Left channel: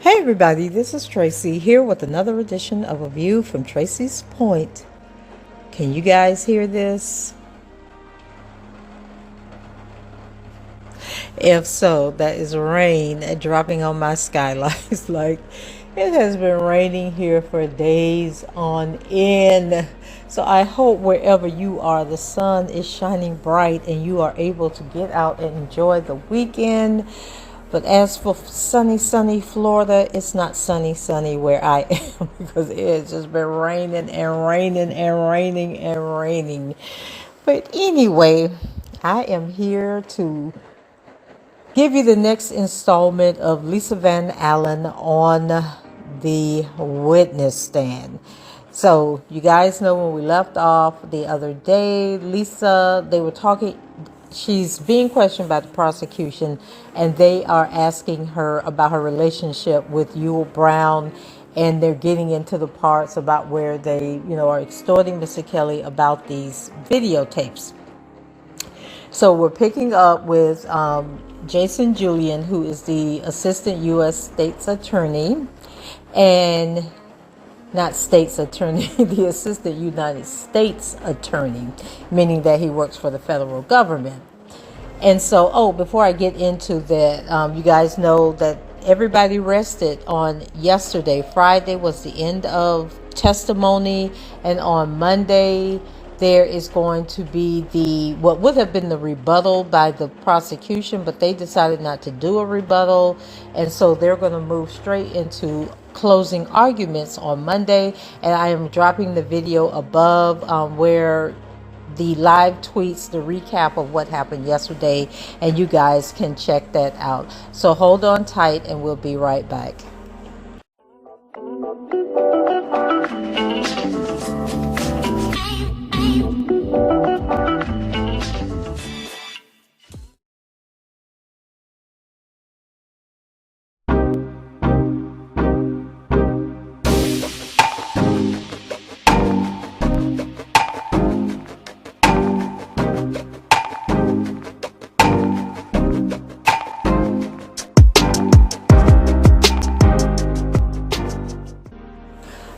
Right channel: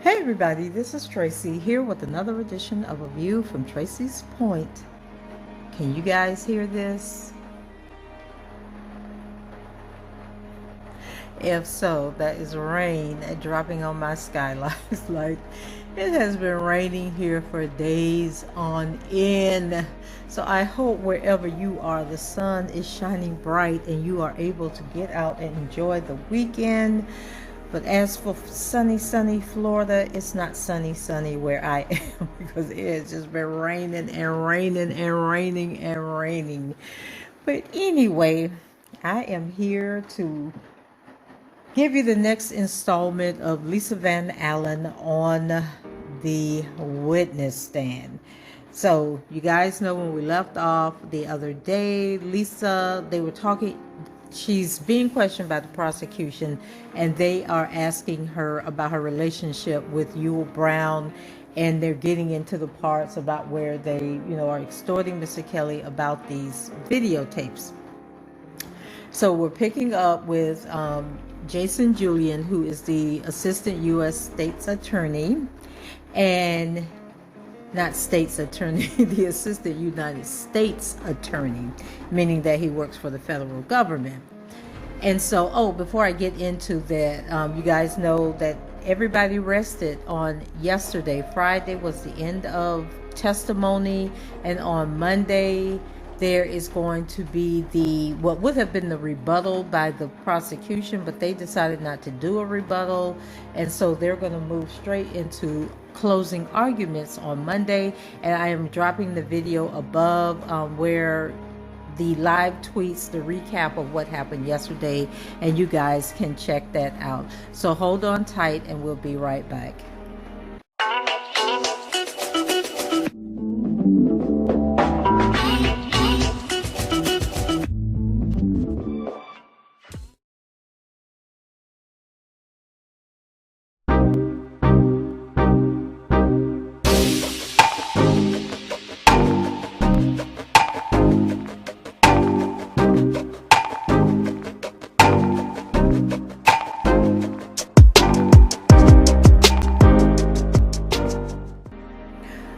Hey everybody, this is Tracy here with another edition of A View from Tracy's Point. Can you guys hear this? If so, that is rain dropping on my skylights. Like it has been raining here for days on end. So I hope wherever you are, the sun is shining bright and you are able to get out and enjoy the weekend. But as for sunny Florida, it's not sunny where I am because it has just been raining and raining and raining and raining. But anyway, I am here to give you the next installment of Lisa Van Allen on the witness stand. So you guys know when we left off the other day, Lisa, they were talking, she's being questioned by the prosecution, and they are asking her about her relationship with Yule Brown, and they're getting into the parts about where they, are extorting Mr. Kelly about these videotapes. So we're picking up with Jason Julian, who is the assistant U.S. State's attorney, and not state's attorney, the assistant United States attorney, meaning that he works for the federal government. And so, before I get into that, you guys know that everybody rested on yesterday. Friday was the end of testimony, and on Monday, there is going to be what would have been the rebuttal by the prosecution, but they decided not to do a rebuttal, and so they're going to move straight into closing arguments on Monday. And I am dropping the video above where the live tweets, the recap of what happened yesterday, and you guys can check that out. So hold on tight and we'll be right back.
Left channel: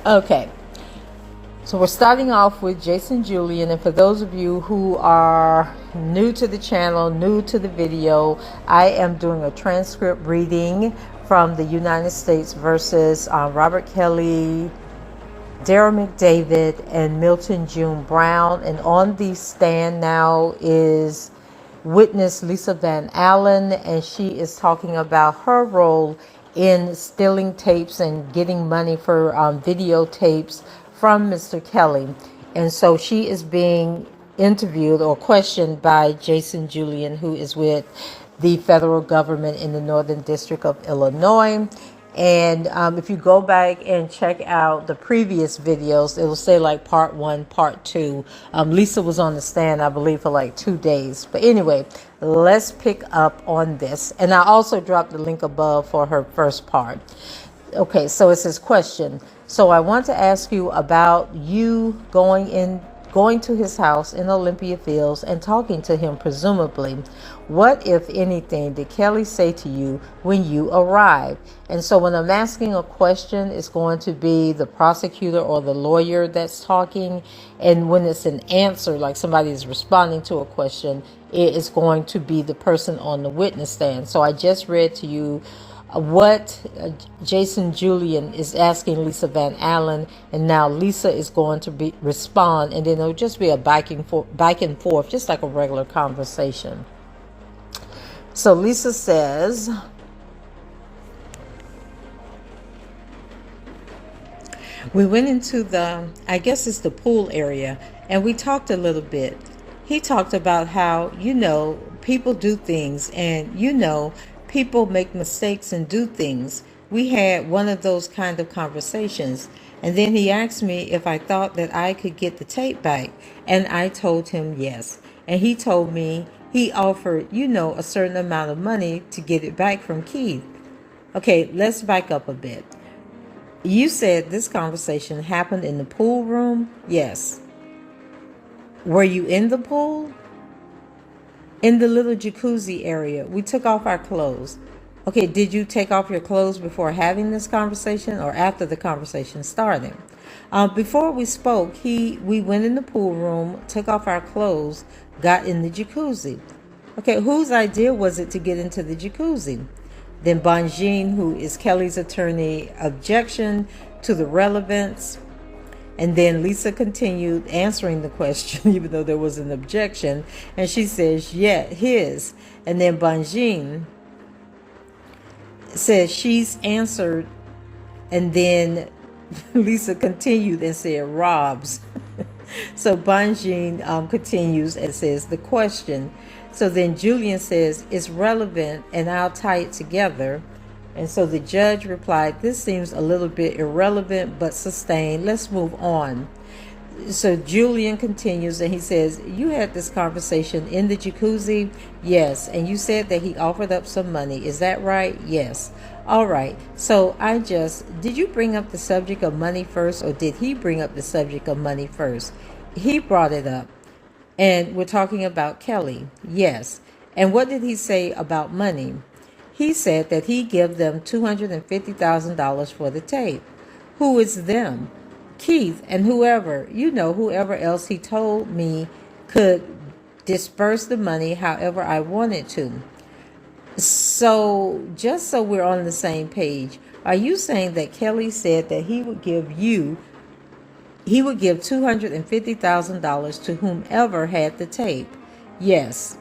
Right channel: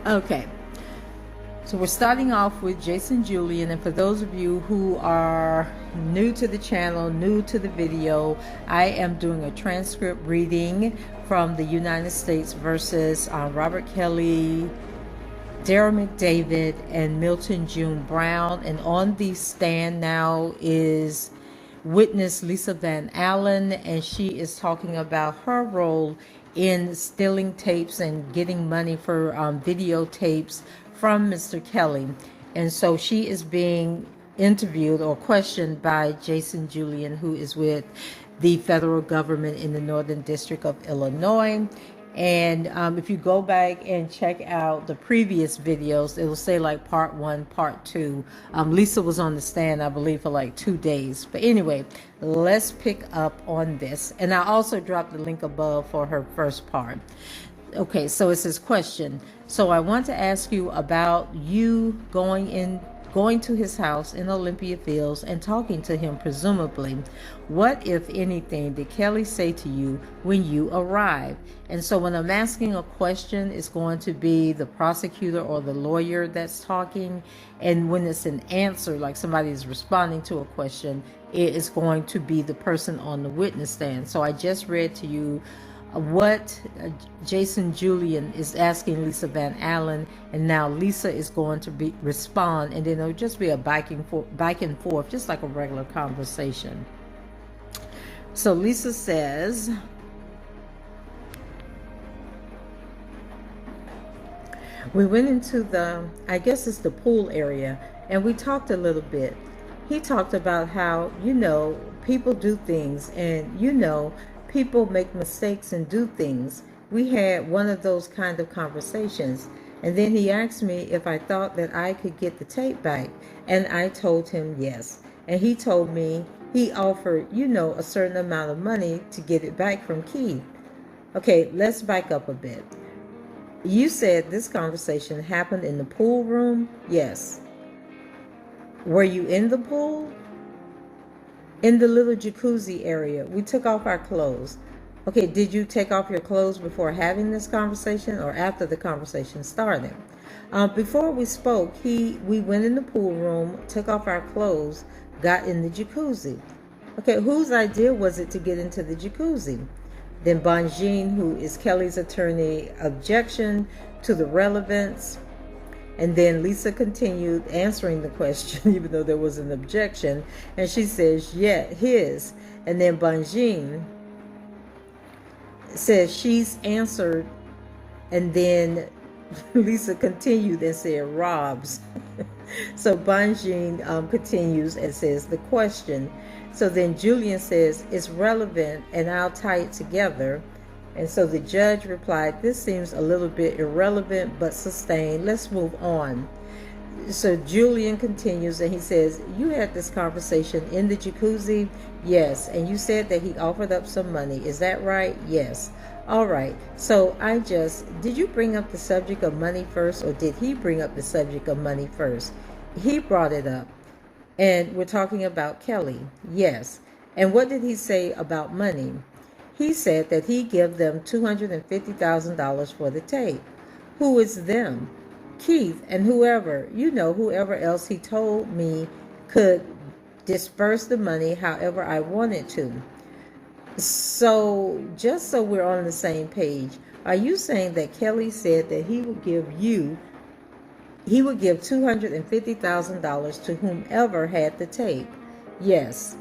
Okay, so we're starting off with Jason Julian, and for those of you who are new to the channel, new to the video, I am doing a transcript reading from the United States versus Robert Kelly, Darryl McDavid, and Milton June Brown. And on the stand now is witness Lisa Van Allen, and she is talking about her role in stealing tapes and getting money for videotapes from Mr. Kelly. And so she is being interviewed or questioned by Jason Julian, who is with the federal government in the Northern District of Illinois. And if you go back and check out the previous videos, it'll say like part 1, part 2. Lisa was on the stand, I believe, for like 2 days. But anyway, let's pick up on this. And I also dropped the link above for her first part. Okay, so it says question. So I want to ask you about you going to his house in Olympia Fields and talking to him, presumably. What, if anything, did Kelly say to you when you arrived? And so when I'm asking a question, it's going to be the prosecutor or the lawyer that's talking. And when it's an answer, like somebody is responding to a question, it is going to be the person on the witness stand. So I just read to you what Jason Julian is asking Lisa Van Allen, and now Lisa is going to respond, and then it'll just be a back and forth, just like a regular conversation. So Lisa says, we went into I guess it's the pool area, and we talked a little bit. He talked about how, people do things, and, people make mistakes and do things. We had one of those kind of conversations. And then he asked me if I thought that I could get the tape back. And I told him yes. And he told me he offered, a certain amount of money to get it back from Keith. Okay, let's back up a bit. You said this conversation happened in the pool room? Yes. Were you in the pool? In the little jacuzzi area. We took off our clothes. Okay, did you take off your clothes before having this conversation or after the conversation started? Before we spoke, we went in the pool room, took off our clothes, got in the jacuzzi. Okay, whose idea was it to get into the jacuzzi? Then Bonjean, who is Kelly's attorney, objection to the relevance. And then Lisa continued answering the question, even though there was an objection. And she says, yeah, his. And then Bonjean says she's answered. And then Lisa continued and said, Rob's. So Bonjean continues and says the question. So then Julian says, it's relevant and I'll tie it together. And so the judge replied, this seems a little bit irrelevant, but sustained. Let's move on. So Julian continues and he says, you had this conversation in the jacuzzi? Yes. And you said that he offered up some money. Is that right? Yes. All right. So did you bring up the subject of money first, or did he bring up the subject of money first? He brought it up. And we're talking about Kelly. Yes. And what did he say about money? He said that he gave them $250,000 for the tape. Who is them? Keith and whoever else he told me could disperse the money however I wanted to. So just so we're on the same page, are you saying that Kelly said that he would give $250,000 to whomever had the tape? Yes.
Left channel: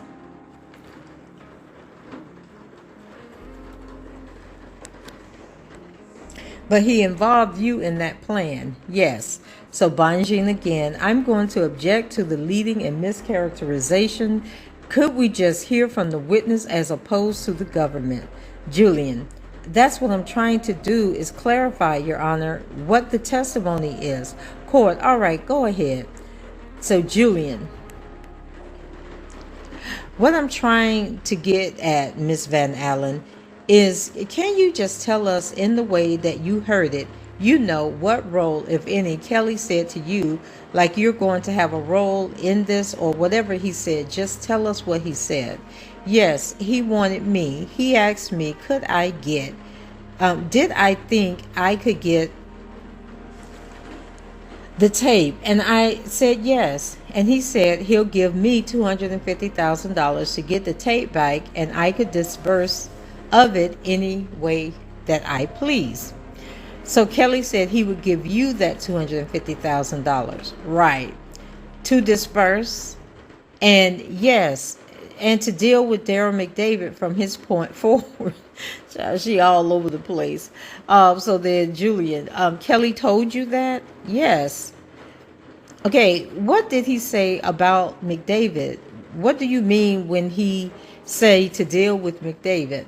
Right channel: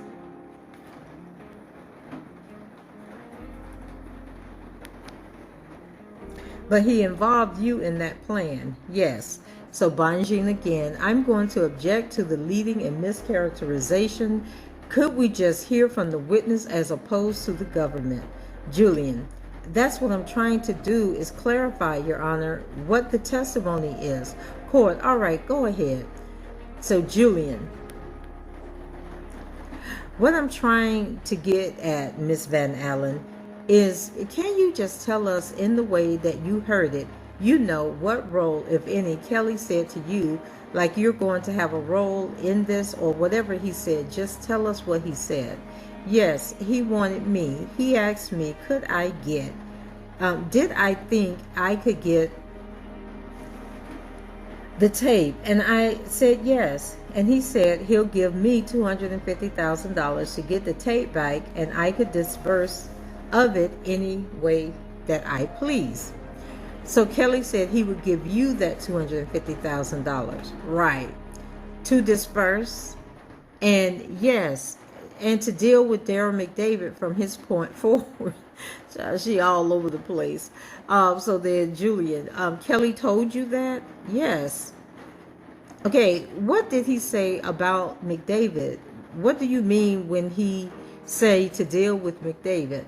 But he involved you in that plan. Yes. So Bonjean again, I'm going to object to the leading and mischaracterization. Could we just hear from the witness as opposed to the government? Julian, that's what I'm trying to do, is clarify, Your Honor, what the testimony is. Court, all right, go ahead. So Julian, what I'm trying to get at, Miss Van Allen, is can you just tell us in the way that you heard it, what role, if any, Kelly said to you, like you're going to have a role in this or whatever he said? Just tell us what he said. Yes, he wanted me. He asked me, could I get, did I think I could get the tape? And I said yes. And he said he'll give me $250,000 to get the tape back and I could disperse of it any way that I please. So Kelly said he would give you that $250,000, right, to disperse, and yes, and to deal with Daryl McDavid from his point forward. She all over the place. So then Julian, Kelly told you that? Yes. Okay, what did he say about McDavid? What do you mean when he say to deal with McDavid?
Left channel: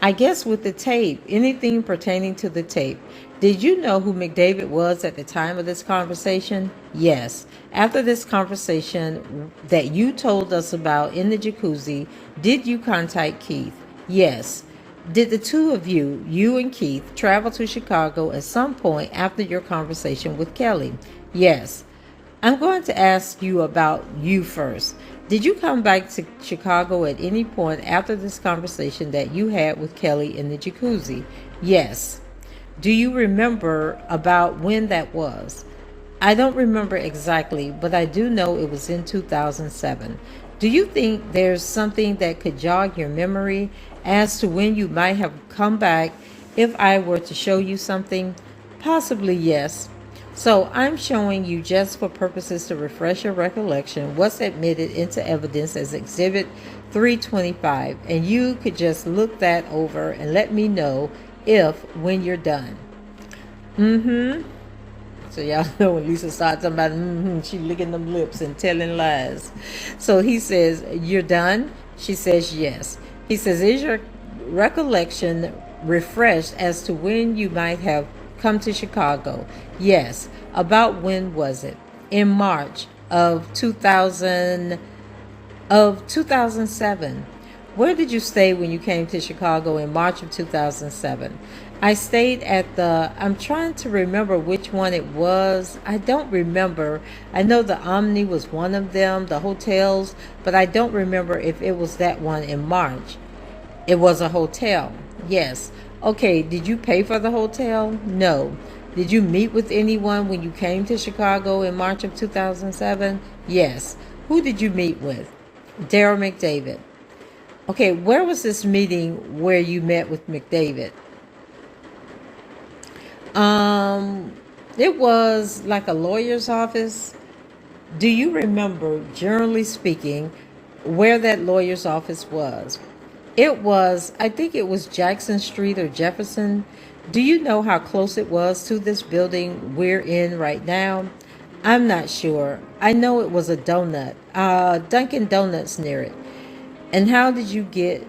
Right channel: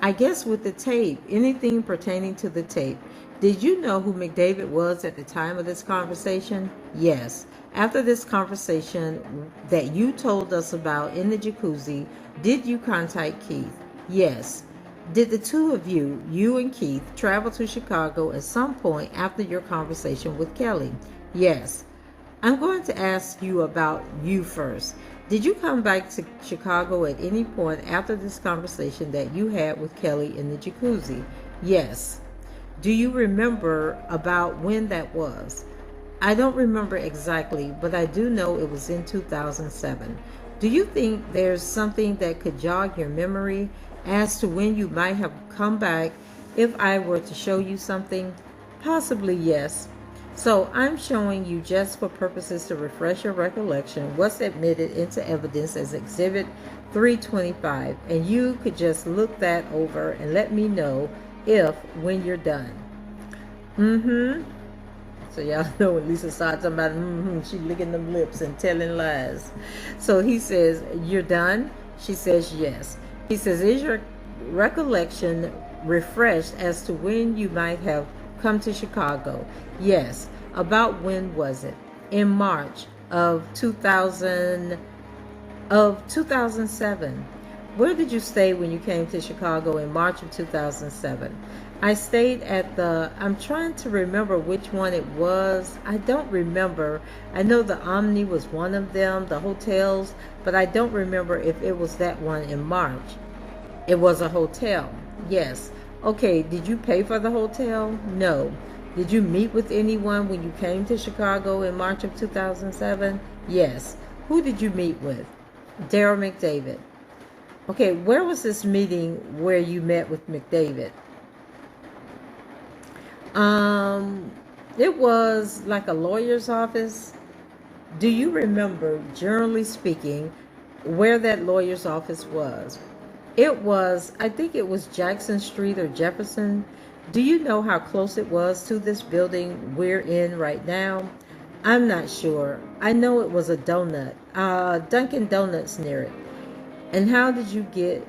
I guess with the tape, anything pertaining to the tape. Did you know who McDavid was at the time of this conversation? Yes. After this conversation that you told us about in the jacuzzi, did you contact Keith? Yes. Did the two of you and Keith, travel to Chicago at some point after your conversation with Kelly? Yes. I'm going to ask you about you first. Did you come back to Chicago at any point after this conversation that you had with Kelly in the jacuzzi? Yes. Do you remember about when that was? I don't remember exactly, but I do know it was in 2007. Do you think there's something that could jog your memory as to when you might have come back if I were to show you something? Possibly, yes. So I'm showing you just for purposes to refresh your recollection what's admitted into evidence as Exhibit 325, and you could just look that over and let me know when you're done. So y'all know when Lisa starts talking about she licking them lips and telling lies. So he says, you're done? She says yes. He says, is your recollection refreshed as to when you might have come to Chicago? Yes. About when was it? In March of 2007. Where did you stay when you came to Chicago in March of 2007? I stayed at I'm trying to remember which one it was. I don't remember. I know the Omni was one of them, the hotels, but I don't remember if it was that one in March. It was a hotel. Yes. Okay, did you pay for the hotel? No. Did you meet with anyone when you came to Chicago in March of 2007? Yes. Who did you meet with? Daryl McDavid. Okay, where was this meeting where you met with McDavid? Um, it was like a lawyer's office. Do you remember, generally speaking, where that lawyer's office was? It was, I think it was Jackson Street or Jefferson. Do you know how close it was to this building we're in right now? I'm not sure. I know it was a Dunkin' Donuts near it. And how did you get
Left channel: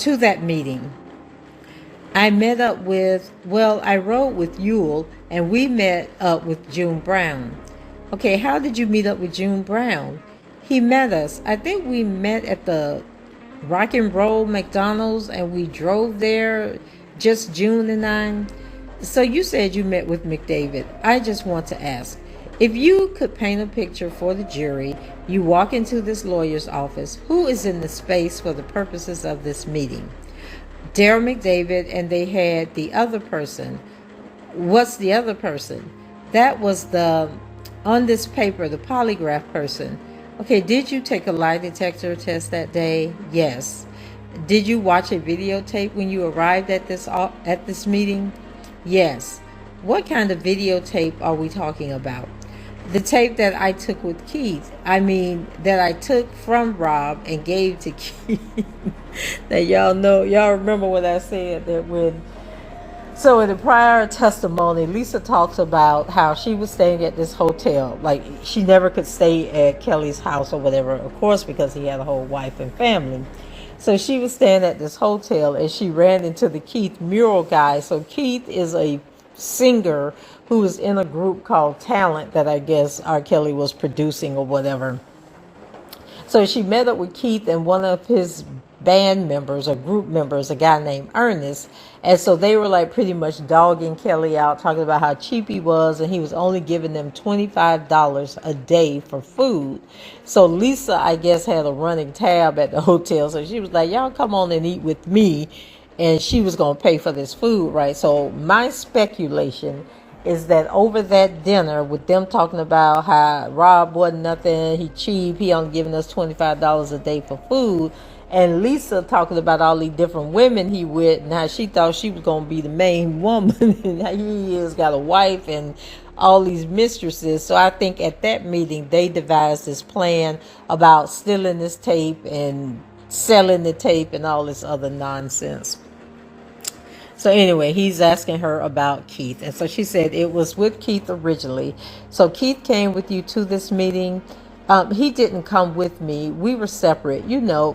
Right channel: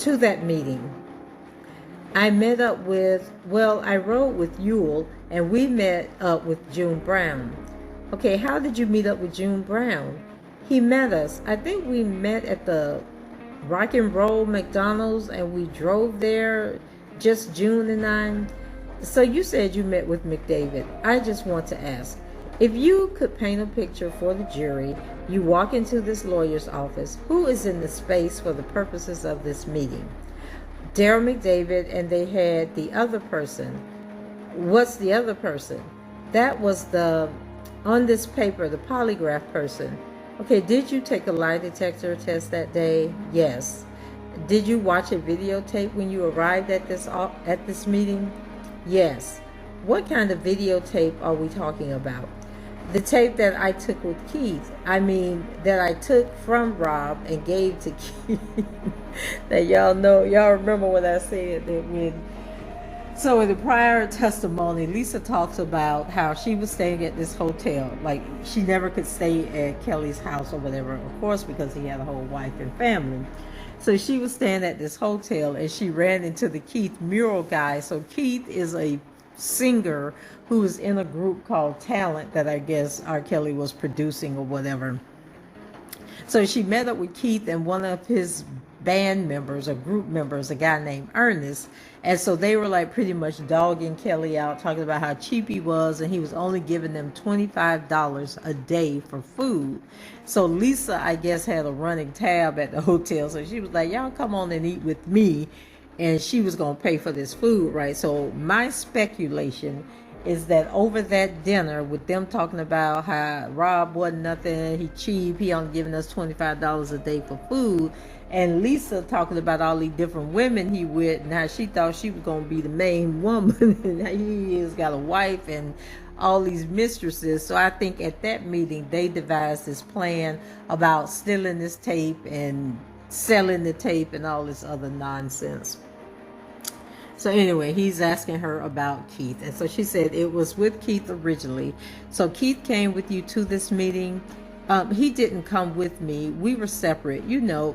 to that meeting? I met up with, well, I rode with Yule and we met up with June Brown. Okay, how did you meet up with June Brown? He met us. I think we met at the Rock and Roll McDonald's and we drove there, just June and I. So you said you met with McDavid. I just want to ask, if you could paint a picture for the jury, you walk into this lawyer's office, who is in the space for the purposes of this meeting? Daryl McDavid, and they had the other person. What's the other person? That was the, on this paper, the polygraph person. Okay, did you take a lie detector test that day? Yes. Did you watch a videotape when you arrived at this meeting? Yes. What kind of videotape are we talking about? The tape that I took with Keith. I mean, that I took from Rob and gave to Keith. That y'all know, y'all remember what I said, that when, so in the prior testimony, Lisa talks about how she was staying at this hotel. Like, she never could stay at Kelly's house or whatever, of course, because he had a whole wife and family. So she was staying at this hotel and she ran into the Keith mural guy. So Keith is a singer who was in a group called Talent that I guess R. Kelly was producing or whatever. So she met up with Keith and one of his band members or group members, a guy named Ernest. And so they were like pretty much dogging Kelly out, talking about how cheap he was, and he was only giving them $25 a day for food. So Lisa, I guess, had a running tab at the hotel. So she was like, y'all come on and eat with me. And she was going to pay for this food, right? So my speculation is that over that dinner with them talking about how Rob wasn't nothing, he cheap, he only giving us $25 a day for food, and Lisa talking about all these different women he with and how she thought she was going to be the main woman and how he is got a wife and all these mistresses. So I think at that meeting they devised this plan about stealing this tape and selling the tape and all this other nonsense. So anyway, he's asking her about Keith. And so she said it was with Keith originally. So Keith came with you to this meeting. He didn't come with me. We were separate,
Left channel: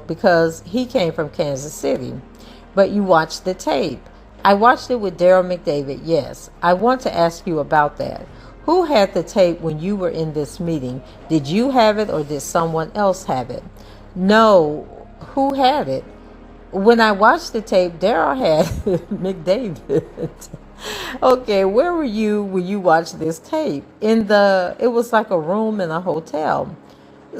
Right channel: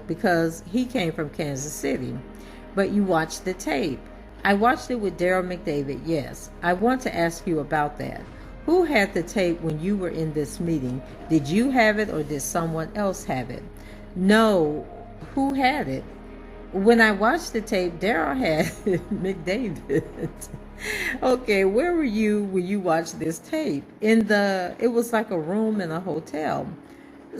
because he came from Kansas City. But you watched the tape. I watched it with Daryl McDavid, yes. I want to ask you about that. Who had the tape when you were in this meeting? Did you have it or did someone else have it? No. Who had it? When I watched the tape, Daryl had McDavid. Okay, where were you when you watched this tape? It was like a room in a hotel.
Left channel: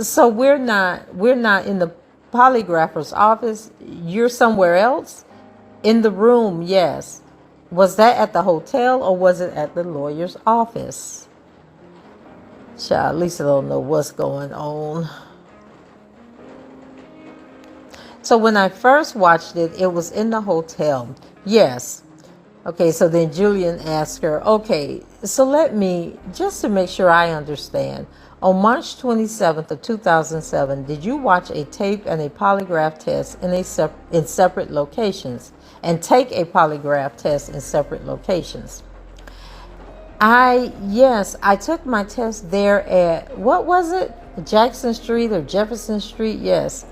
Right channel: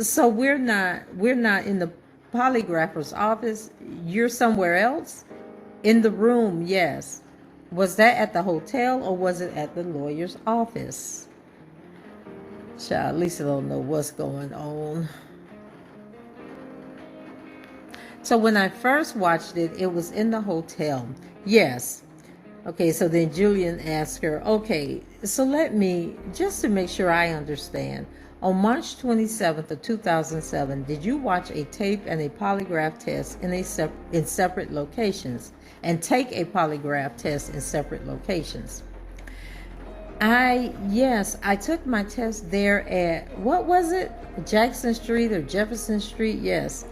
So we're not in the polygrapher's office. You're somewhere else? In the room, yes. Was that at the hotel or was it at the lawyer's office? Child, Lisa don't know what's going on. So when I first watched it, it was in the hotel. Yes. Okay, so then Julian asked her, okay, so just to make sure I understand, on March 27th of 2007, did you watch a tape and a polygraph test in separate locations and take a polygraph test in separate locations? Yes, I took my test there at, what was it? Jackson Street or Jefferson Street? Yes.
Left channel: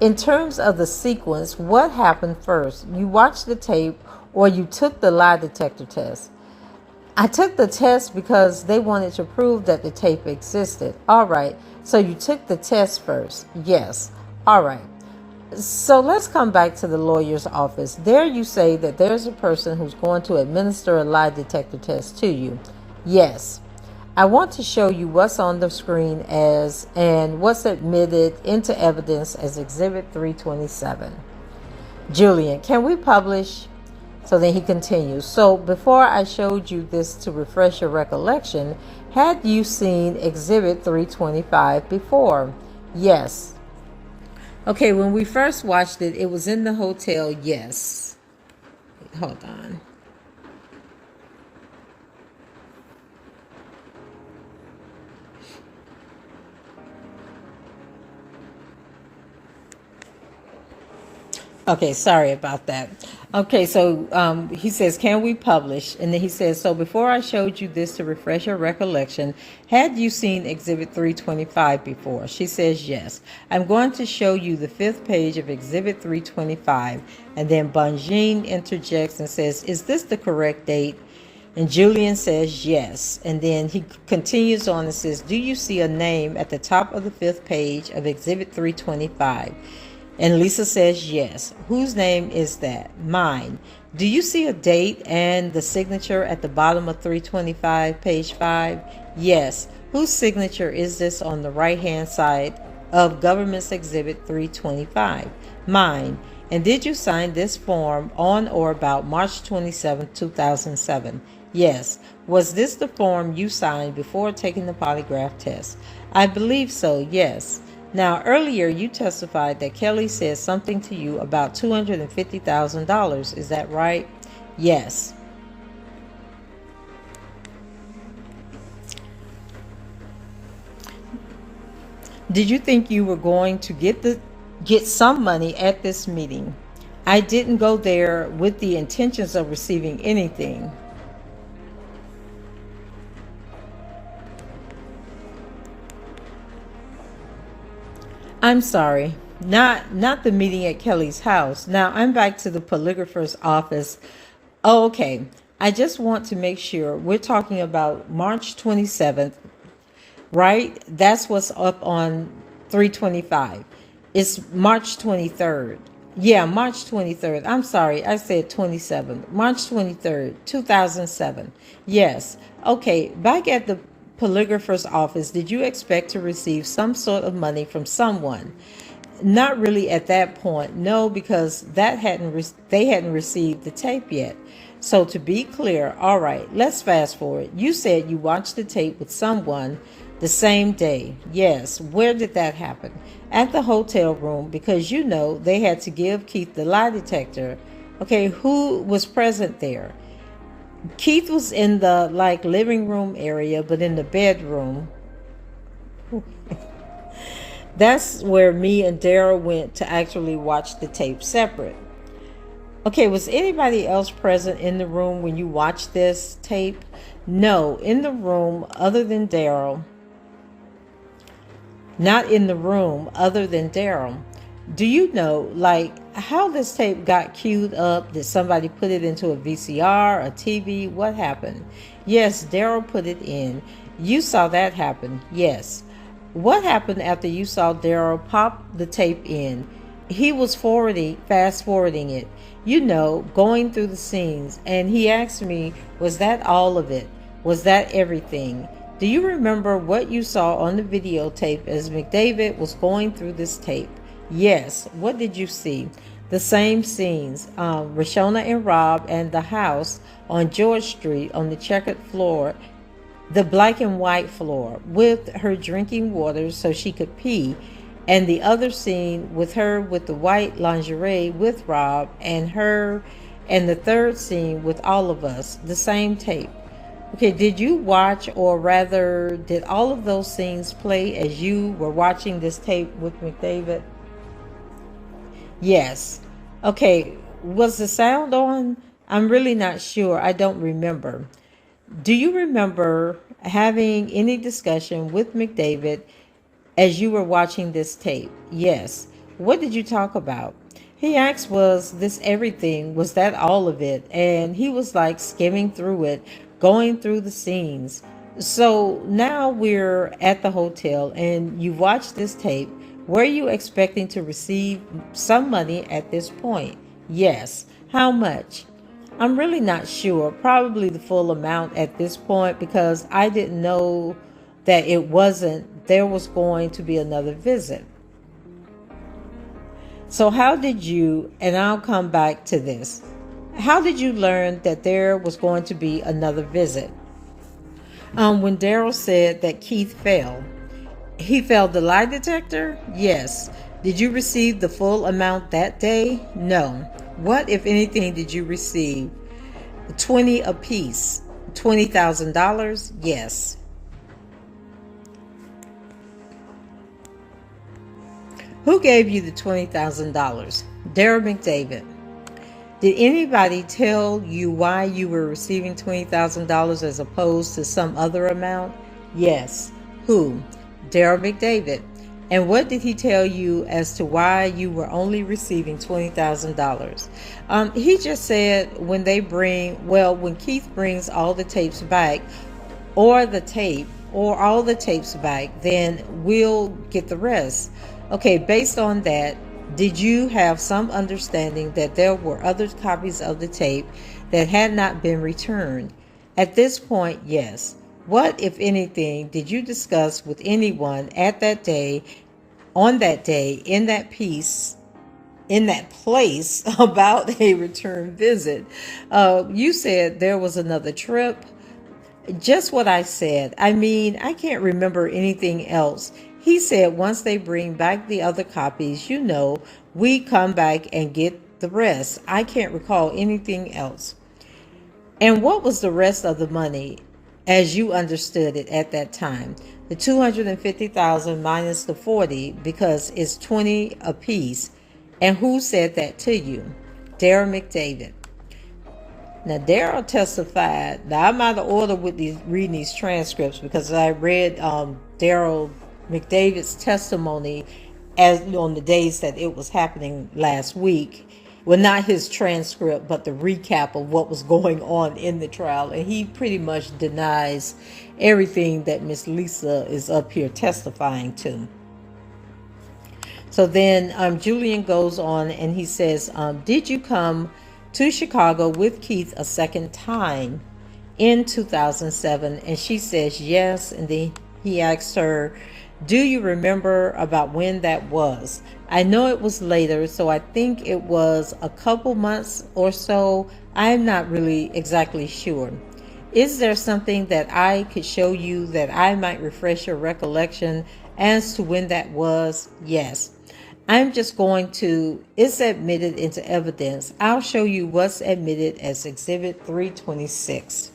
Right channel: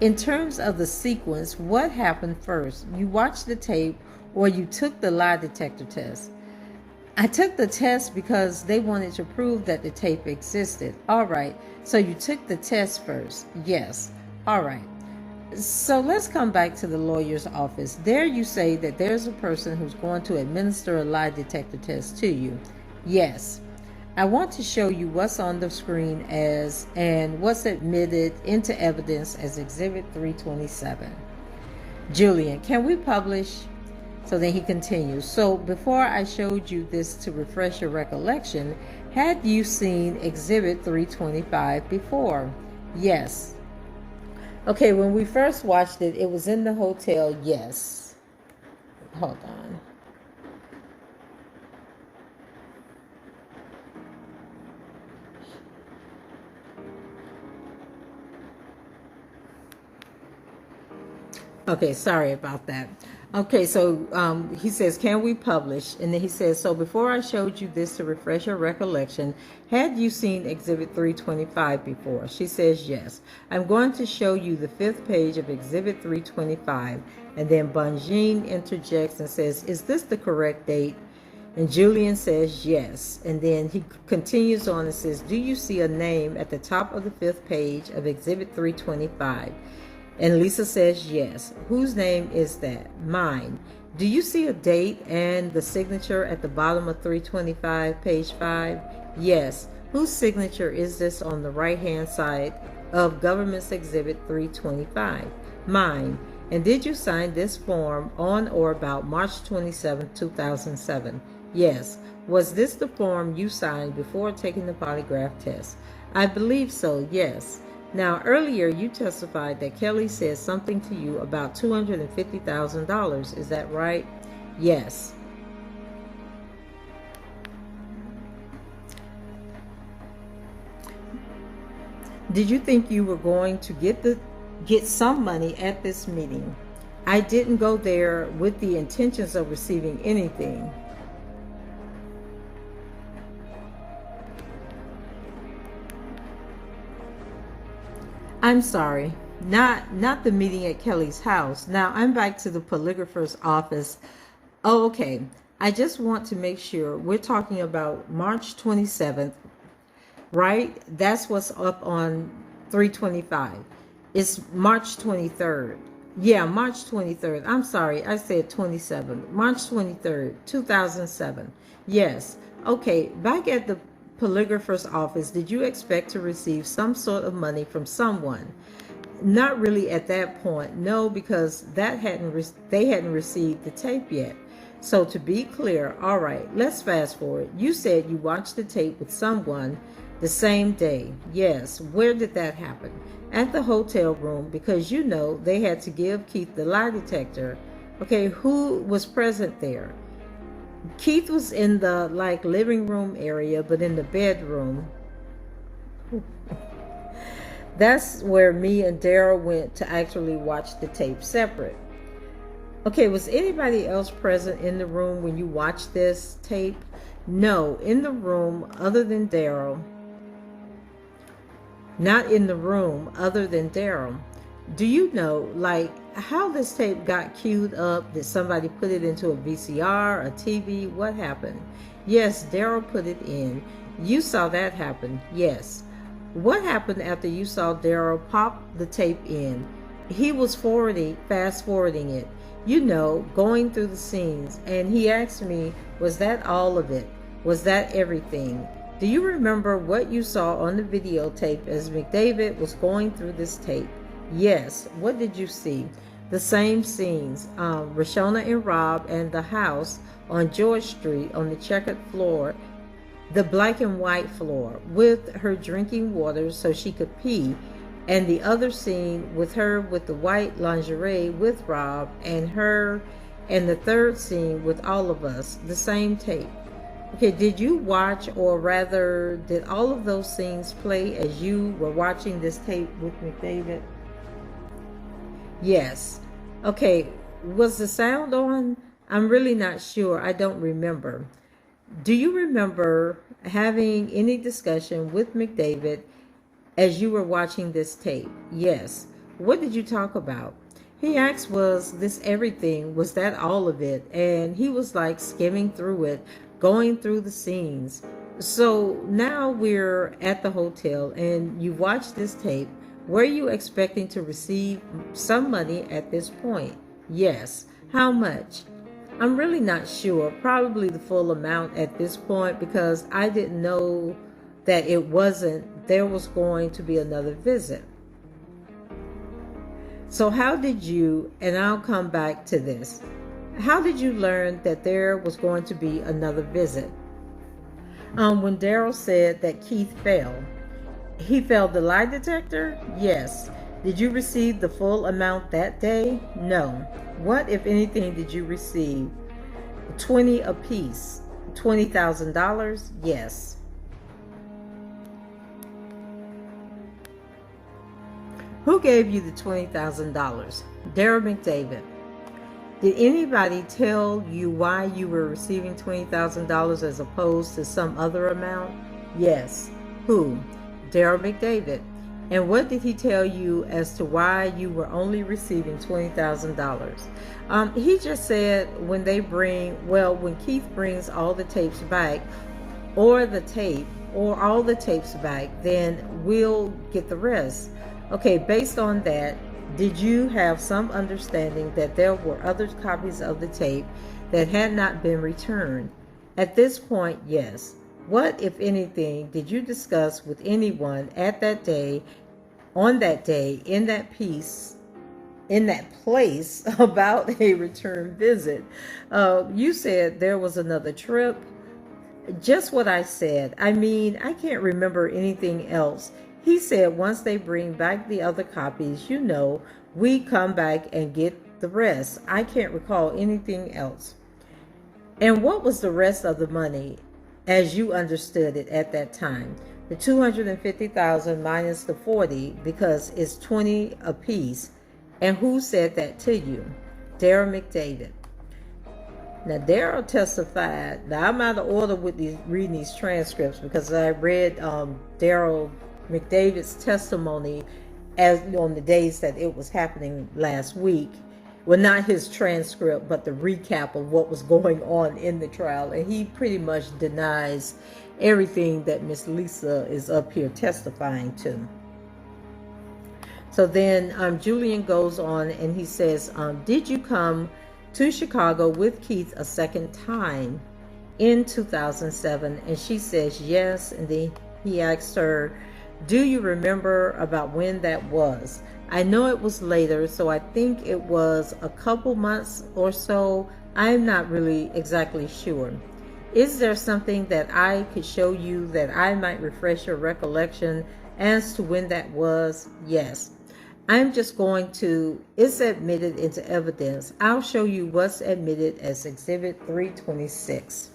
In terms of the sequence, what happened first? You watched the tape or you took the lie detector test? I took the test because they wanted to prove that the tape existed. All right. So you took the test first. Yes. All right. So let's come back to the lawyer's office. There you say that there's a person who's going to administer a lie detector test to you. Yes. I want to show you what's on the screen and what's admitted into evidence as Exhibit 327. Julian, can we publish? So then he continues. So before I showed you this to refresh your recollection, had you seen Exhibit 325 before? Yes. Okay, when we first watched it, it was in the hotel. Yes. Hold on. Okay, sorry about that. Okay, so he says, can we publish? And then he says, so before I showed you this to refresh your recollection, had you seen Exhibit 325 before? She says, yes. I'm going to show you the 5th page of Exhibit 325. And then Bonjean interjects and says, is this the correct date? And Julian says, yes. And then he continues on and says, do you see a name at the top of the 5th page of Exhibit 325? And Lisa says, yes. Whose name is that? Mine. Do you see a date and the signature at the bottom of 325, page 5? Yes. Whose signature is this on the right-hand side of Government's Exhibit 325? Mine. And did you sign this form on or about March 27, 2007? Yes. Was this the form you signed before taking the polygraph test? I believe so, yes. Now, earlier you testified that Kelly said something to you about $250,000. Is that right? Yes. Did you think you were going to get some money at this meeting? I didn't go there with the intentions of receiving anything. I'm sorry, not the meeting at Kelly's house. Now I'm back to the polygrapher's office. Oh, okay. I just want to make sure we're talking about March 27th, right? That's what's up on 325. It's March 23rd. Yeah, March 23rd. I'm sorry, I said 27th. March 23rd, 2007. Yes. Okay, back at the polygrapher's office, did you expect to receive some sort of money from someone? Not really at that point, no, because they hadn't received the tape yet. So to be clear, all right, let's fast forward. You said you watched the tape with someone the same day. Yes. Where did that happen? At the hotel room, because you know they had to give Keith the lie detector. Okay, who was present there? Keith was in the living room area, but in the bedroom. That's where me and Daryl went to actually watch the tape separate. Okay, was anybody else present in the room when you watched this tape? No, in the room other than Daryl. Not in the room other than Daryl. Do you know, how this tape got queued up? Did somebody put it into a VCR, a TV? What happened? Yes, Daryl put it in. You saw that happen? Yes. What happened after you saw Daryl pop the tape in? He was fast forwarding it, going through the scenes. And he asked me, was that all of it? Was that everything? Do you remember what you saw on the videotape as McDavid was going through this tape? Yes. What did you see? The same scenes. Rashona and Rob and the house on George Street on the checkered floor, the black and white floor, with her drinking water so she could pee. And the other scene with her with the white lingerie with Rob and her, and the third scene with all of us, the same tape. Okay, did you watch, or rather, did all of those scenes play as you were watching this tape with McDavid? Yes. Okay, was the sound on? I'm really not sure. I don't remember. Do you remember having any discussion with McDavid as you were watching this tape? Yes. What did you talk about? He asked, was this everything? Was that all of it? And he was skimming through it, going through the scenes. So now we're at the hotel and you watched this tape. Were you expecting to receive some money at this point? Yes. How much? I'm really not sure. Probably the full amount at this point, because I didn't know that there was going to be another visit. So how did you, and I'll come back to this, how did you learn that there was going to be another visit? When Daryl said that Keith failed, he failed the lie detector? Yes. Did you receive the full amount that day? No. What, if anything, did you receive? 20 apiece. $20,000? Yes. Who gave you the $20,000? Daryl McDavid. Did anybody tell you why you were receiving $20,000 as opposed to some other amount? Yes. Who? Daryl McDavid. And what did he tell you as to why you were only receiving $20,000? He just said when Keith brings all the tapes back, or all the tapes back, then we'll get the rest. Okay, based on that, did you have some understanding that there were other copies of the tape that had not been returned? At this point, yes. What, if anything, did you discuss with anyone on that day, in that place about a return visit? You said there was another trip. Just what I said. I mean, I can't remember anything else. He said once they bring back the other copies, we come back and get the rest. I can't recall anything else. And what was the rest of the money as you understood it at that time? The $250,000 minus the 40, because it's 20 apiece. And who said that to you? Daryl McDavid. Now, Daryl testified. Now, I'm out of order with reading these transcripts because I read Daryl McDavid's testimony as on the days that it was happening last week. Well, not his transcript, but the recap of what was going on in the trial. And he pretty much denies everything that Miss Lisa is up here testifying to. So then Julian goes on and he says, did you come to Chicago with Keith a second time in 2007? And she says yes. And then he asks her, do you remember about when that was? I know it was later, so I think it was a couple months or so. I'm not really exactly sure. Is there something that I could show you that I might refresh your recollection as to when that was? Yes. I'm just going to, it's admitted into evidence. I'll show you what's admitted as Exhibit 326.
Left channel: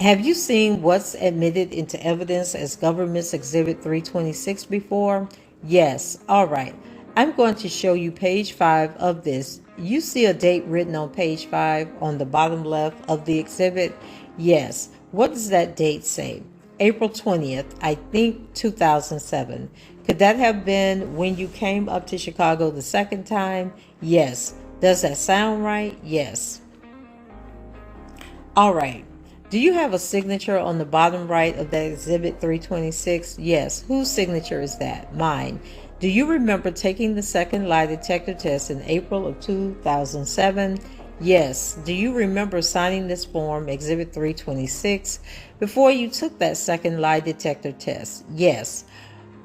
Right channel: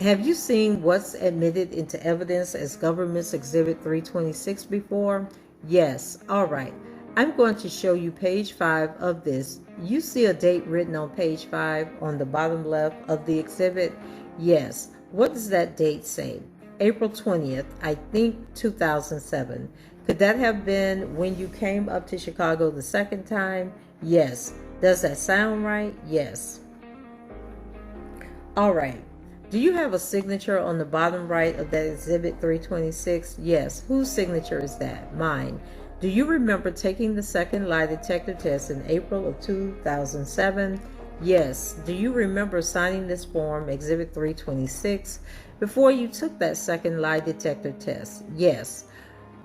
Have you seen what's admitted into evidence as Government's Exhibit 326 before? Yes. All right. I'm going to show you page 5 of this. You see a date written on page 5 on the bottom left of the exhibit? Yes. What does that date say? April 20th, I think 2007. Could that have been when you came up to Chicago the second time? Yes. Does that sound right? Yes. All right. Do you have a signature on the bottom right of that Exhibit 326? Yes. Whose signature is that? Mine. Do you remember taking the second lie detector test in April of 2007? Yes. Do you remember signing this form, Exhibit 326, before you took that second lie detector test? Yes.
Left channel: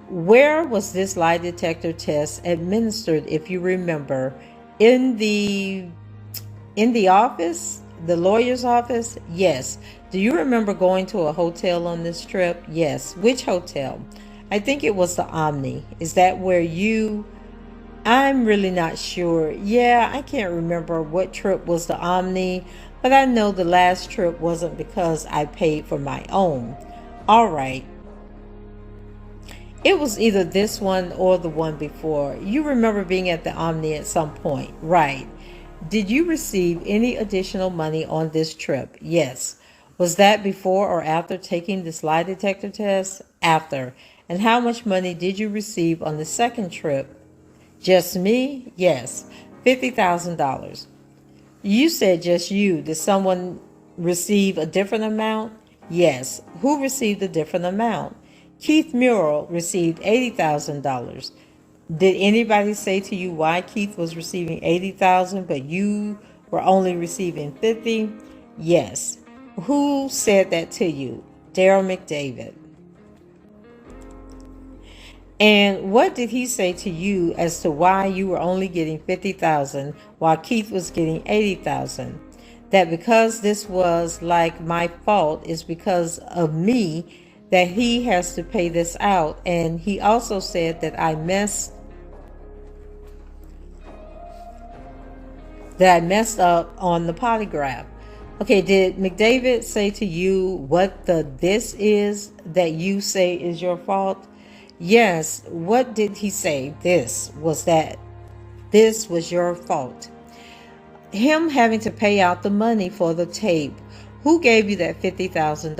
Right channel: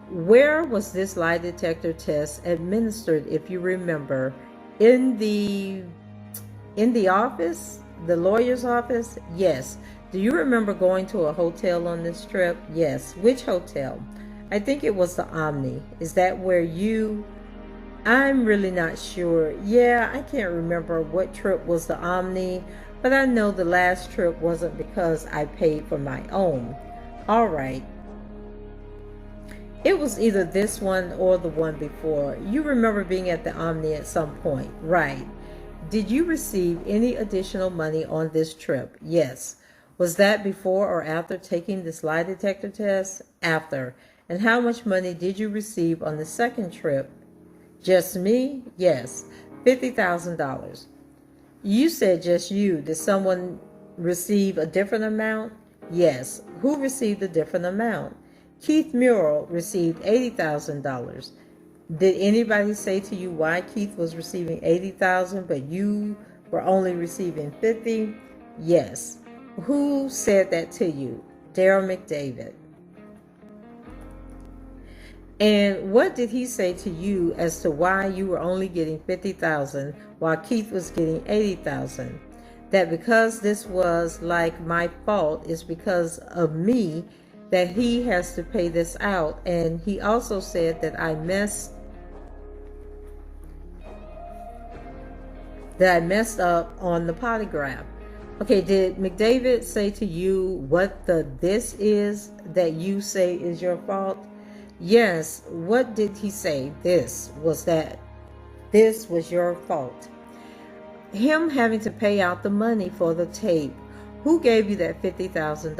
Where was this lie detector test administered, if you remember? In the office? The lawyer's office? Yes. Do you remember going to a hotel on this trip? Yes. Which hotel? I think it was the Omni. Is that where I'm really not sure. Yeah, I can't remember what trip was the Omni, but I know the last trip wasn't because I paid for my own. All right. It was either this one or the one before. You remember being at the Omni at some point, right? Did you receive any additional money on this trip? Yes. Was that before or after taking this lie detector test? After. And how much money did you receive on the second trip? Just me? Yes. $50,000. You said just you. Did someone receive a different amount? Yes. Who received a different amount? Keith Murrell received $80,000. Did anybody say to you why Keith was receiving $80,000 but you were only receiving $50,000? Yes. Who said that to you? Daryl McDavid. And what did he say to you as to why you were only getting 50,000 while Keith was getting 80,000? That because this was like my fault is because of me that he has to pay this out. And he also said that I messed up on the polygraph. Okay, did McDavid say to you what the this is that you say is your fault? Yes. What did he say? This was your fault. Him having to pay out the money for the tape. Who gave you that $50,000?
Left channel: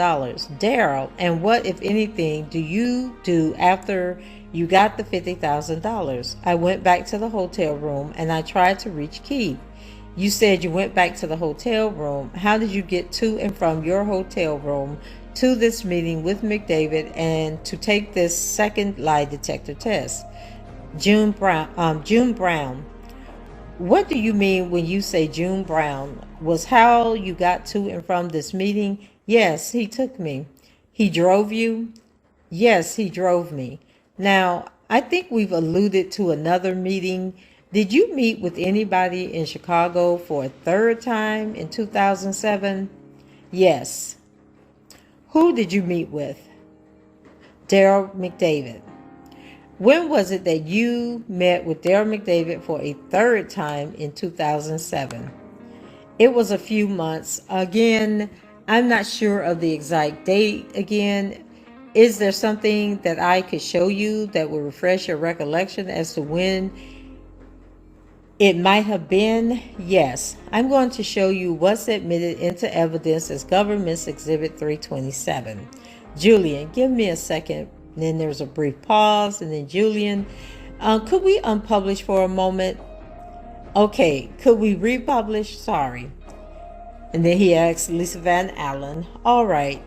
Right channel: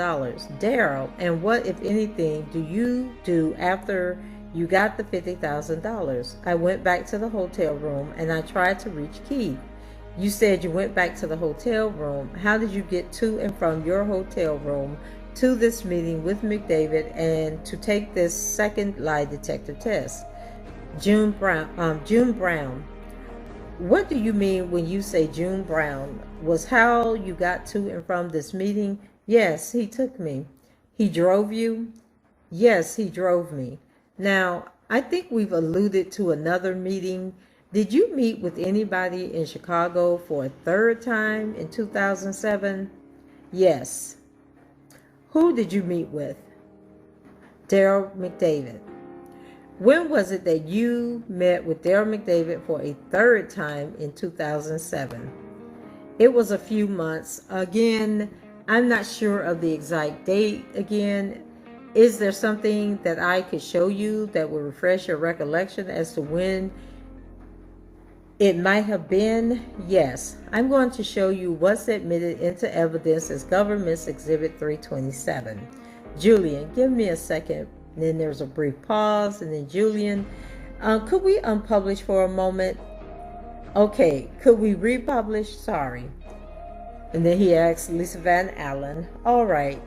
Daryl. And what, if anything, do you do after you got the $50,000? I went back to the hotel room and I tried to reach Keith. You said you went back to the hotel room. How did you get to and from your hotel room to this meeting with McDavid and to take this second lie detector test? June Brown. What do you mean when you say June Brown? Was how you got to and from this meeting? Yes, he took me. He drove you? Yes, he drove me. Now, I think we've alluded to another meeting. Did you meet with anybody in Chicago for a third time in 2007? Yes. Who did you meet with? Daryl McDavid. When was it that you met with Daryl McDavid for a third time in 2007? It was a few months. Again, I'm not sure of the exact date. Again, is there something that I could show you that will refresh your recollection as to when it might have been? Yes. I'm going to show you what's admitted into evidence as Government's Exhibit 327. Julian, give me a second. And then there's a brief pause, and then Julian, could we unpublish for a moment? Okay, could we republish? Sorry. And then he asked Lisa Van Allen, all right,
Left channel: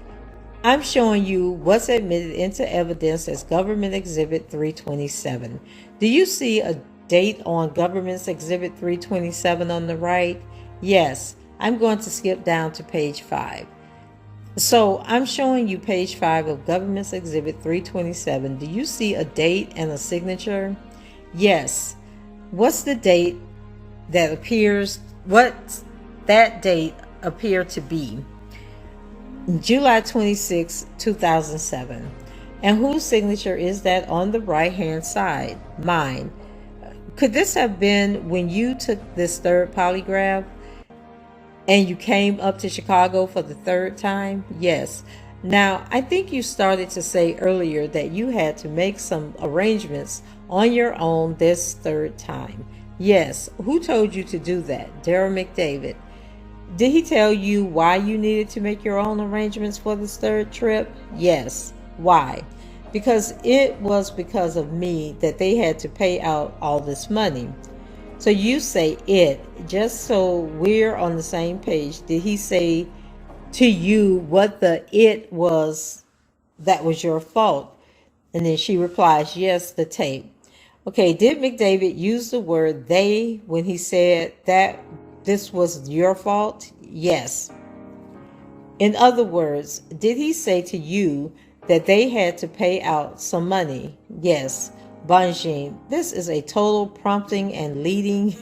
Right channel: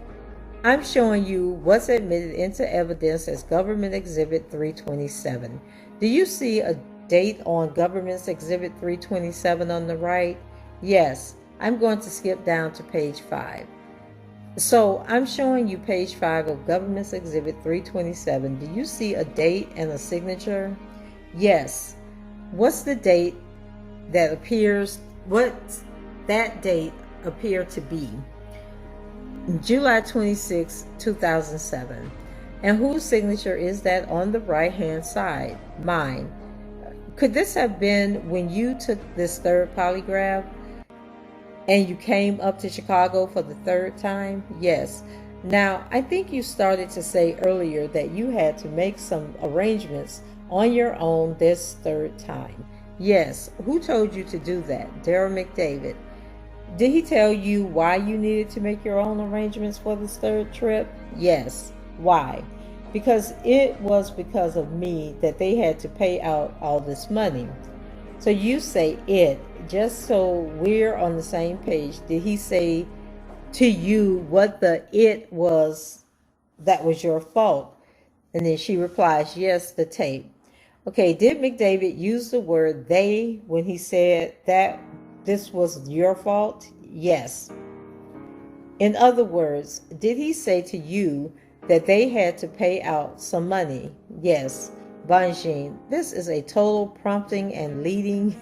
I'm showing you what's admitted into evidence as Government Exhibit 327. Do you see a date on Government's Exhibit 327 on the right? Yes. I'm going to skip down to page 5. So I'm showing you page 5 of Government's Exhibit 327. Do you see a date and a signature? Yes. What's the date that appears, what's that date appear to be? July 26, 2007. And whose signature is that on the right-hand side? Mine. Could this have been when you took this third polygraph? And you came up to Chicago for the third time? Yes. Now, I think you started to say earlier that you had to make some arrangements on your own this third time. Yes. Who told you to do that? Daryl McDavid. Did he tell you why you needed to make your own arrangements for this third trip? Yes. Why? Because it was because of me that they had to pay out all this money. So you say it, just so we're on the same page. Did he say to you what the it was that was your fault? And then she replies, yes, the tape. Okay, did McDavid use the word they when he said that this was your fault? Yes. In other words, did he say to you that they had to pay out some money? Yes. Bonjean, this is a total prompting and leading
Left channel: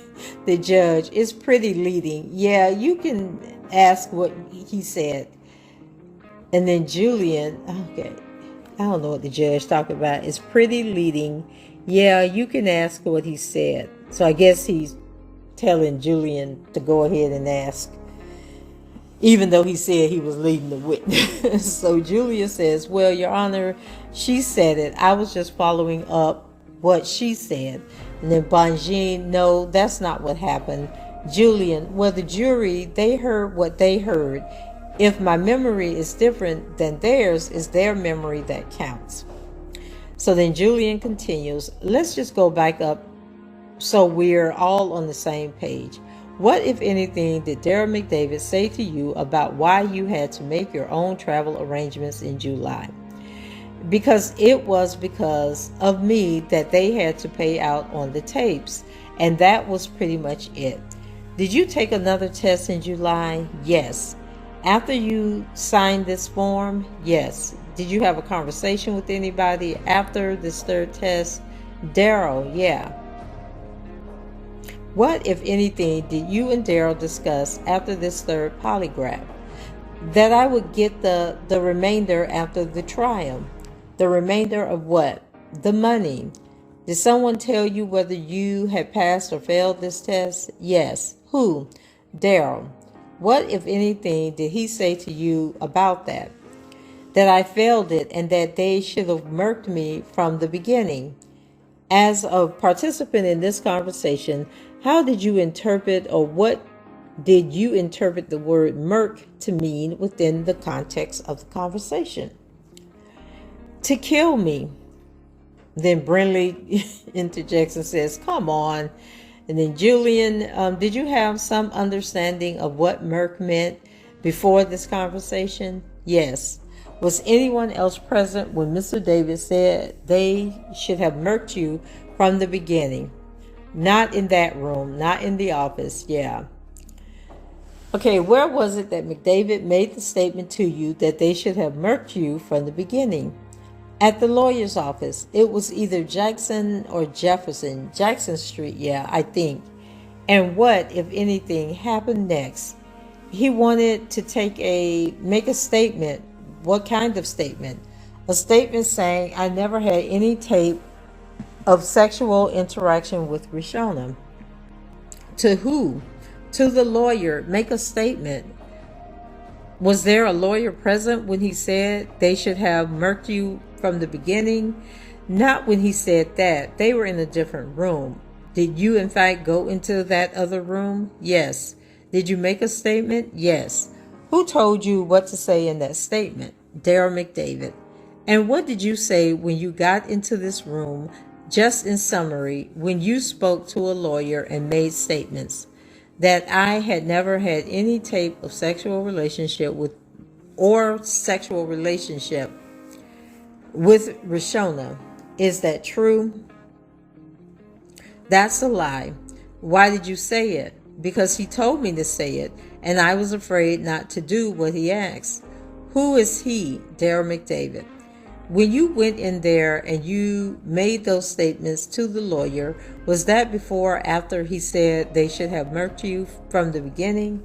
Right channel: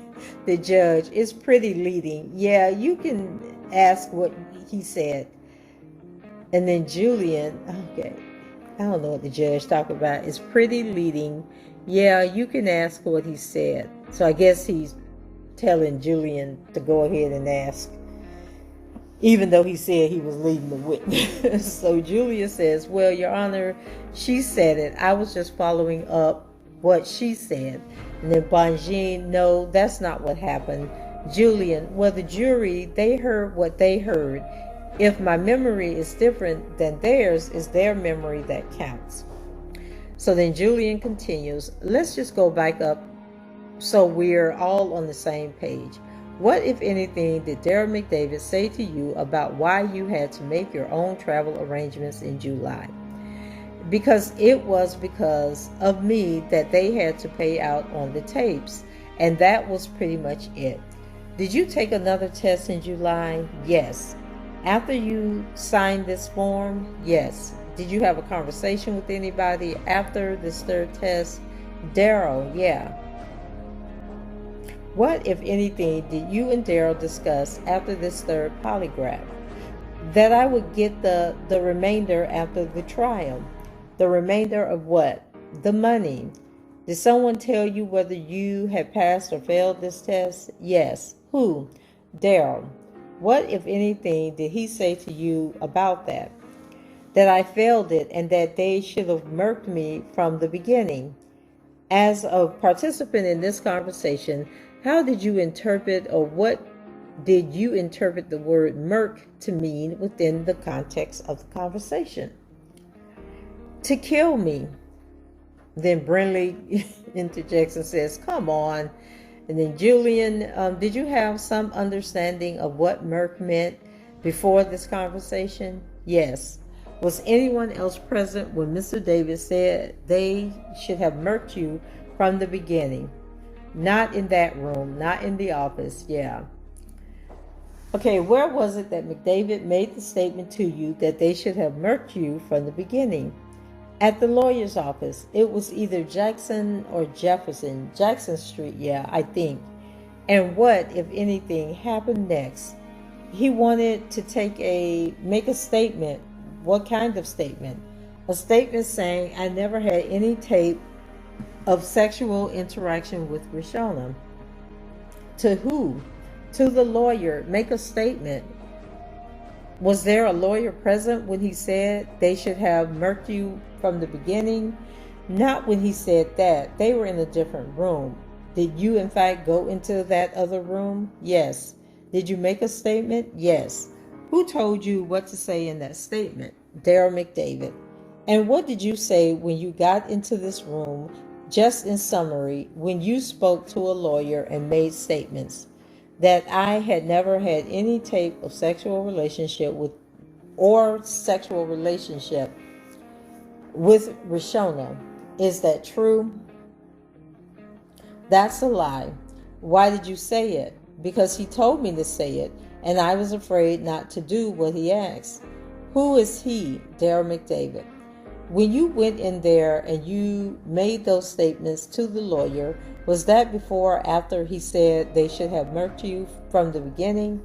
the judge. It's pretty leading. Yeah, you can ask what he said. And then Julian, okay, I don't know what the judge talked about. It's pretty leading. Yeah, you can ask what he said. So I guess he's telling Julian to go ahead and ask, even though he said he was leading the witness. So Julian says, well, Your Honor, she said it. I was just following up what she said. And then Bonjean, no, that's not what happened. Julian, well, the jury, they heard what they heard. If my memory is different than theirs, it's their memory that counts. So then Julian continues, let's just go back up so we're all on the same page. What, if anything, did Daryl McDavid say to you about why you had to make your own travel arrangements in July? Because it was because of me that they had to pay out on the tapes. And that was pretty much it. Did you take another test in July? Yes. After you signed this form? Yes. Did you have a conversation with anybody after this third test? Daryl, yeah. What, if anything, did you and Daryl discuss after this third polygraph? That I would get the remainder after the trial. The remainder of what? The money. Did someone tell you whether you had passed or failed this test? Yes. Who? Daryl. What, if anything, did he say to you about that? That I failed it and that they should have murked me from the beginning. As a participant in this conversation, how did you interpret, or what did you interpret the word murk to mean within the context of the conversation? To kill me. Then Brindley interjects and says, come on. And then Julian, did you have some understanding of what murk meant before this conversation? Yes. Was anyone else present when Mr. David said they should have murked you from the beginning? Not in that room, not in the office, yeah. Okay, where was it that McDavid made the statement to you that they should have murked you from the beginning? At the lawyer's office. It was either Jackson or Jefferson. Jackson Street, yeah, I think. And what, if anything, happened next? He wanted to make a statement. What kind of statement? A statement saying, I never had any tape of sexual interaction with Rishona. To who? To the lawyer. Make a statement. Was there a lawyer present when he said they should have murked you from the beginning? Not when he said that. They were in a different room. Did you in fact go into that other room? Yes. Did you make a statement? Yes. Who told you what to say in that statement? Daryl McDavid. And what did you say when you got into this room, just in summary, when you spoke to a lawyer and made statements? That I had never had any tape of sexual relationship with Rishona. Is that true? That's a lie. Why did you say it? Because he told me to say it, and I was afraid not to do what he asked. Who is he? Daryl McDavid. When you went in there and you made those statements to the lawyer, was that before or after he said they should have murked you from the beginning?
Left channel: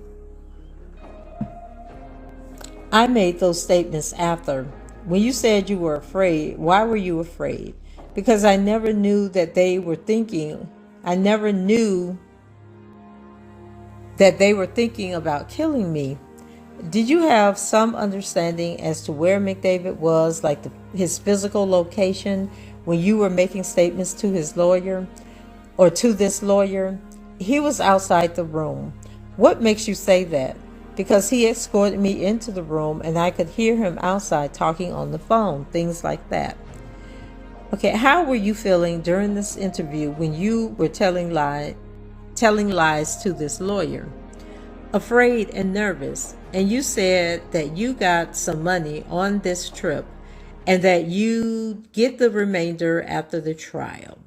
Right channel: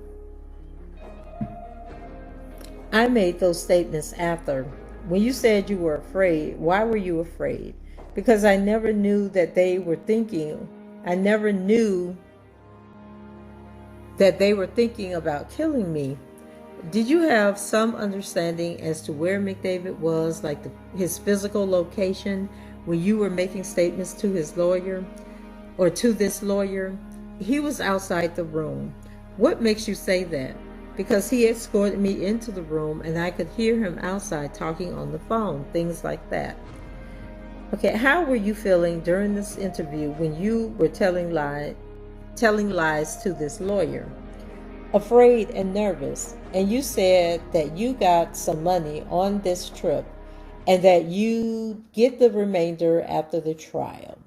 I made those statements after. When you said you were afraid, why were you afraid? Because I never knew that they were thinking. I never knew that they were thinking about killing me. Did you have some understanding as to where McDavid was, like his physical location, when you were making statements to his lawyer or to this lawyer? He was outside the room. What makes you say that? Because he escorted me into the room and I could hear him outside talking on the phone, things like that. Okay, how were you feeling during this interview when you were telling lies to this lawyer? Afraid and nervous. And you said that you got some money on this trip and that you get the remainder after the trial.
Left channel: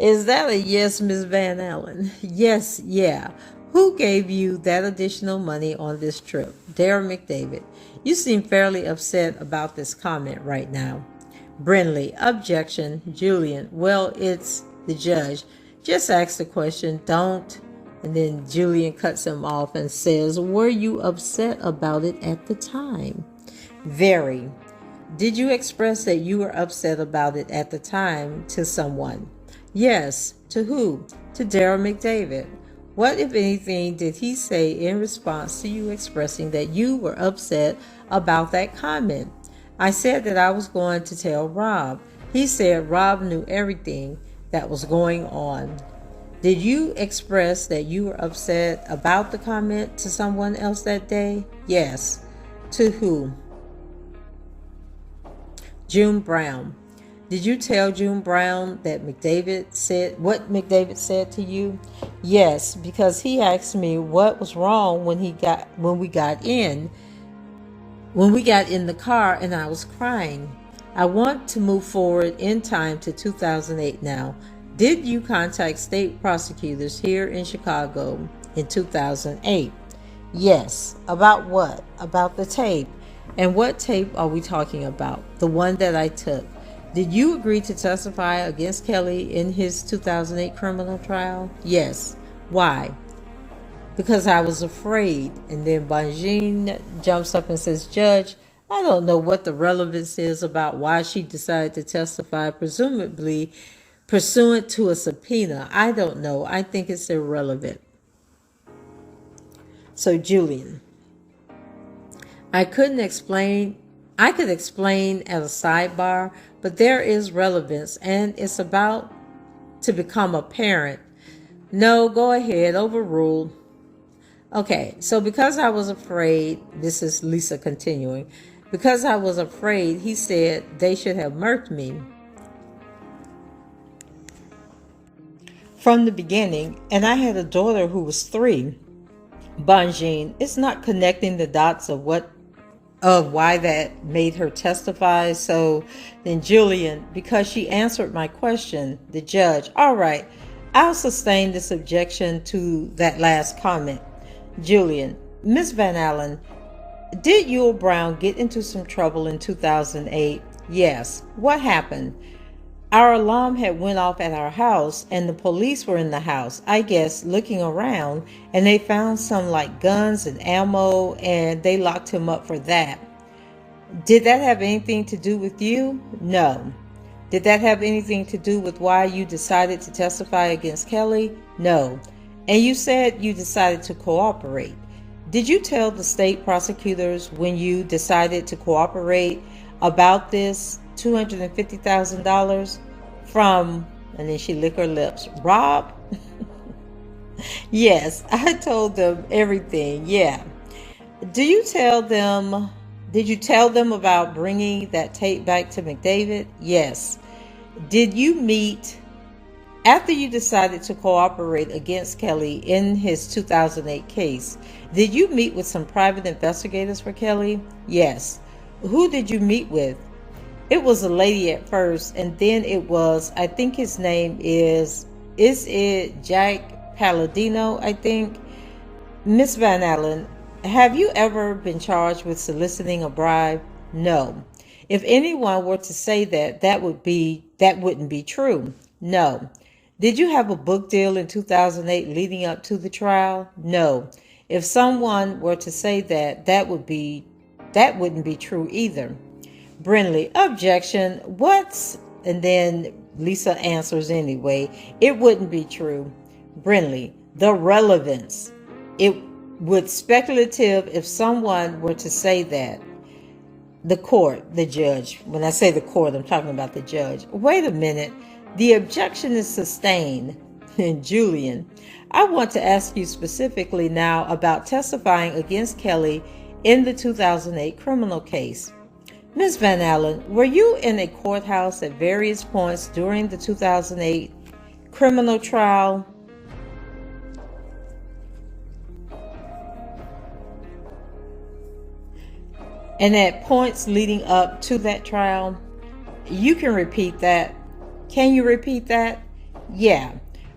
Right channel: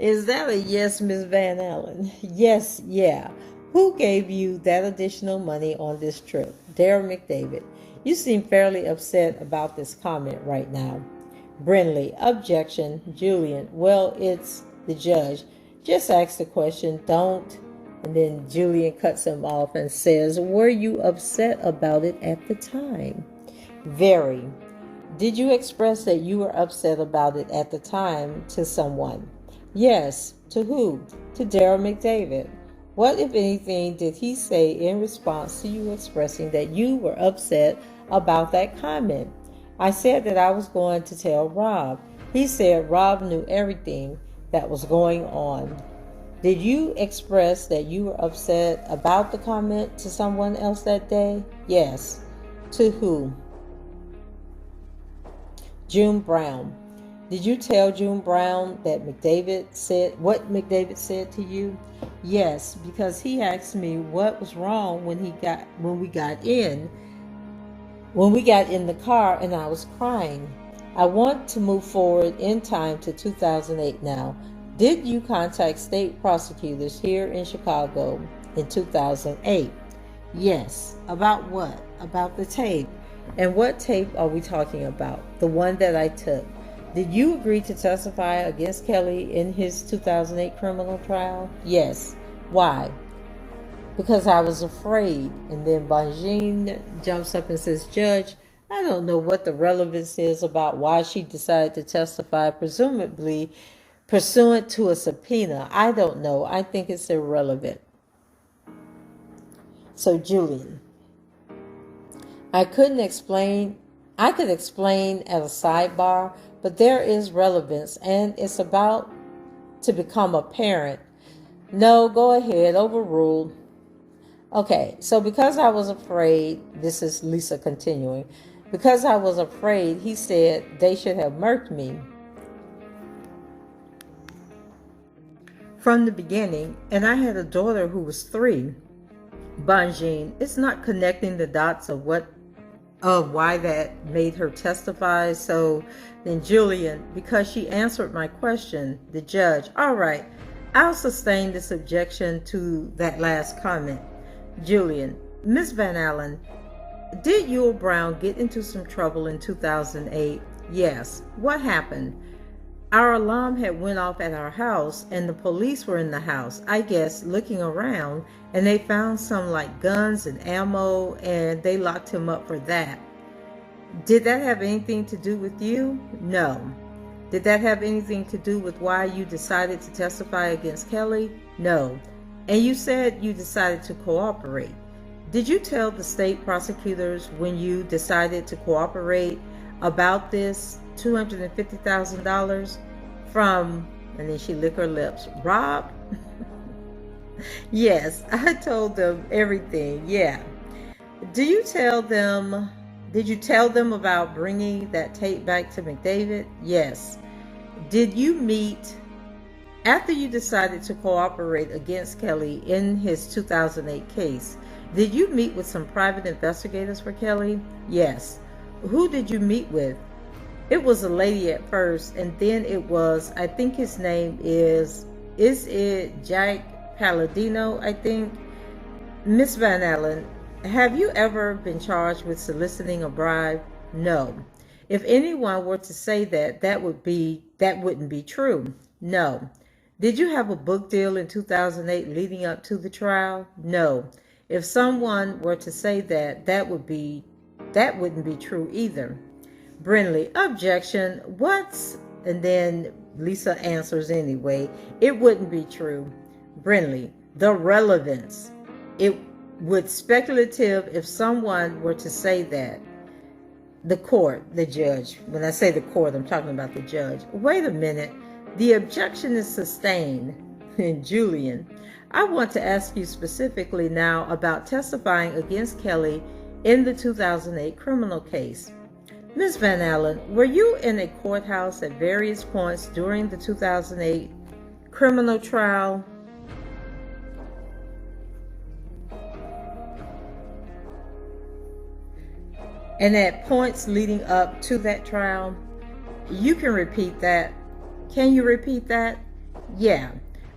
Is that a yes, Ms. Van Allen? Yes, yeah. Who gave you that additional money on this trip? Daryl McDavid. You seem fairly upset about this comment right now. Brindley. Objection. Julian. Well, it's the judge. Just ask the question. Don't. And then Julian cuts him off and says, were you upset about it at the time? Very. Did you express that you were upset about it at the time to someone? Yes. To who? To Daryl McDavid. What, if anything, did he say in response to you expressing that you were upset about that comment? I said that I was going to tell Rob. He said Rob knew everything that was going on. Did you express that you were upset about the comment to someone else that day? Yes. To who? June Brown. Did you tell June Brown that McDavid said what McDavid said to you? Yes, because he asked me what was wrong when we got in the car and I was crying. I want to move forward in time to 2008 now. Did you contact state prosecutors here in Chicago in 2008? Yes. About what? About the tape. And what tape are we talking about? The one that I took. Did you agree to testify against Kelly in his 2008 criminal trial? Yes. Why? Because I was afraid. And then Banjin jumps up and says, Judge, I don't know what the relevance is about why she decided to testify, presumably pursuant to a subpoena. I don't know. I think it's irrelevant. So, Julian, I could explain at a sidebar, but there is relevance and it's about to become apparent. No, go ahead, overruled. Okay, so because I was afraid, this is Lisa continuing, because I was afraid, he said they should have murked me from the beginning, and I had a daughter who was 3. Banjin, it's not connecting the dots of why that made her testify. So then Julian, because she answered my question, the judge, all right, I'll sustain this objection to that last comment. Julian, Miss Van Allen, did Yul Brown get into some trouble in 2008? Yes. What happened? Our alarm had went off at our house and the police were in the house, I guess, looking around, and they found some like guns and ammo and they locked him up for that. Did that have anything to do with you? No. Did that have anything to do with why you decided to testify against Kelly? No. And you said you decided to cooperate. Did you tell the state prosecutors when you decided to cooperate about this $250,000 from, and then she licked her lips, Rob? Yes, I told them everything. Yeah. Did you tell them about bringing that tape back to McDavid? Yes. Did you meet after you decided to cooperate against Kelly in his 2008 case? Did you meet with some private investigators for Kelly? Yes. Who did you meet with? It was a lady at first, and then it was, I think his name is it Jack Palladino, I think. Miss Van Allen, have you ever been charged with soliciting a bribe? No. If anyone were to say that wouldn't be true. No. Did you have a book deal in 2008 leading up to the trial? No. If someone were to say that wouldn't be true either. Brindley, objection. What's, and then Lisa answers anyway, it wouldn't be true. Brindley, the relevance. It would speculative if someone were to say that. The court, the judge. When I say the court, I'm talking about the judge. Wait a minute. The objection is sustained. And Julian, I want to ask you specifically now about testifying against Kelly in the 2008 criminal case. Ms. Van Allen, were you in a courthouse at various points during the 2008 criminal trial? And at points leading up to that trial? You can repeat that. Can you repeat that? Yeah.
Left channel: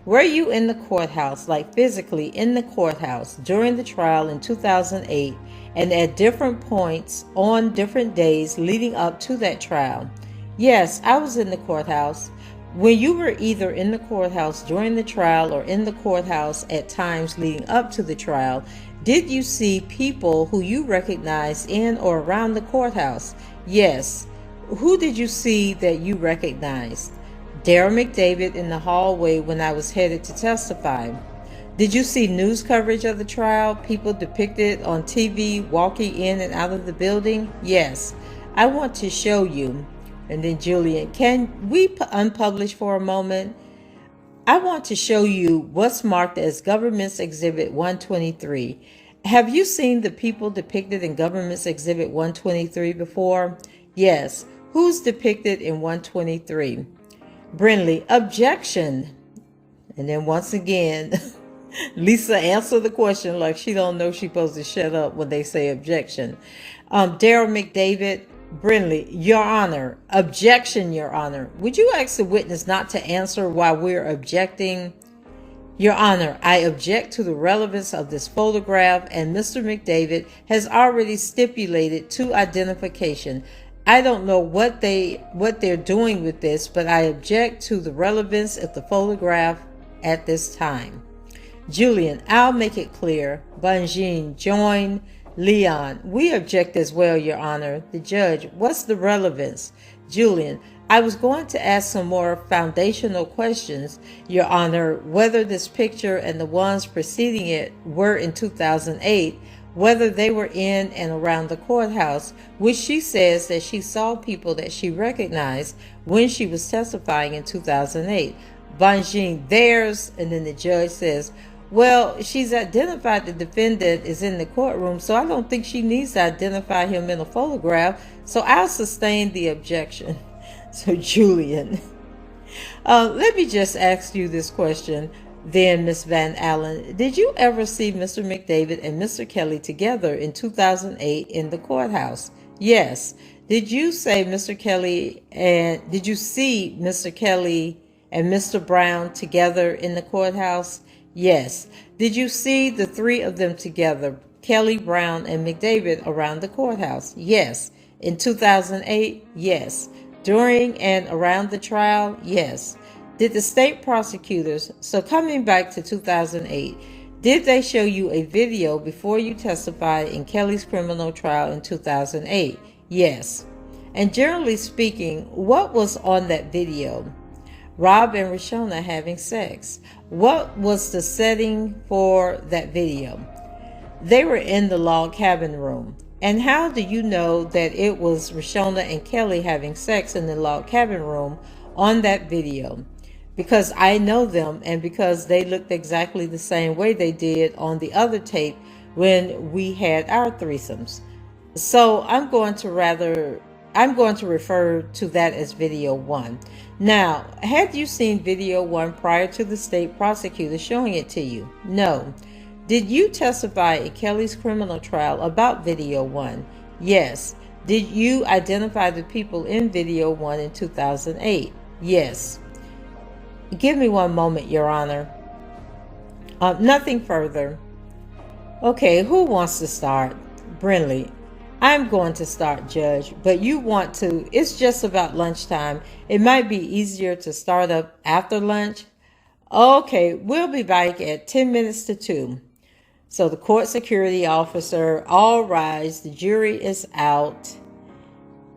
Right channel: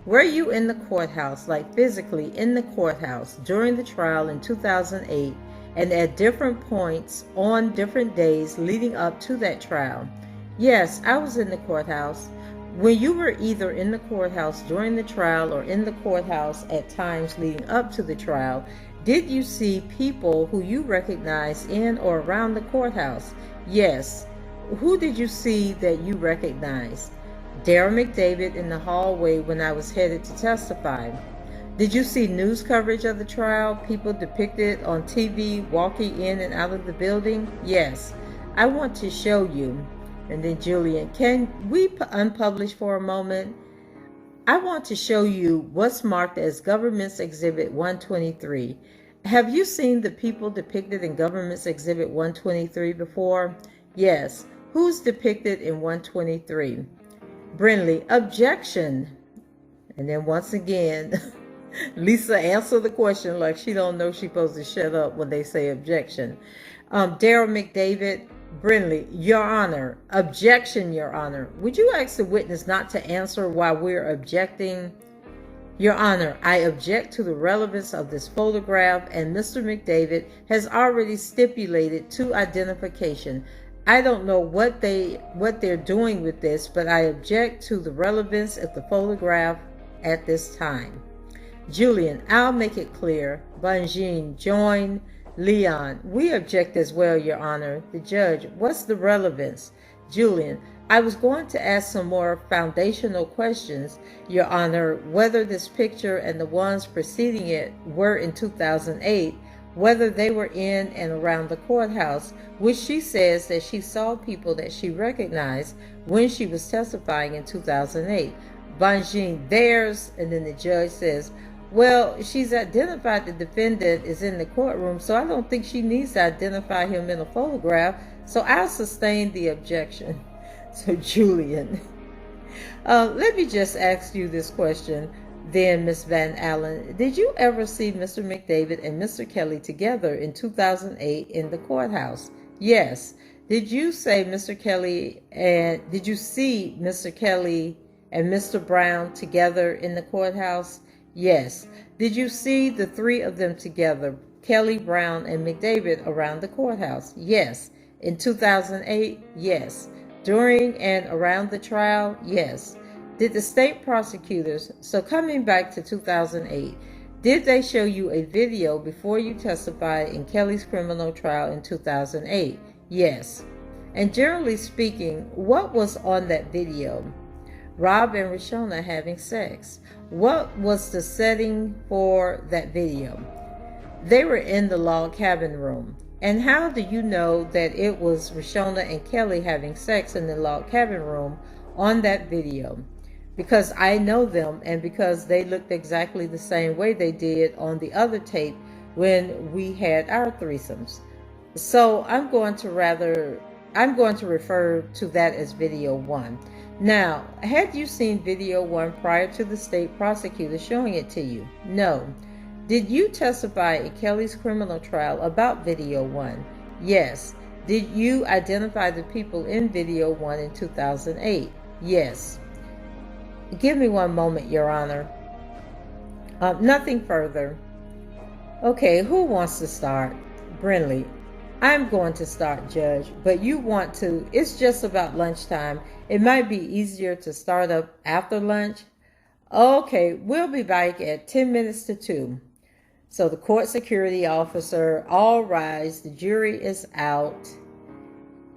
Were you in the courthouse, like physically in the courthouse during the trial in 2008 and at different points on different days leading up to that trial? Yes, I was in the courthouse. When you were either in the courthouse during the trial or in the courthouse at times leading up to the trial, did you see people who you recognized in or around the courthouse? Yes. Who did you see that you recognized? Darryl McDavid in the hallway when I was headed to testify. Did you see news coverage of the trial? People depicted on TV walking in and out of the building? Yes. I want to show you. And then Julian, can we unpublish for a moment? I want to show you what's marked as Government's Exhibit 123. Have you seen the people depicted in Government's Exhibit 123 before? Yes. Who's depicted in 123? Brindley, objection. And then once again, Lisa answered the question like she don't know she's supposed to shut up when they say objection. Darryl McDavid, Brindley, Your Honor, objection, Your Honor. Would you ask the witness not to answer while we're objecting? Your Honor, I object to the relevance of this photograph, and Mr. McDavid has already stipulated to identification. I don't know what they're doing with this, but I object to the relevance of the photograph at this time. Julian, I'll make it clear. Banjin, join. Leon, we object as well, Your Honor. The judge, what's the relevance? Julian, I was going to ask some more foundational questions, Your Honor, whether this picture and the ones preceding it were in 2008, whether they were in and around the courthouse, which she says that she saw people that she recognized when she was testifying in 2008. Banjin, theirs, and then the judge says, well, she's identified the defendant is in the courtroom, so I don't think she needs to identify him in a photograph, so I'll sustain the objection. So Julian, let me just ask you this question then, Miss Van Allen. Did you ever see Mr. McDavid and Mr. Kelly together in 2008 in the courthouse? Yes. Did you say Mr. Kelly and did you see Mr. Kelly and Mr. Brown together in the courthouse? Yes. Did you see the three of them together, Kelly, Brown, and McDavid, around the courthouse? Yes. In 2008? Yes. During and around the trial? Yes. Did the state prosecutors, so coming back to 2008, did they show you a video before you testified in Kelly's criminal trial in 2008? Yes. And generally speaking, what was on that video? Rob and Rashona having sex. What was the setting for that video? They were in the log cabin room. And how do you know that it was Rashona and Kelly having sex in the log cabin room on that video? Because I know them and because they looked exactly the same way they did on the other tape when we had our threesomes. So I'm going to refer to that as video one. Now, have you seen video one prior to the state prosecutor showing it to you? No. Did you testify in Kelly's criminal trial about video one? Yes. Did you identify the people in video one in 2008? Yes. Give me one moment, Your Honor. Nothing further. Okay, who wants to start? Brindley. I'm going to start, Judge, but you want to, it's just about lunchtime. It might be easier to start up after lunch. Okay, we'll be back at 10 minutes to 2. So the court security officer, all rise, the jury is out.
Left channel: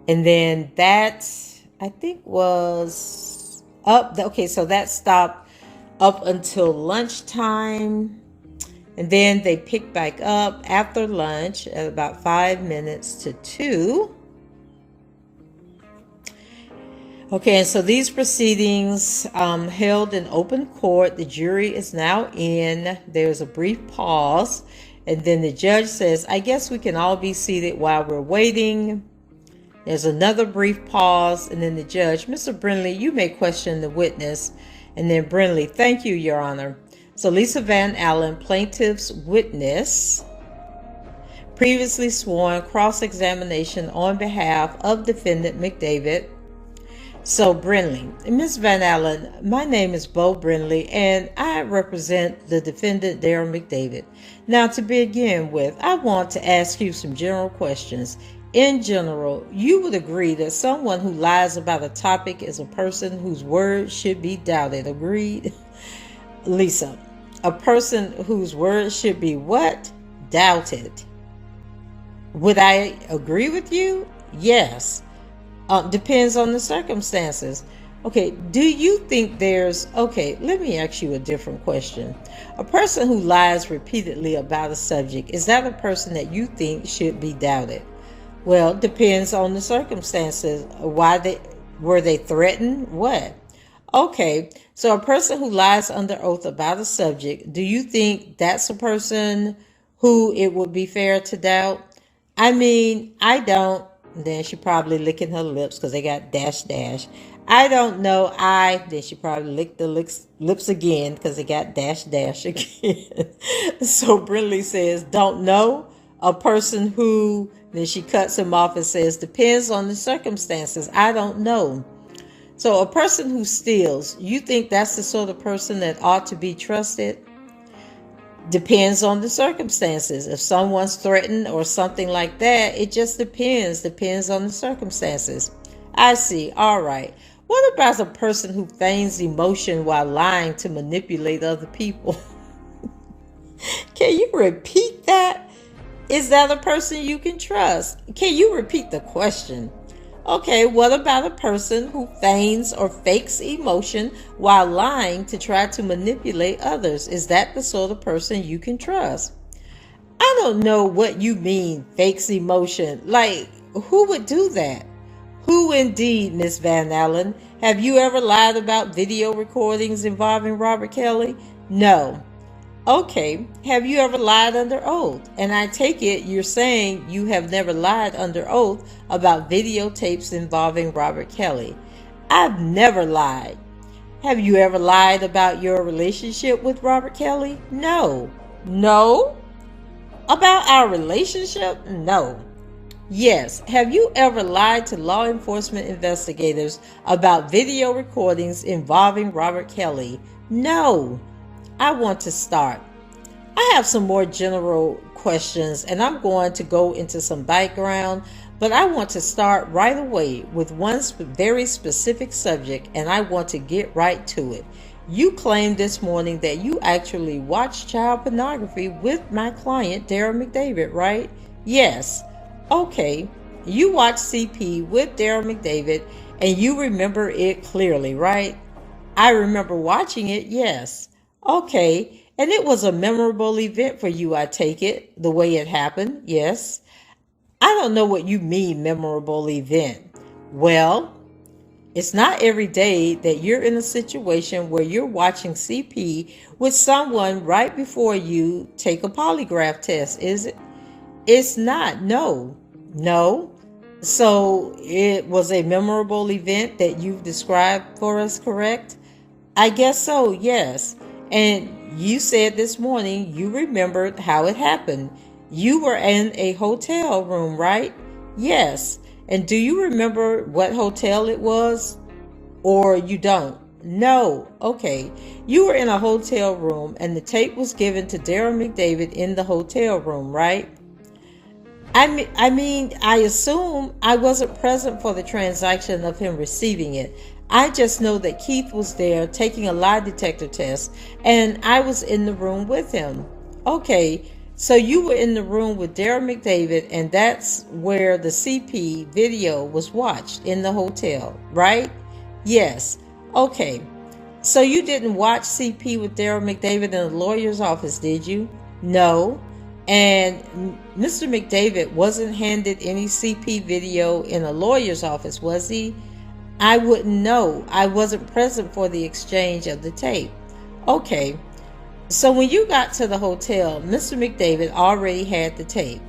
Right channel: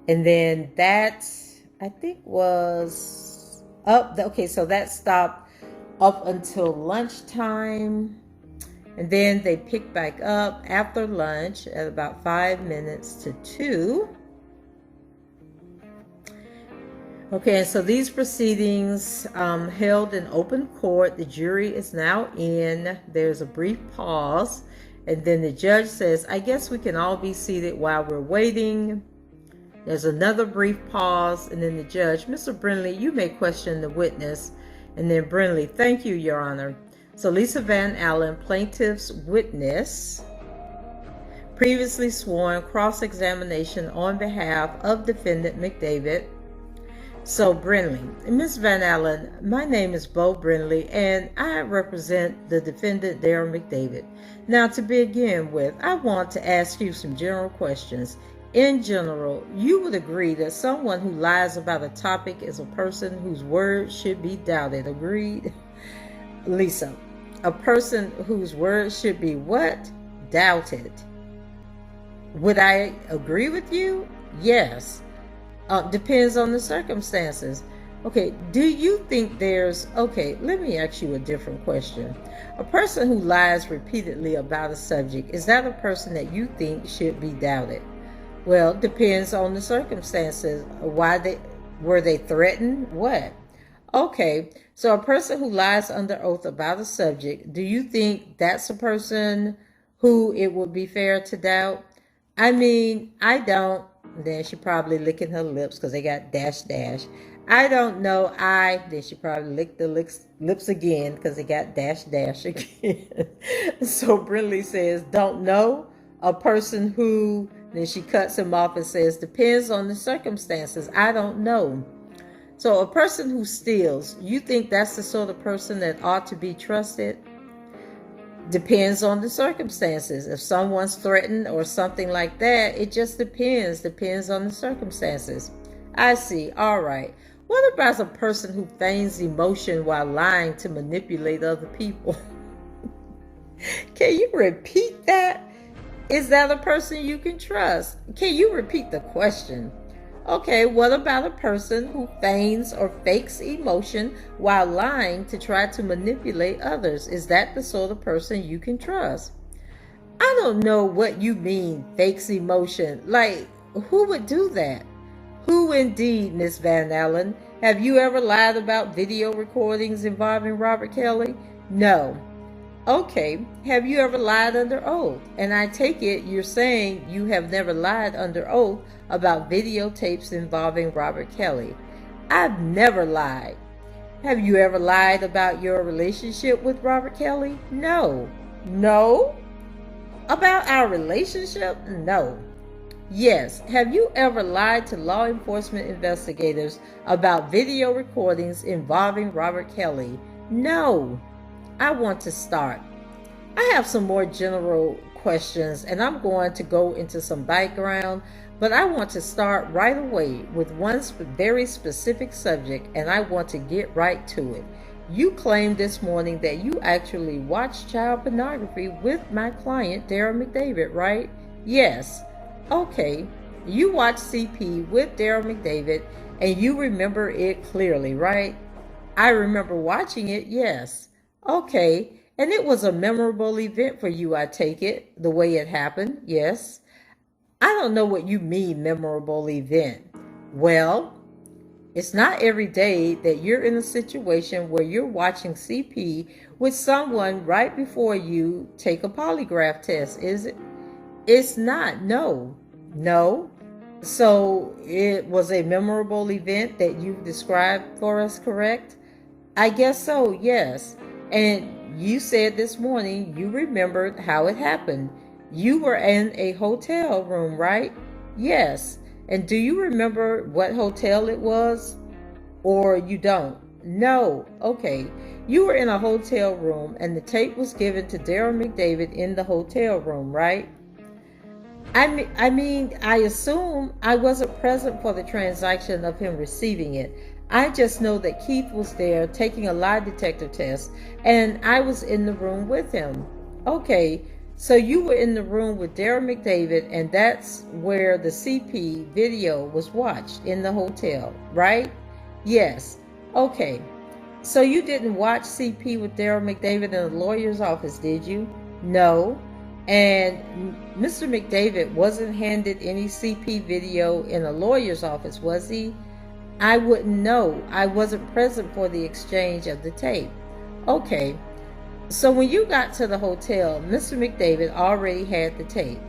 And then that, I think was up, okay, so that stopped up until lunchtime. And then they picked back up after lunch at about 5 minutes to 2. Okay, and so these proceedings held in open court. The jury is now in. There's a brief pause. And then the judge says, I guess we can all be seated while we're waiting. There's another brief pause. And then the judge, Mr. Brindley, you may question the witness. And then Brindley, thank you, Your Honor. So Lisa Van Allen, plaintiff's witness, previously sworn, cross-examination on behalf of defendant McDavid. So Brindley, Ms. Van Allen, my name is Beau Brindley and I represent the defendant Darryl McDavid. Now to begin with, I want to ask you some general questions. In general, you would agree that someone who lies about a topic is a person whose word should be doubted. Agreed? Lisa, a person whose word should be what? Doubted. Would I agree with you? Yes. Depends on the circumstances. Okay, do you think there's, okay, let me ask you a different question. A person who lies repeatedly about a subject, is that a person that you think should be doubted? Well, depends on the circumstances. Were they threatened? What? Okay, so a person who lies under oath about a subject, do you think that's a person who it would be fair to doubt? I mean, I don't. Then she probably licking her lips because they got dash dash. I don't know. Then she probably licked the lips again because they got dash dash again. So Brindley says, don't know. A person who, then she cuts him off and says, depends on the circumstances. I don't know. So a person who steals, you think that's the sort of person that ought to be trusted? Depends on the circumstances. If someone's threatened or something like that, it just depends on the circumstances. I see. All right. What about a person who feigns emotion while lying to manipulate other people? Can you repeat that? Is that a person you can trust? Can you repeat the question? Okay, what about a person who feigns or fakes emotion while lying to try to manipulate others? Is that the sort of person you can trust? I don't know what you mean, fakes emotion. Like, who would do that? Who indeed, Miss Van Allen? Have you ever lied about video recordings involving Robert Kelly? No. Okay, have you ever lied under oath? And I take it you're saying you have never lied under oath about videotapes involving Robert Kelly. I've never lied. Have you ever lied about your relationship with Robert Kelly? No. No? About our relationship? No. Yes. Have you ever lied to law enforcement investigators about video recordings involving Robert Kelly? No. I want to start. I have some more general questions and I'm going to go into some background, but I want to start right away with one very specific subject and I want to get right to it. You claimed this morning that you actually watched child pornography with my client, Darryl McDavid, right? Yes. Okay. You watched CP with Darryl McDavid and you remember it clearly, right? I remember watching it, yes. Okay, and it was a memorable event for you, I take it, the way it happened, yes. I don't know what you mean, memorable event. Well, it's not every day that you're in a situation where you're watching CP with someone right before you take a polygraph test, is it? It's not, no. No. So it was a memorable event that you've described for us, correct? I guess so, yes. And you said this morning you remembered how it happened. You were in a hotel room, right? Yes. And do you remember what hotel it was? Or you don't? No. Okay. You were in a hotel room and the tape was given to Darryl McDavid in the hotel room, right? I assume I wasn't present for the transaction of him receiving it. I just know that Keith was there taking a lie detector test and I was in the room with him. Okay, so you were in the room with Darryl McDavid and that's where the CP video was watched in the hotel, right? Yes. Okay, so you didn't watch CP with Darryl McDavid in the lawyer's office, did you? No. And Mr. McDavid wasn't handed any CP video in a lawyer's office, was he? I wouldn't know. I wasn't present for the exchange of the tape. Okay, so when you got to the hotel, Mr. McDavid already had the tape.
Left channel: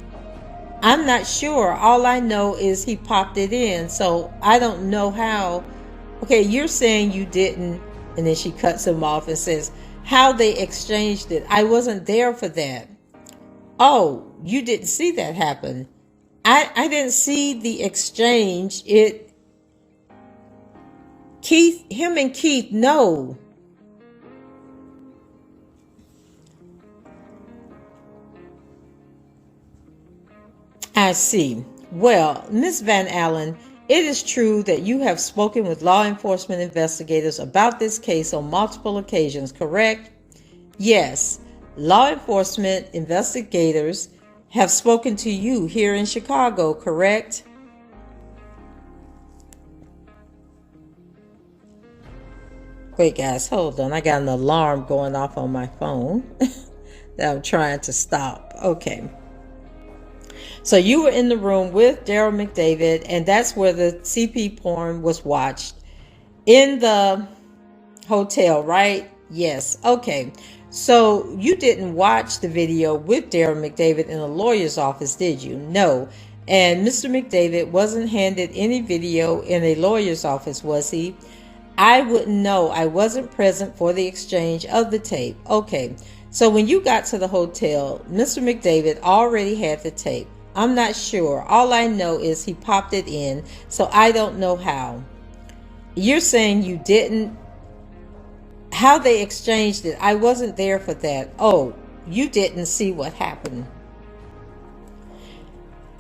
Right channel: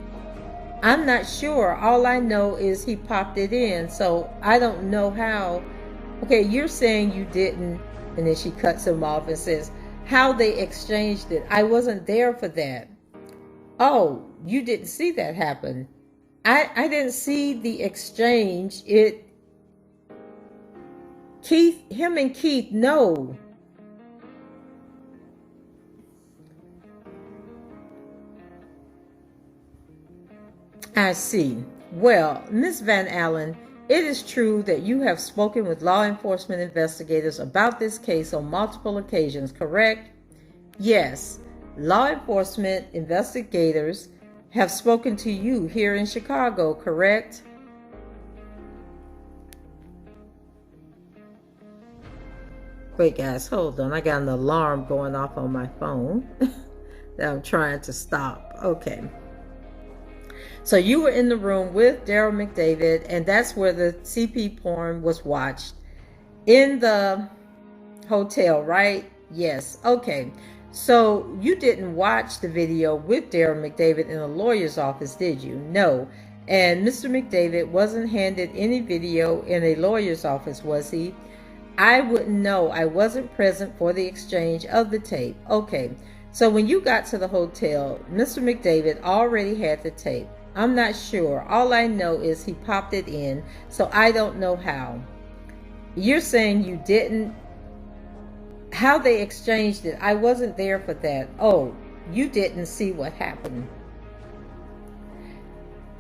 I'm not sure. All I know is he popped it in, so I don't know how. Okay, you're saying you didn't, and then she cuts him off and says, how they exchanged it. I wasn't there for that. Oh, you didn't see that happen. I didn't see the exchange. Him and Keith, no. I see. Well, Miss Van Allen, it is true that you have spoken with law enforcement investigators about this case on multiple occasions, correct? Yes. Law enforcement investigators have spoken to you here in Chicago, correct? Wait, guys, hold on. I got an alarm going off on my phone that I'm trying to stop. Okay. So you were in the room with Darryl McDavid, and that's where the CP porn was watched in the hotel, right? Yes. Okay. So you didn't watch the video with Darryl McDavid in a lawyer's office, did you? No. And Mr. McDavid wasn't handed any video in a lawyer's office, was he? I wouldn't know. I wasn't present for the exchange of the tape. Okay. So when you got to the hotel, Mr. McDavid already had the tape. I'm not sure. All I know is he popped it in, so I don't know how. You're saying you didn't, how they exchanged it. I wasn't there for that. Oh, you didn't see what happened.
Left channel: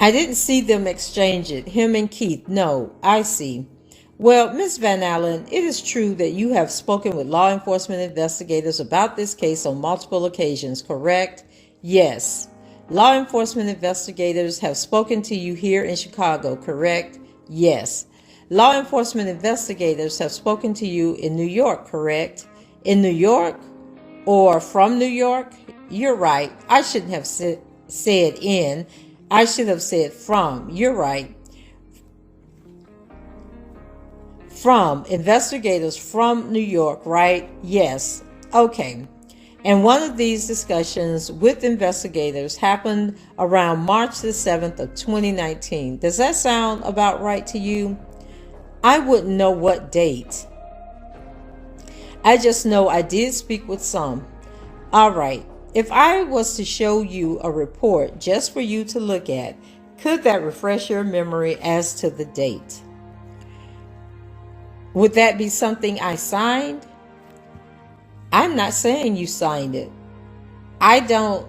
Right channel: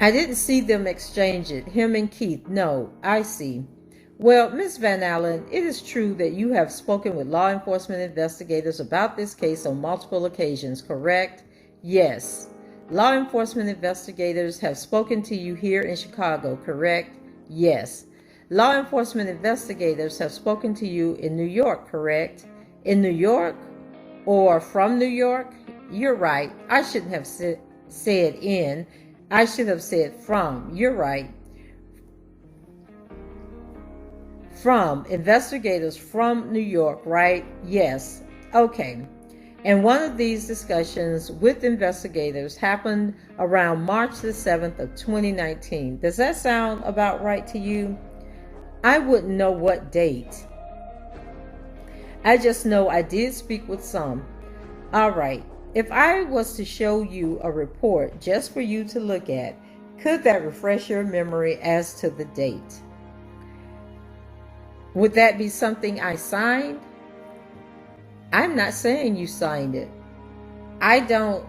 I didn't see them exchange it, him and Keith. No, I see. Well, Miss Van Allen, it is true that you have spoken with law enforcement investigators about this case on multiple occasions, correct? Yes. Law enforcement investigators have spoken to you here in Chicago, correct? Yes. Law enforcement investigators have spoken to you in New York, correct? In New York or from New York? You're right. I shouldn't have said in. I should have said from. You're right. From investigators from New York, right? Yes. Okay. And one of these discussions with investigators happened around March the 7th of 2019. Does that sound about right to you? I wouldn't know what date. I just know I did speak with some. All right. If I was to show you a report just for you to look at, could that refresh your memory as to the date? Would that be something I signed? I'm not saying you signed it. I don't.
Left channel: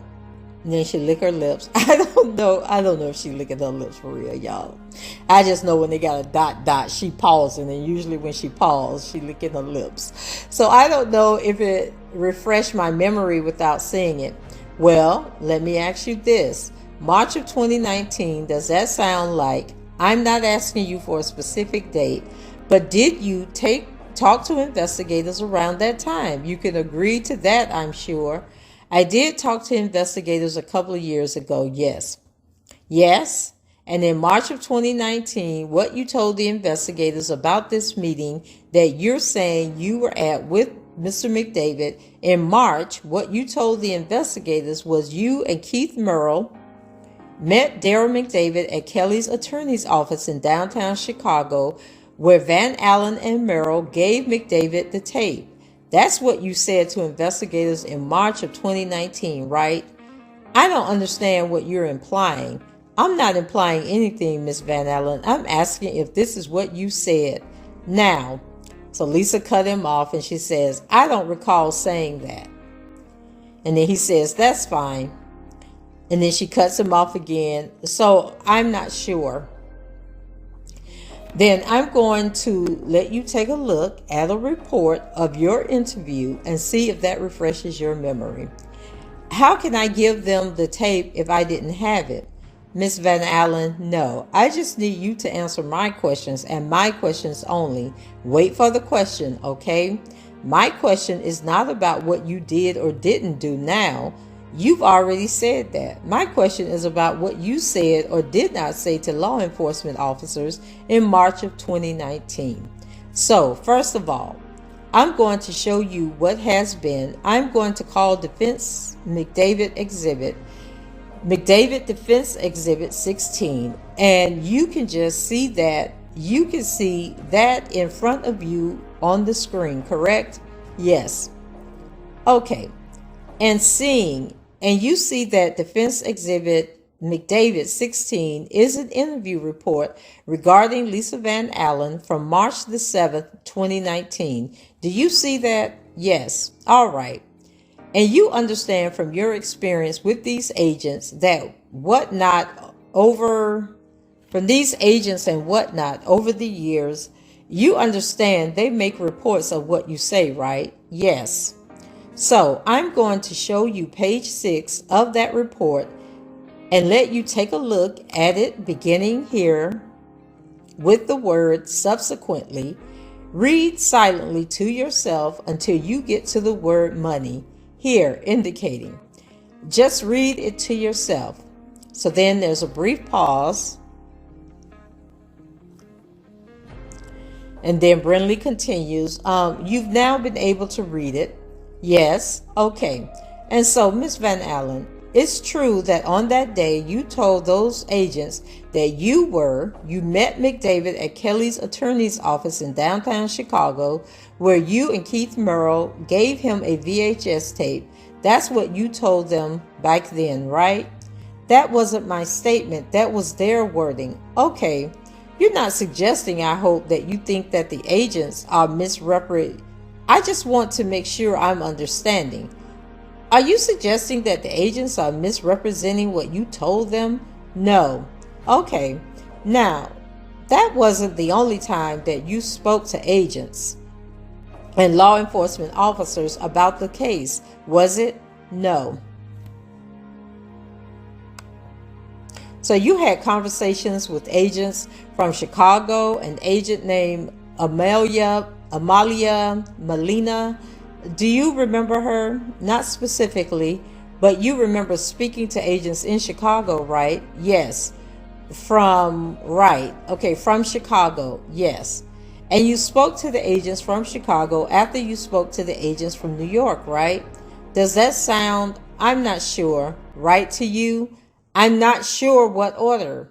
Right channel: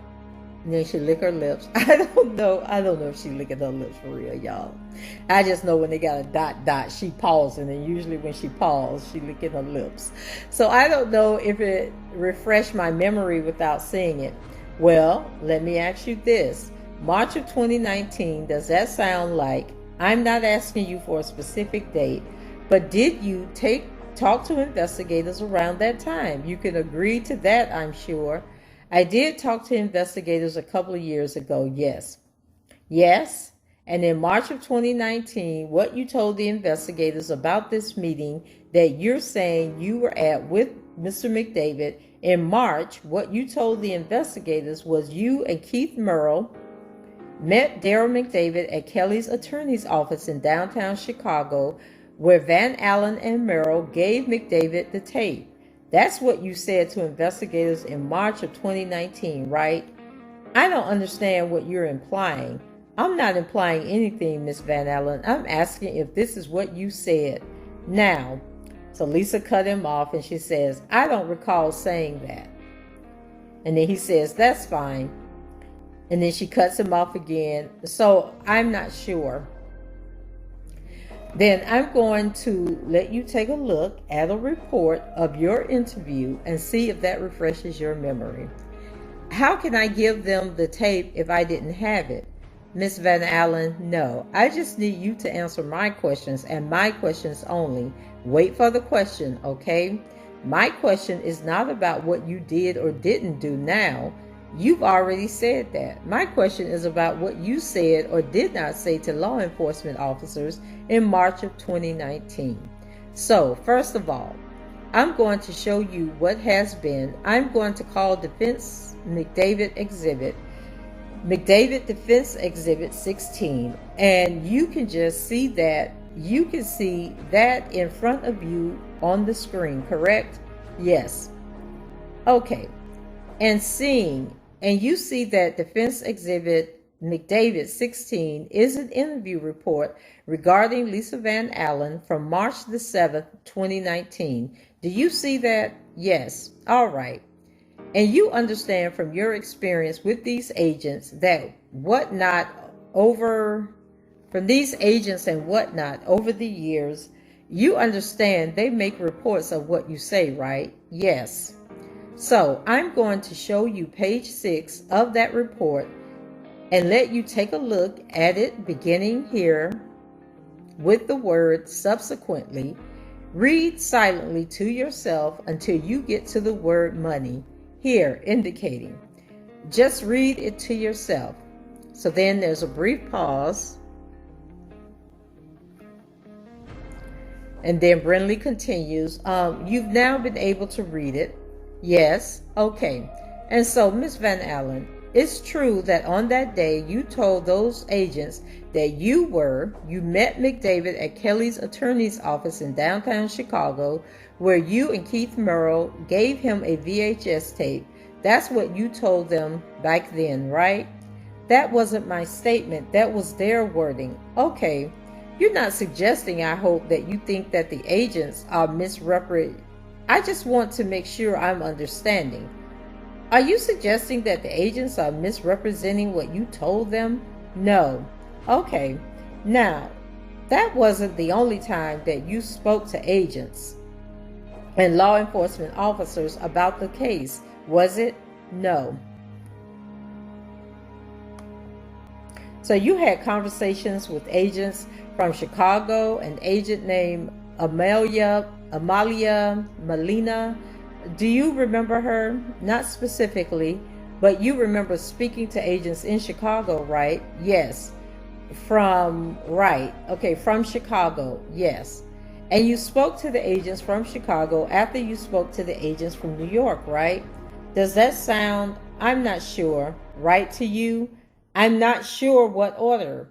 And then she licked her lips. I don't know if she licking her lips for real, y'all. I just know when they got a dot, she pausing. And usually when she paused, she licking her lips. So I don't know if it refreshed my memory without seeing it. Well, let me ask you this. March of 2019, does that sound like, I'm not asking you for a specific date, but did you talk to investigators around that time? You can agree to that, I'm sure. I did talk to investigators a couple of years ago, yes. Yes, and in March of 2019, what you told the investigators about this meeting that you're saying you were at with Mr. McDavid, in March, what you told the investigators was you and Keith Merle met Daryl McDavid at Kelly's attorney's office in downtown Chicago, where Van Allen and Merrill gave McDavid the tape. That's what you said to investigators in March of 2019, right? I don't understand what you're implying. I'm not implying anything, Miss Van Allen. I'm asking if this is what you said. Now, so Lisa cut him off and she says, I don't recall saying that. And then he says, that's fine. And then she cuts him off again. So I'm not sure. Then I'm going to let you take a look at a report of your interview and see if that refreshes your memory. How can I give them the tape if I didn't have it? Miss Van Allen, no. I just need you to answer my questions and my questions only. Wait for the question, okay? My question is not about what you did or didn't do now. You've already said that. My question is about what you said or did not say to law enforcement officers in March of 2019. So, first of all, I'm going to show you what has been. I'm going to call Defense McDavid Defense Exhibit 16, and you can just see that. You can see that in front of you on the screen, correct? Yes. Okay. And you see that Defense Exhibit McDavid 16 is an interview report regarding Lisa Van Allen from March the 7th, 2019. Do you see that? Yes. All right. And you understand from your experience with these agents that from these agents and whatnot over the years, you understand they make reports of what you say, right? Yes. So I'm going to show you page 6 of that report and let you take a look at it beginning here with the word subsequently. Read silently to yourself until you get to the word money here indicating. Just read it to yourself. So then there's a brief pause. And then Brindley continues. You've now been able to read it. Yes. Okay. And so, Miss Van Allen, it's true that on that day you told those agents that you met McDavid at Kelly's attorney's office in downtown Chicago, where you and Keith Merle gave him a VHS tape. That's what you told them back then, right? That wasn't my statement. That was their wording. Okay. You're not suggesting, I hope, that you think that the agents are misrepresenting. I just want to make sure I'm understanding. Are you suggesting that the agents are misrepresenting what you told them? No. Okay. Now, that wasn't the only time that you spoke to agents and law enforcement officers about the case, was it? No. So you had conversations with agents from Chicago, an agent named Amalia Molina. Do you remember her? Not specifically, but you remember speaking to agents in Chicago, right? Yes. From Chicago, yes. And you spoke to the agents from Chicago after you spoke to the agents from New York, right? Does that sound, I'm not sure, right to you? I'm not sure what order.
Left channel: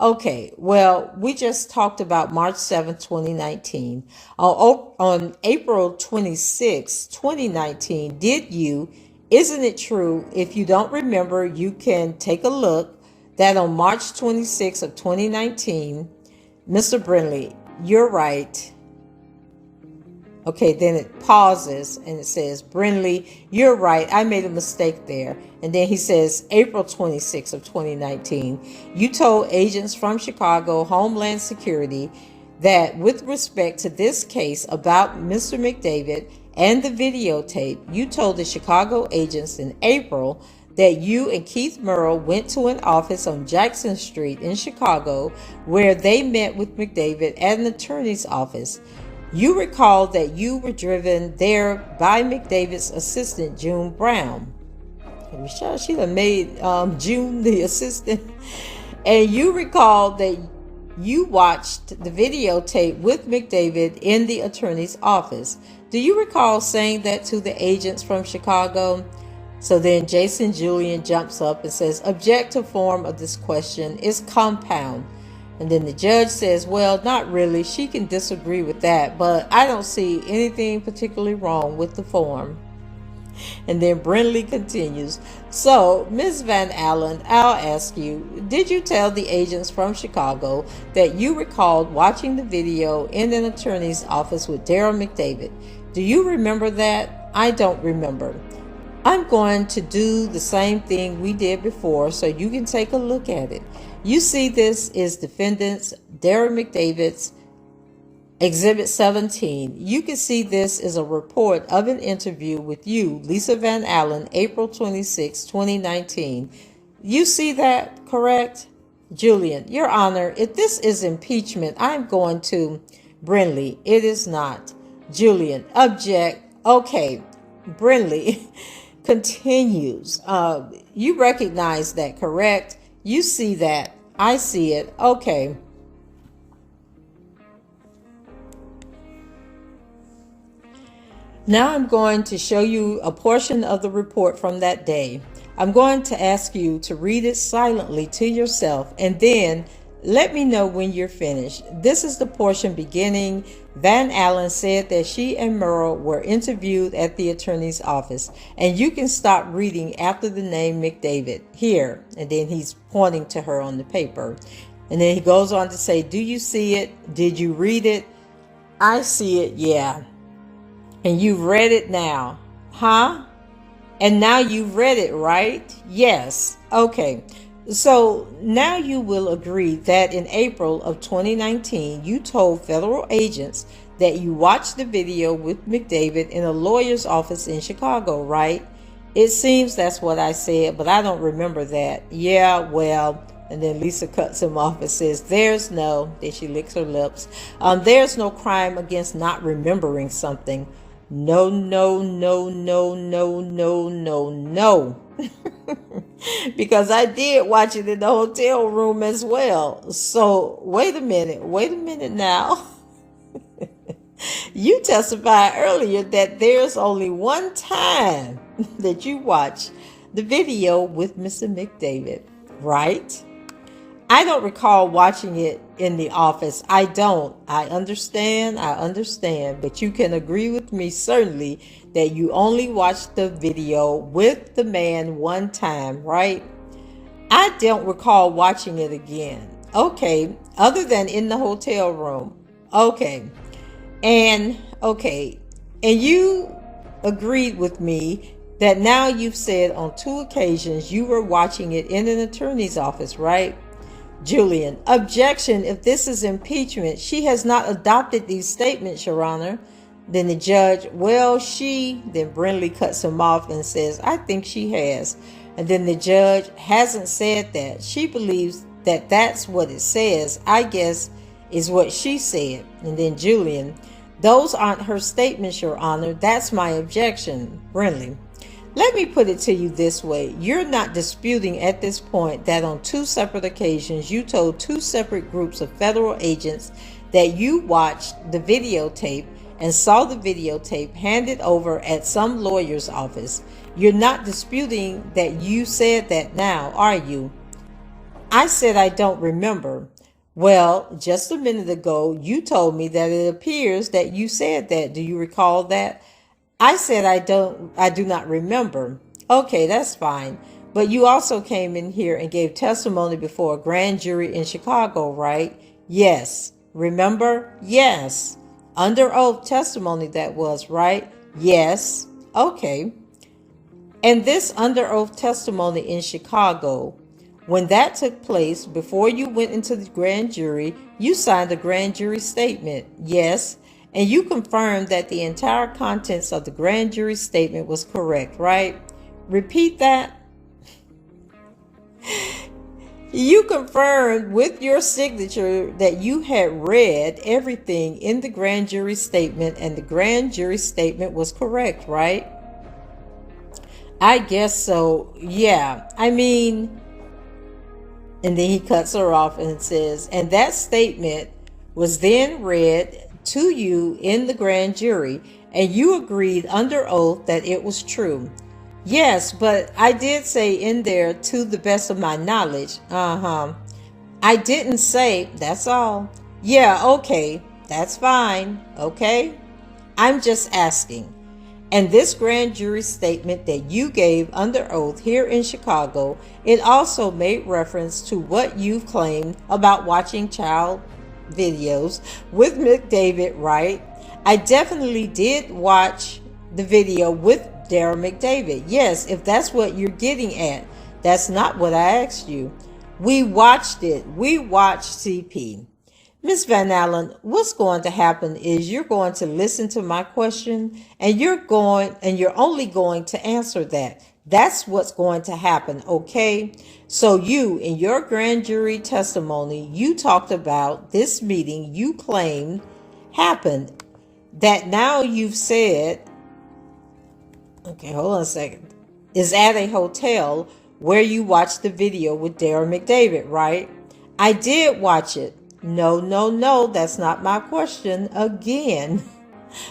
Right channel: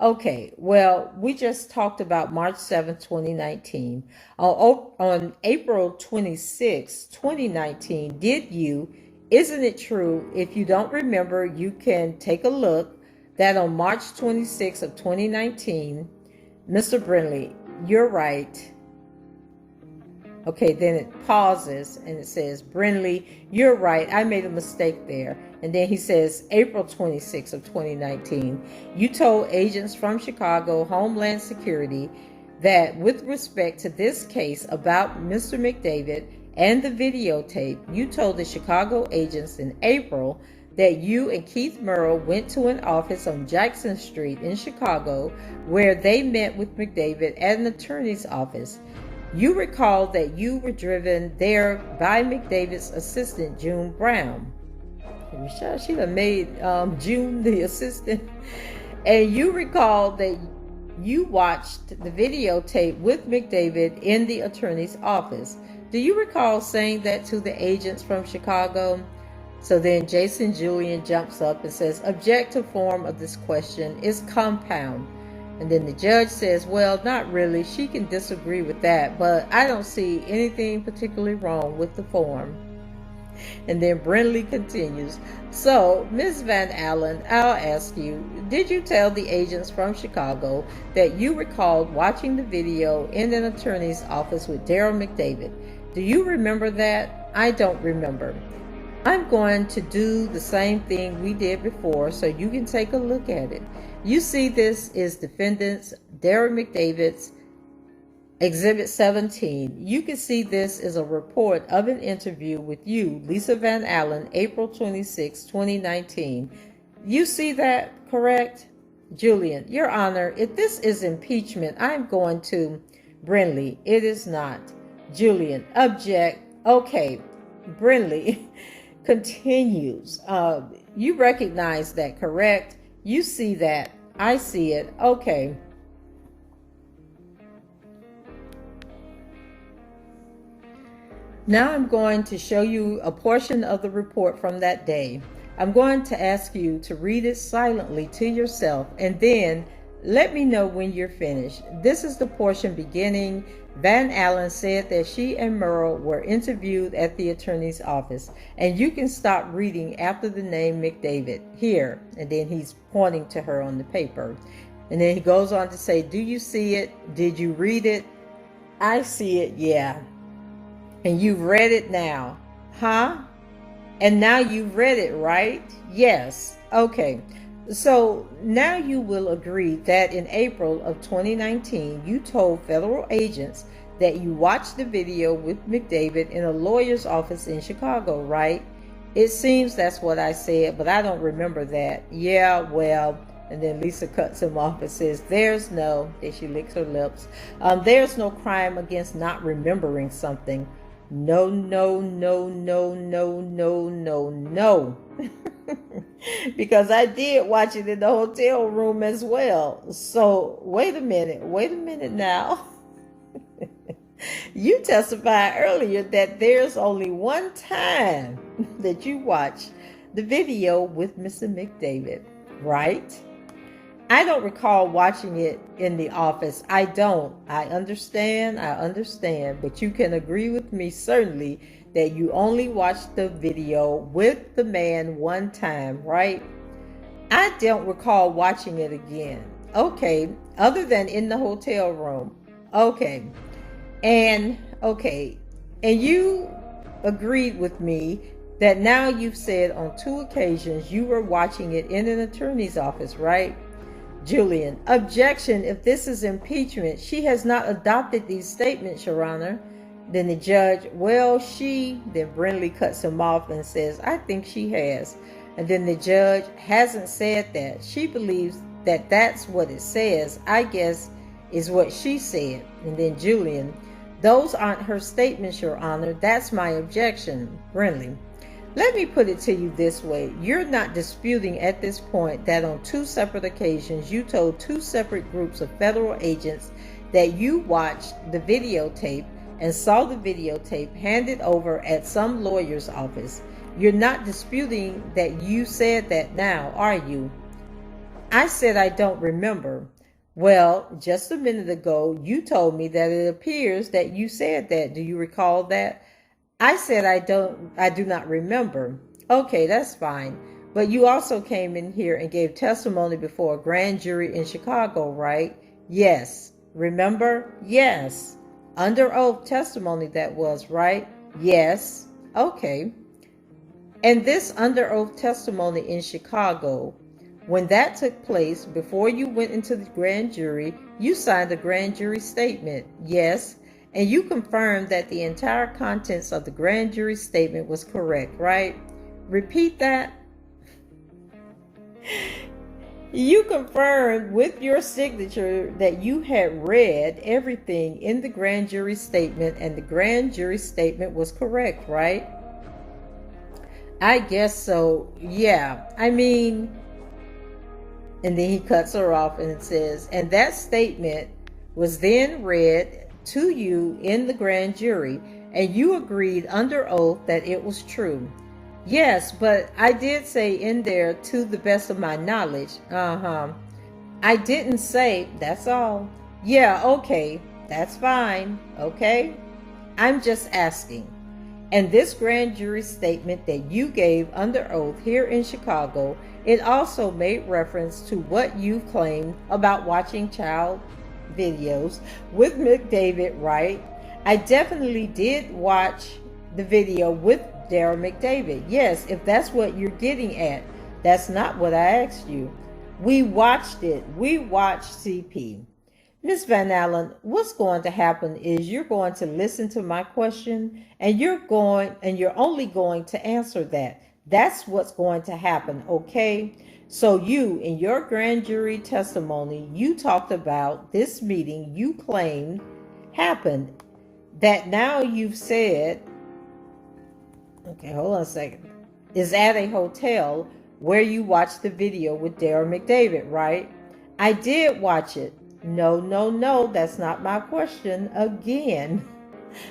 Okay, well, we just talked about March 7th, 2019. On April 26th, 2019, isn't it true? If you don't remember, you can take a look that on March 26th of 2019, Mr. Brindley, you're right. Okay, then it pauses and it says, Brindley, you're right. I made a mistake there. And then he says, April 26th of 2019, you told agents from Chicago Homeland Security that with respect to this case about Mr. McDavid and the videotape, you told the Chicago agents in April that you and Keith Merle went to an office on Jackson Street in Chicago where they met with McDavid at an attorney's office. You recall that you were driven there by McDavid's assistant, June Brown. I'm sure she done made June the assistant. And you recall that you watched the videotape with McDavid in the attorney's office. Do you recall saying that to the agents from Chicago? So then Jason Julian jumps up and says, objective form of this question is compound. And then the judge says, well, not really. She can disagree with that, but I don't see anything particularly wrong with the form. And then Brindley continues, so Ms. Van Allen, I'll ask you, did you tell the agents from Chicago that you recalled watching the video in an attorney's office with Daryl McDavid? Do you remember that? I don't remember. I'm going to do the same thing we did before so you can take a look at it. You see, this is defendant's Daryl McDavid's Exhibit 17. You can see this is a report of an interview with you, Lisa Van Allen, April 26, 2019. You see that, correct? Julian, Your Honor, if this is impeachment, I'm going to... Brindley, it is not. Julian, object. Okay, Brindley continues. You recognize that, correct? You see that. I see it. Okay. Now I'm going to show you a portion of the report from that day. I'm going to ask you to read it silently to yourself and then let me know when you're finished. This is the portion beginning. Van Allen said that she and Merle were interviewed at the attorney's office. And you can stop reading after the name McDavid here. And then he's pointing to her on the paper. And then he goes on to say, do you see it? Did you read it? I see it, yeah. And you've read it now, huh? And now you've read it, right? Yes. Okay. So now you will agree that in April of 2019, you told federal agents that you watched the video with McDavid in a lawyer's office in Chicago, right? It seems that's what I said, but I don't remember that. Yeah, well, and then Lisa cuts him off and says, then she licks her lips. There's no crime against not remembering something. No, no, no, no, no, no, no, no. Because I did watch it in the hotel room as well. So wait a minute now. You testified earlier that there's only one time that you watched the video with Mr. McDavid, right? I don't recall watching it in the office. I don't. I understand, but you can agree with me certainly that you only watched the video with the man one time, right? I don't recall watching it again. Okay. Other than in the hotel room. Okay. Okay. And you agreed with me that now you've said on 2 occasions you were watching it in an attorney's office, right? Julian, objection. If this is impeachment, she has not adopted these statements, Your Honor. Then the judge, then Brindley cuts him off and says, I think she has. And then the judge hasn't said that. She believes that that's what it says, I guess, is what she said. And then Julian, those aren't her statements, Your Honor. That's my objection. Brindley, let me put it to you this way. You're not disputing at this point that on 2 separate occasions you told 2 separate groups of federal agents that you watched the videotape and saw the videotape handed over at some lawyer's office. You're not disputing that you said that now, are you? I said I don't remember. Well, just a minute ago, you told me that it appears that you said that. Do you recall that? I said I do not remember. Okay, that's fine. But you also came in here and gave testimony before a grand jury in Chicago, right? Yes. Remember? Yes. Under oath testimony that was, right? Yes. Okay. And this under oath testimony in Chicago, when that took place, before you went into the grand jury, you signed a grand jury statement. Yes. And you confirmed that the entire contents of the grand jury statement was correct, right? Repeat that. You confirmed with your signature that you had read everything in the grand jury statement and the grand jury statement was correct, right? I guess so. Yeah. And then he cuts her off and says, and that statement was then read to you in the grand jury, and you agreed under oath that it was true. Yes, but I did say in there, to the best of my knowledge. I didn't say, that's all. Yeah, okay, that's fine. Okay, I'm just asking. And this grand jury statement that you gave under oath here in Chicago, it also made reference to what you've claimed about watching child videos with McDavid, right? I definitely did watch the video with Darren McDavid. Yes, if that's what you're getting at. That's not what I asked you. We watched it. We watched CP. Miss Van Allen, what's going to happen is you're going to listen to my question and you're only going to answer that. That's what's going to happen, okay? So you, in your grand jury testimony, you talked about this meeting you claimed happened, that now you've said, okay, hold on a second, is at a hotel where you watched the video with Darren McDavid, right? I did watch it. No, that's not my question again.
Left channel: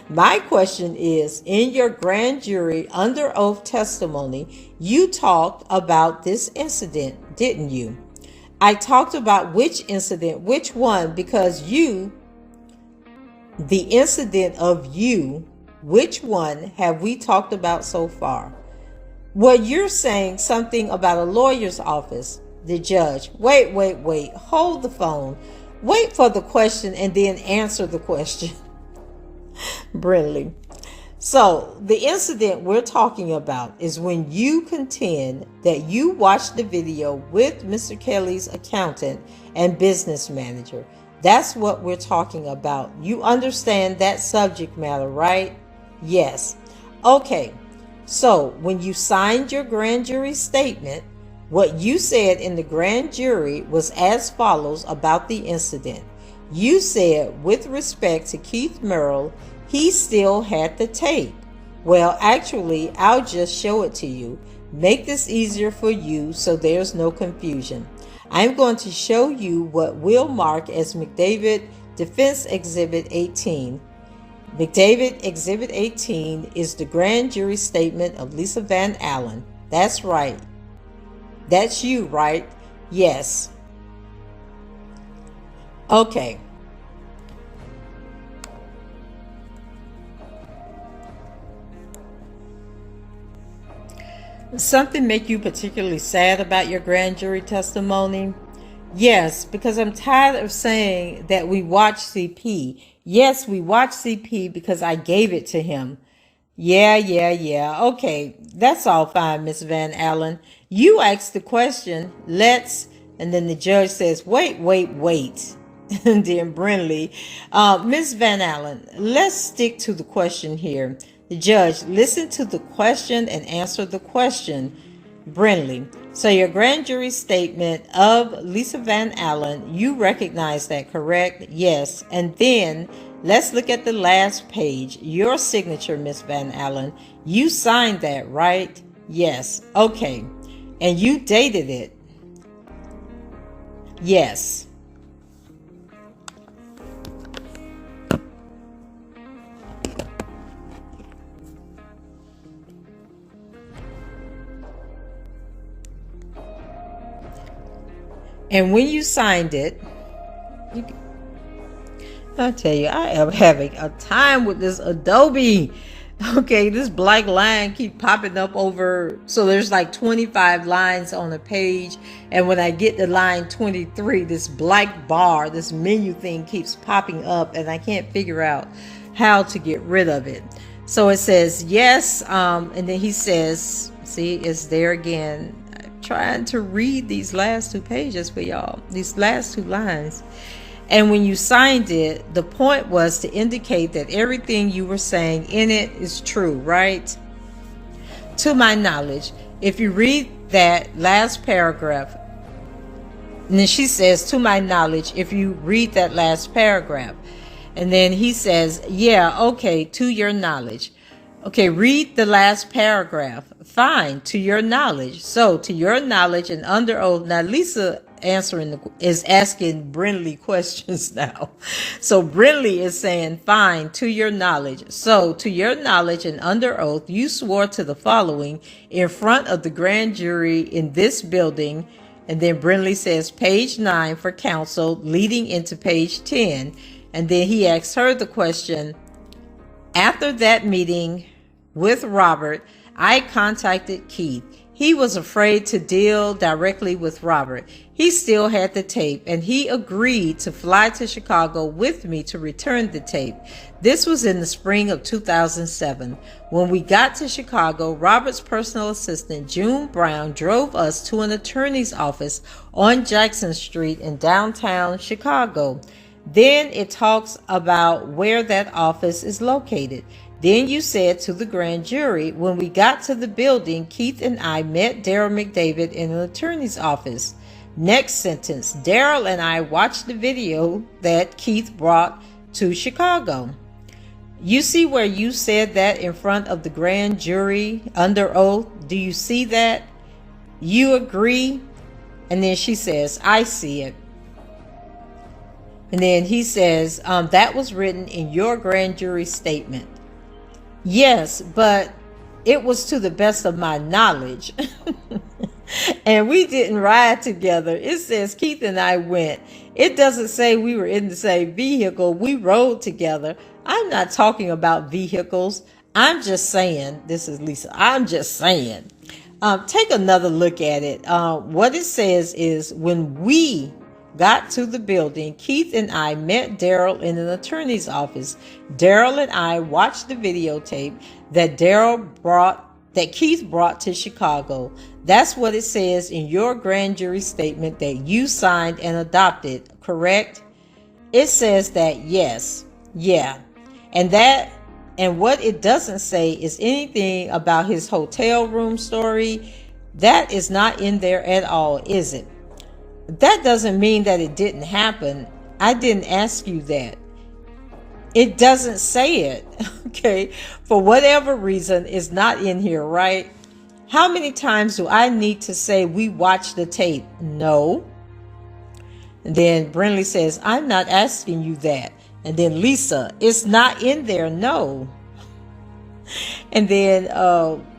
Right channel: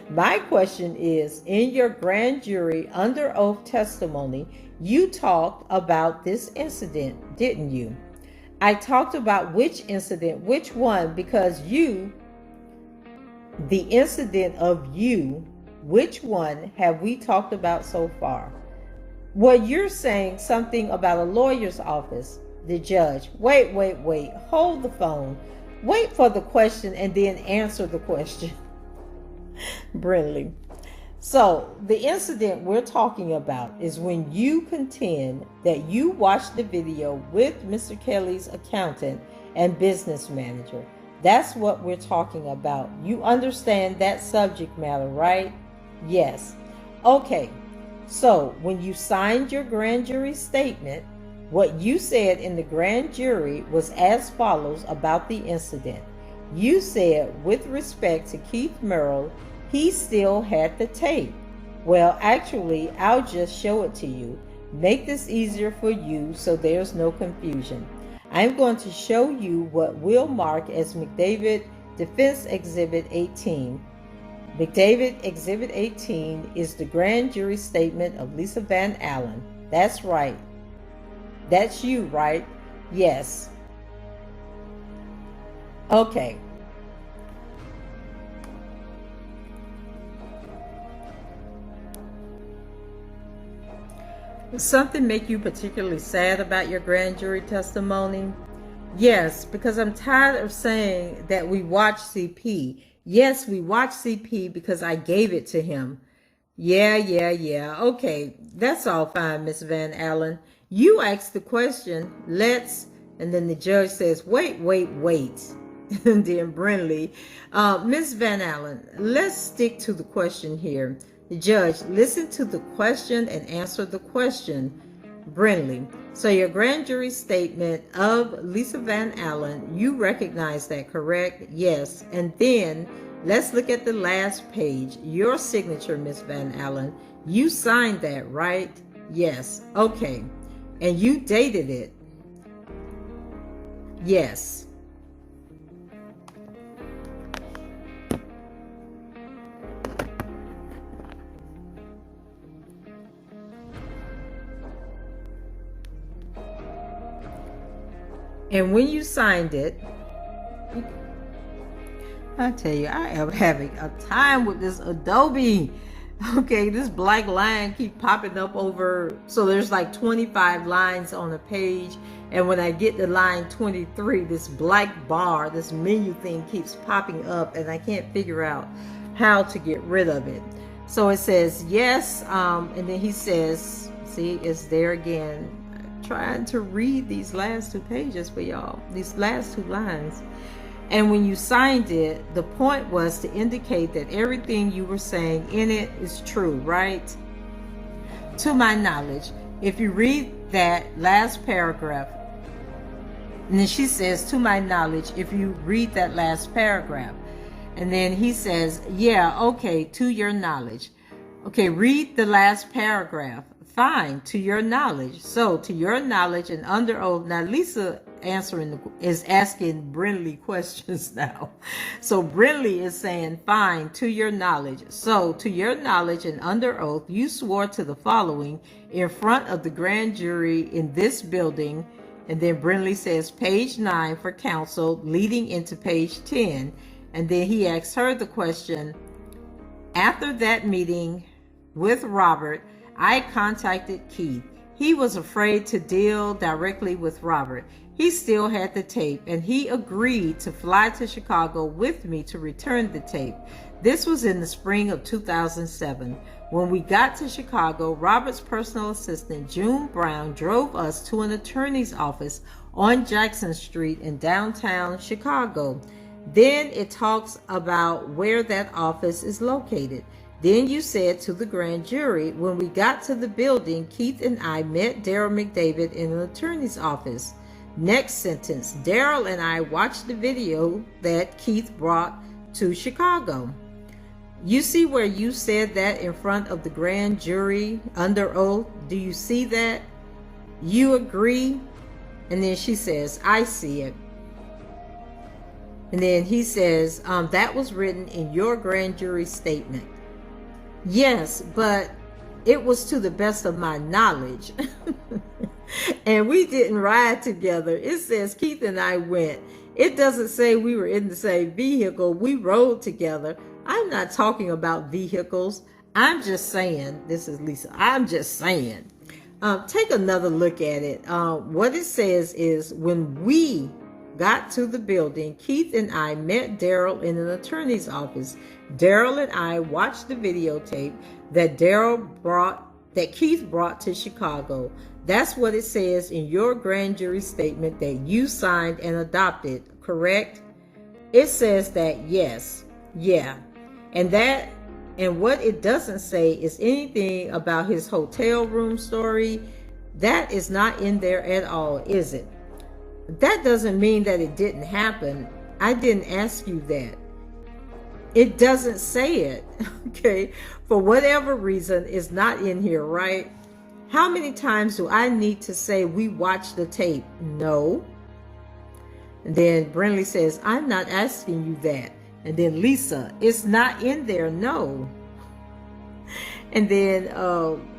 My question is, in your grand jury under oath testimony, you talked about this incident, didn't you? I talked about which incident, which one, because the incident of you, which one have we talked about so far? Well, you're saying something about a lawyer's office. The judge, wait, hold the phone. Wait for the question and then answer the question. Brindley. So the incident we're talking about is when you contend that you watched the video with Mr. Kelly's accountant and business manager. That's what we're talking about. You understand that subject matter, right? Yes. Okay. So when you signed your grand jury statement, what you said in the grand jury was as follows about the incident. You said, with respect to Keith Merrill, he still had the tape. Well, actually, I'll just show it to you. Make this easier for you so there's no confusion. I'm going to show you what we'll mark as McDavid Defense Exhibit 18. McDavid Exhibit 18 is the grand jury statement of Lisa Van Allen. That's right. That's you, right? Yes. Okay. Something make you particularly sad about your grand jury testimony? Yes, because I'm tired of saying that we watch CP. Yes, we watch CP because I gave it to him. Yeah. Okay, that's all fine, Miss Van Allen. You asked the question, let's, and then the judge says, wait. And then Brindley, Miss Van Allen, let's stick to the question here. The judge, listen to the question and answer the question. Brindley, so your grand jury statement of Lisa Van Allen, you recognize that, correct? Yes. And then let's look at the last page. Your signature, Miss Van Allen. You signed that, right? Yes. Okay. And you dated it? Yes. And when you signed it, I tell you, I am having a time with this Adobe. Okay, this black line keep popping up over, so there's like 25 lines on a page, and when I get to line 23, this black bar, this menu thing keeps popping up, and I can't figure out how to get rid of it. So it says yes, and then he says, see, it's there again. I'm trying to read these last two pages for y'all, these last two lines. And when you signed it, the point was to indicate that everything you were saying in it is true, right? To my knowledge, if you read that last paragraph, and then she says, to my knowledge, if you read that last paragraph, and then he says, yeah, okay, to your knowledge. Okay, read the last paragraph. Fine, to your knowledge. So, to your knowledge and under oath. Now, Lisa is asking Brindley questions now. So Brindley is saying, fine, to your knowledge. So to your knowledge and under oath, you swore to the following in front of the grand jury in this building. And then Brindley says page 9 for counsel leading into page 10. And then he asks her the question, after that meeting with Robert, I contacted Keith. He was afraid to deal directly with Robert. He still had the tape, and he agreed to fly to Chicago with me to return the tape. This was in the spring of 2007. When we got to Chicago, Robert's personal assistant, June Brown, drove us to an attorney's office on Jackson Street in downtown Chicago. Then it talks about where that office is located. Then you said to the grand jury, when we got to the building, Keith and I met Daryl McDavid in an attorney's office. Next sentence, Daryl and I watched the video that Keith brought to Chicago. You see where you said that in front of the grand jury under oath? Do you see that? You agree? And then she says, I see it. And then he says, that was written in your grand jury statement. Yes, but it was to the best of my knowledge. And we didn't ride together. It says Keith and I went. It doesn't say we were in the same vehicle. We rode together. I'm not talking about vehicles. I'm just saying, this is Lisa, I'm just saying. Take another look at it. What it says is when we got to the building, Keith and I met Daryl in an attorney's office. Daryl and I watched the videotape that Keith brought to Chicago. That's what it says in your grand jury statement that you signed and adopted, correct? It says that, yes, yeah. And what it doesn't say is anything about his hotel room story. That is not in there at all, is it? That doesn't mean that it didn't happen. I didn't ask you that. It doesn't say it, okay? For whatever reason, it's not in here, right? How many times do I need to say we watched the tape? No. And then Brindley says, I'm not asking you that. And then Lisa, it's not in there, no. And then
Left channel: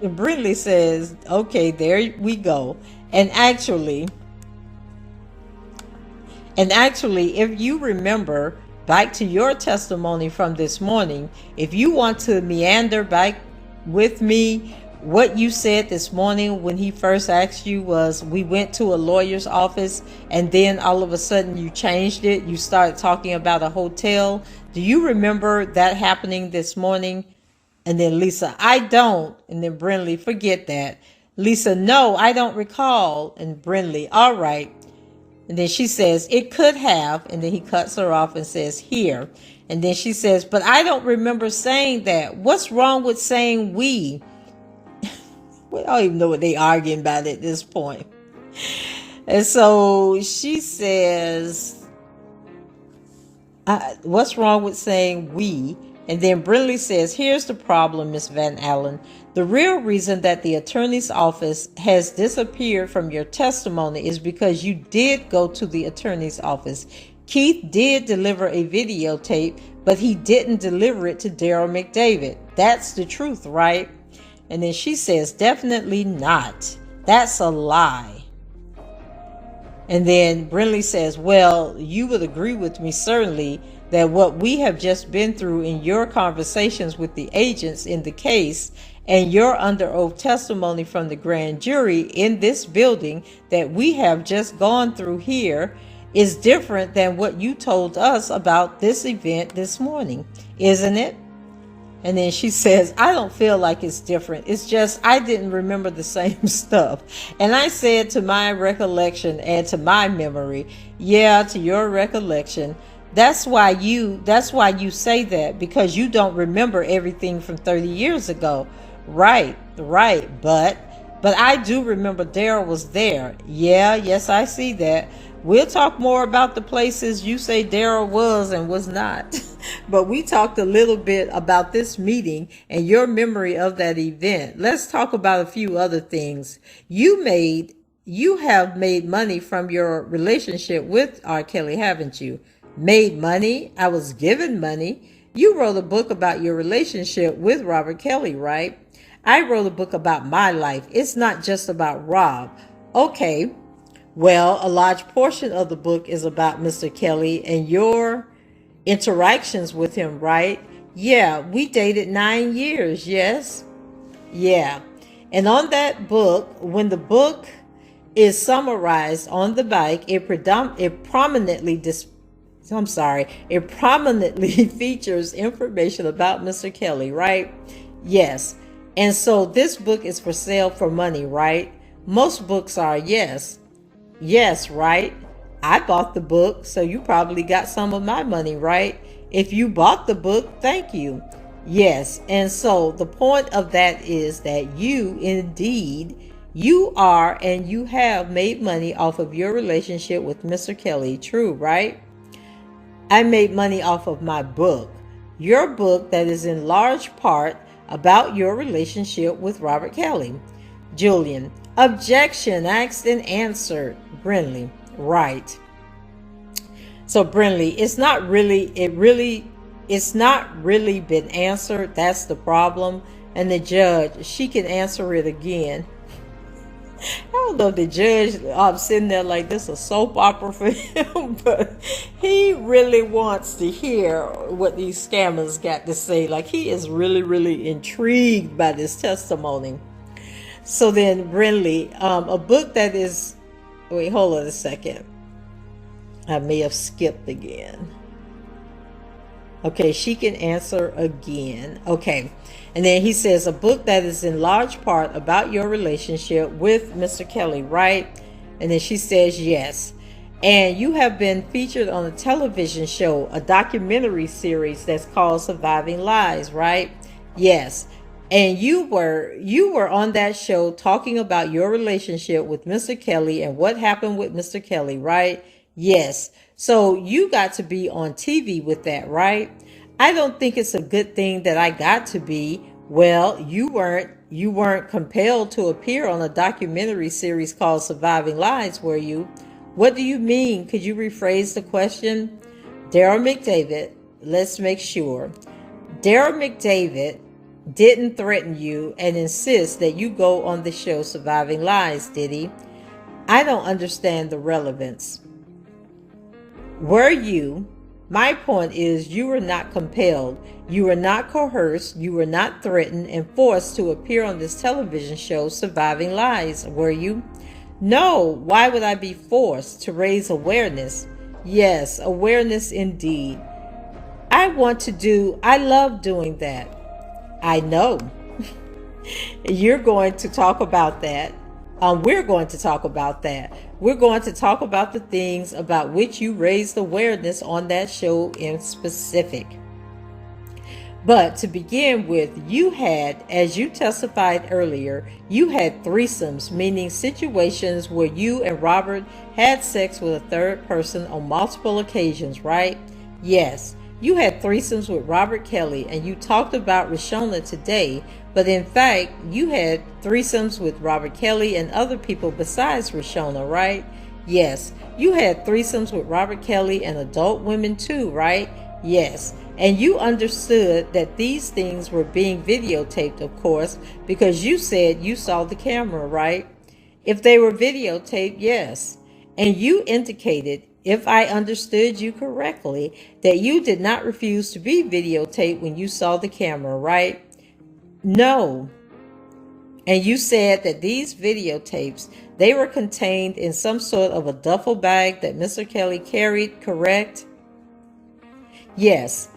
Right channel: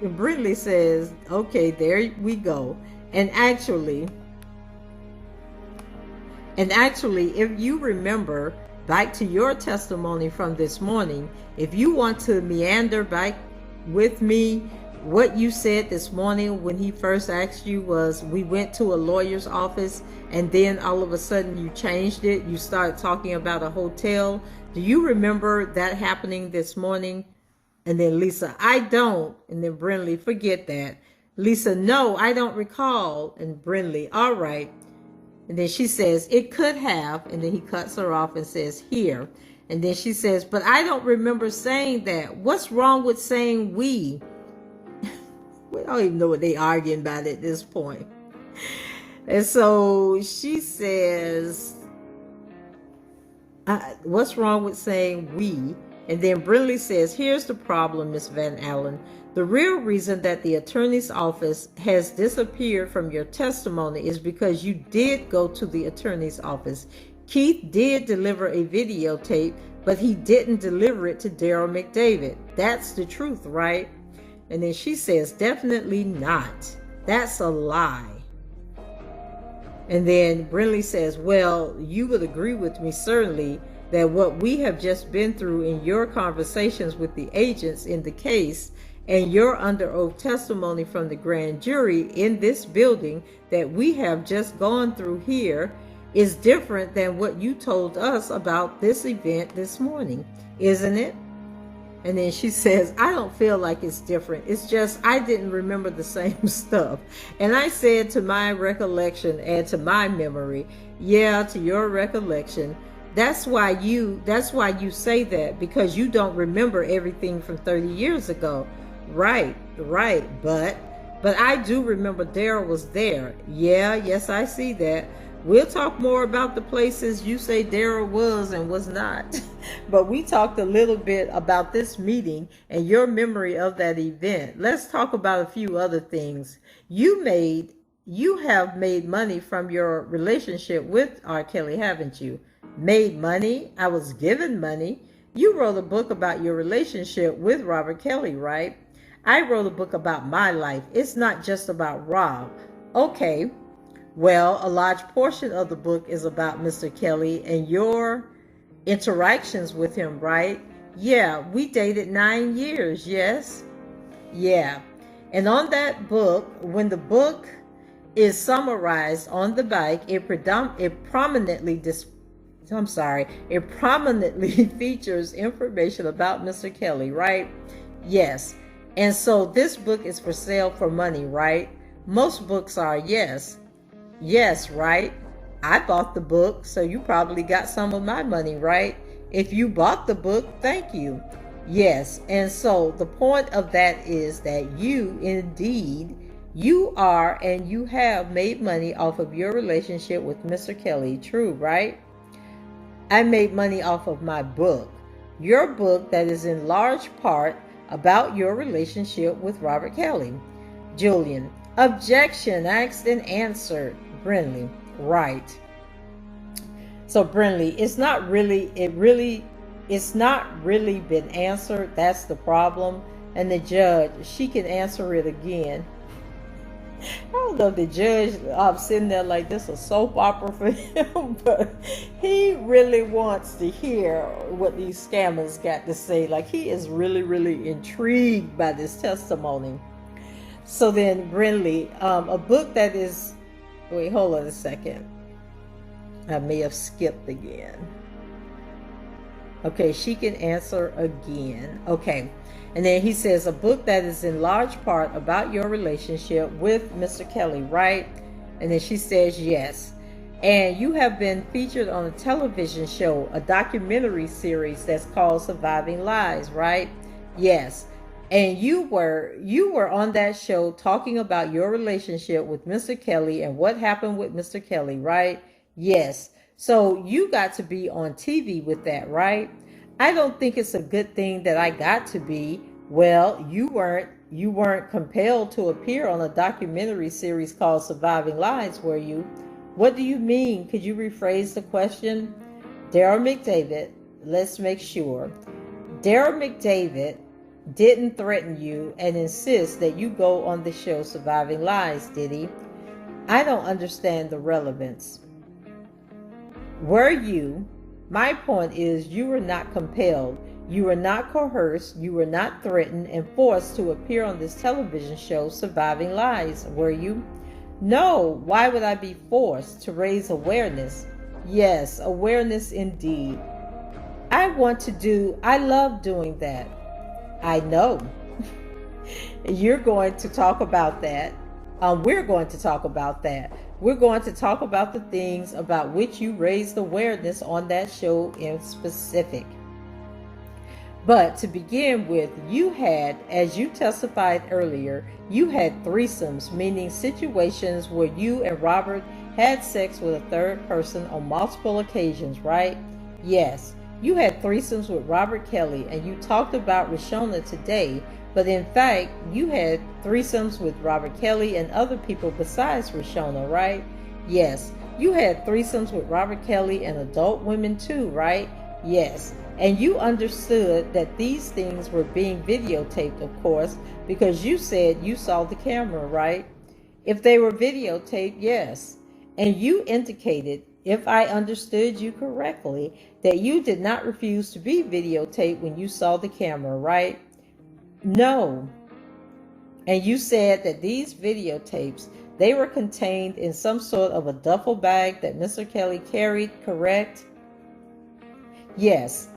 Brindley says, okay, there we go. And actually, if you remember back to your testimony from this morning, if you want to meander back with me, what you said this morning when he first asked you was, we went to a lawyer's office, and then all of a sudden you changed it. You started talking about a hotel. Do you remember that happening this morning? And then Lisa, I don't. And then Brindley, forget that. Lisa, no, I don't recall. And Brindley, all right. And then she says, it could have. And then he cuts her off and says, here. And then she says, but I don't remember saying that. What's wrong with saying we? I don't even know what they arguing about at this point. And so she says, what's wrong with saying we? And then Brindley says, here's the problem, Miss Van Allen. The real reason that the attorney's office has disappeared from your testimony is because you did go to the attorney's office. Keith did deliver a videotape, but he didn't deliver it to Daryl McDavid. That's the truth, right? And then she says, definitely not. That's a lie. And then Brindley says, well, you would agree with me certainly that what we have just been through in your conversations with the agents in the case and your under oath testimony from the grand jury in this building that we have just gone through here is different than what you told us about this event this morning, isn't it? And then she says, I don't feel like it's different. It's just I didn't remember the same stuff. And I said, to my recollection and to my memory, yeah, to your recollection. That's why you say that, because you don't remember everything from 30 years ago. Right. But I do remember Daryl was there. Yeah, yes, I see that. We'll talk more about the places you say Daryl was and was not. But we talked a little bit about this meeting and your memory of that event. Let's talk about a few other things. You have made money from your relationship with R. Kelly, haven't you? Made money? I was given money. You wrote a book about your relationship with Robert Kelly, right? I wrote a book about my life. It's not just about Rob. Okay. Well, a large portion of the book is about Mr. Kelly and your interactions with him, right? Yeah, we dated 9 years, yes? Yeah. And on that book, when the book is summarized on the back, it prominently features information about Mr. Kelly, right? Yes. And so this book is for sale for money, right? Most books are, yes. Yes, right? I bought the book, so you probably got some of my money, right? If you bought the book, thank you. Yes, and so the point of that is that you are and you have made money off of your relationship with Mr. Kelly, true, right? I made money off of my book. Your book that is in large part about your relationship with Robert Kelly. Julian, objection, asked and answered. Brindley, right. So Brindley, it's not really been answered. That's the problem. And the judge, she can answer it again. I don't know if the judge sitting there like this a soap opera for him, but he really wants to hear what these scammers got to say. Like, he is really, really intrigued by this testimony. So then Brindley, a book that is, wait, hold on a second. I may have skipped again. Okay, she can answer again. Okay. And then he says, a book that is in large part about your relationship with Mr. Kelly, right? And then she says, yes. And you have been featured on a television show, a documentary series that's called Surviving Lies, right? Yes. And you were on that show talking about your relationship with Mr. Kelly and what happened with Mr. Kelly, right? Yes. So you got to be on TV with that, right? I don't think it's a good thing that I got to be. Well, you weren't compelled to appear on a documentary series called Surviving Lies, were you? What do you mean? Could you rephrase the question? Daryl McDavid, let's make sure. Daryl McDavid didn't threaten you and insist that you go on the show Surviving Lies, did he? I don't understand the relevance. Were you My point is, you were not compelled, you were not coerced, you were not threatened and forced to appear on this television show, Surviving Lies, were you? No, why would I be forced to raise awareness? Yes, awareness indeed. I love doing that. I know. You're going to talk about that. We're going to talk about that. We're going to talk about the things about which you raised awareness on that show in specific. But to begin with, you had, as you testified earlier, you had threesomes, meaning situations where you and Robert had sex with a third person on multiple occasions, right? Yes, you had threesomes with Robert Kelly, and you talked about Rashona today, but in fact, you had threesomes with Robert Kelly and other people besides Rashona, right? Yes, you had threesomes with Robert Kelly and adult women too, right? Yes. And you understood that these things were being videotaped, of course, because you said you saw the camera, right? If they were videotaped, yes. And you indicated, if I understood you correctly, that you did not refuse to be videotaped when you saw the camera, right? No. And you said that these videotapes, they were contained in some sort of a duffel bag that Mr. Kelly carried, correct? Yes.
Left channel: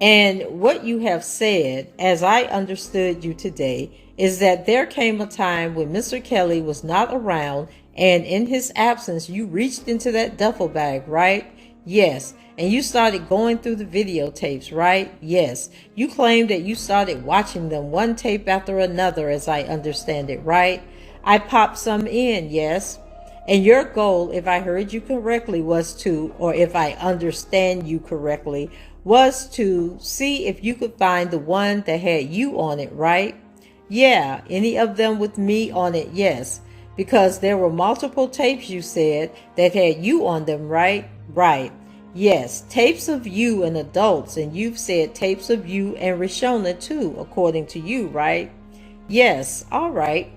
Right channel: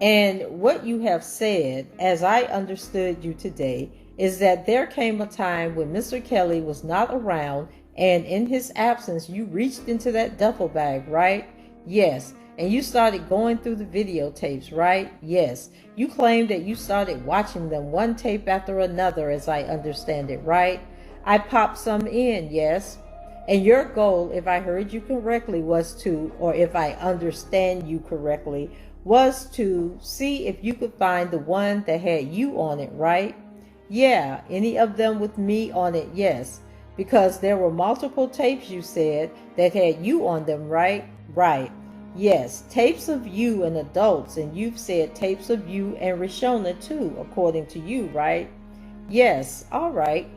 And what you have said, as I understood you today, is that there came a time when Mr. Kelly was not around, and in his absence, you reached into that duffel bag, right? Yes. And you started going through the videotapes, right? Yes. You claimed that you started watching them one tape after another, as I understand it, right? I popped some in, yes. And your goal, if I heard you correctly, was to, or if I understand you correctly, was to see if you could find the one that had you on it, right? Yeah, any of them with me on it, yes. Because there were multiple tapes, you said, that had you on them, right? Right. Yes, tapes of you and adults, and you've said tapes of you and Rashona too, according to you, right? Yes, all right.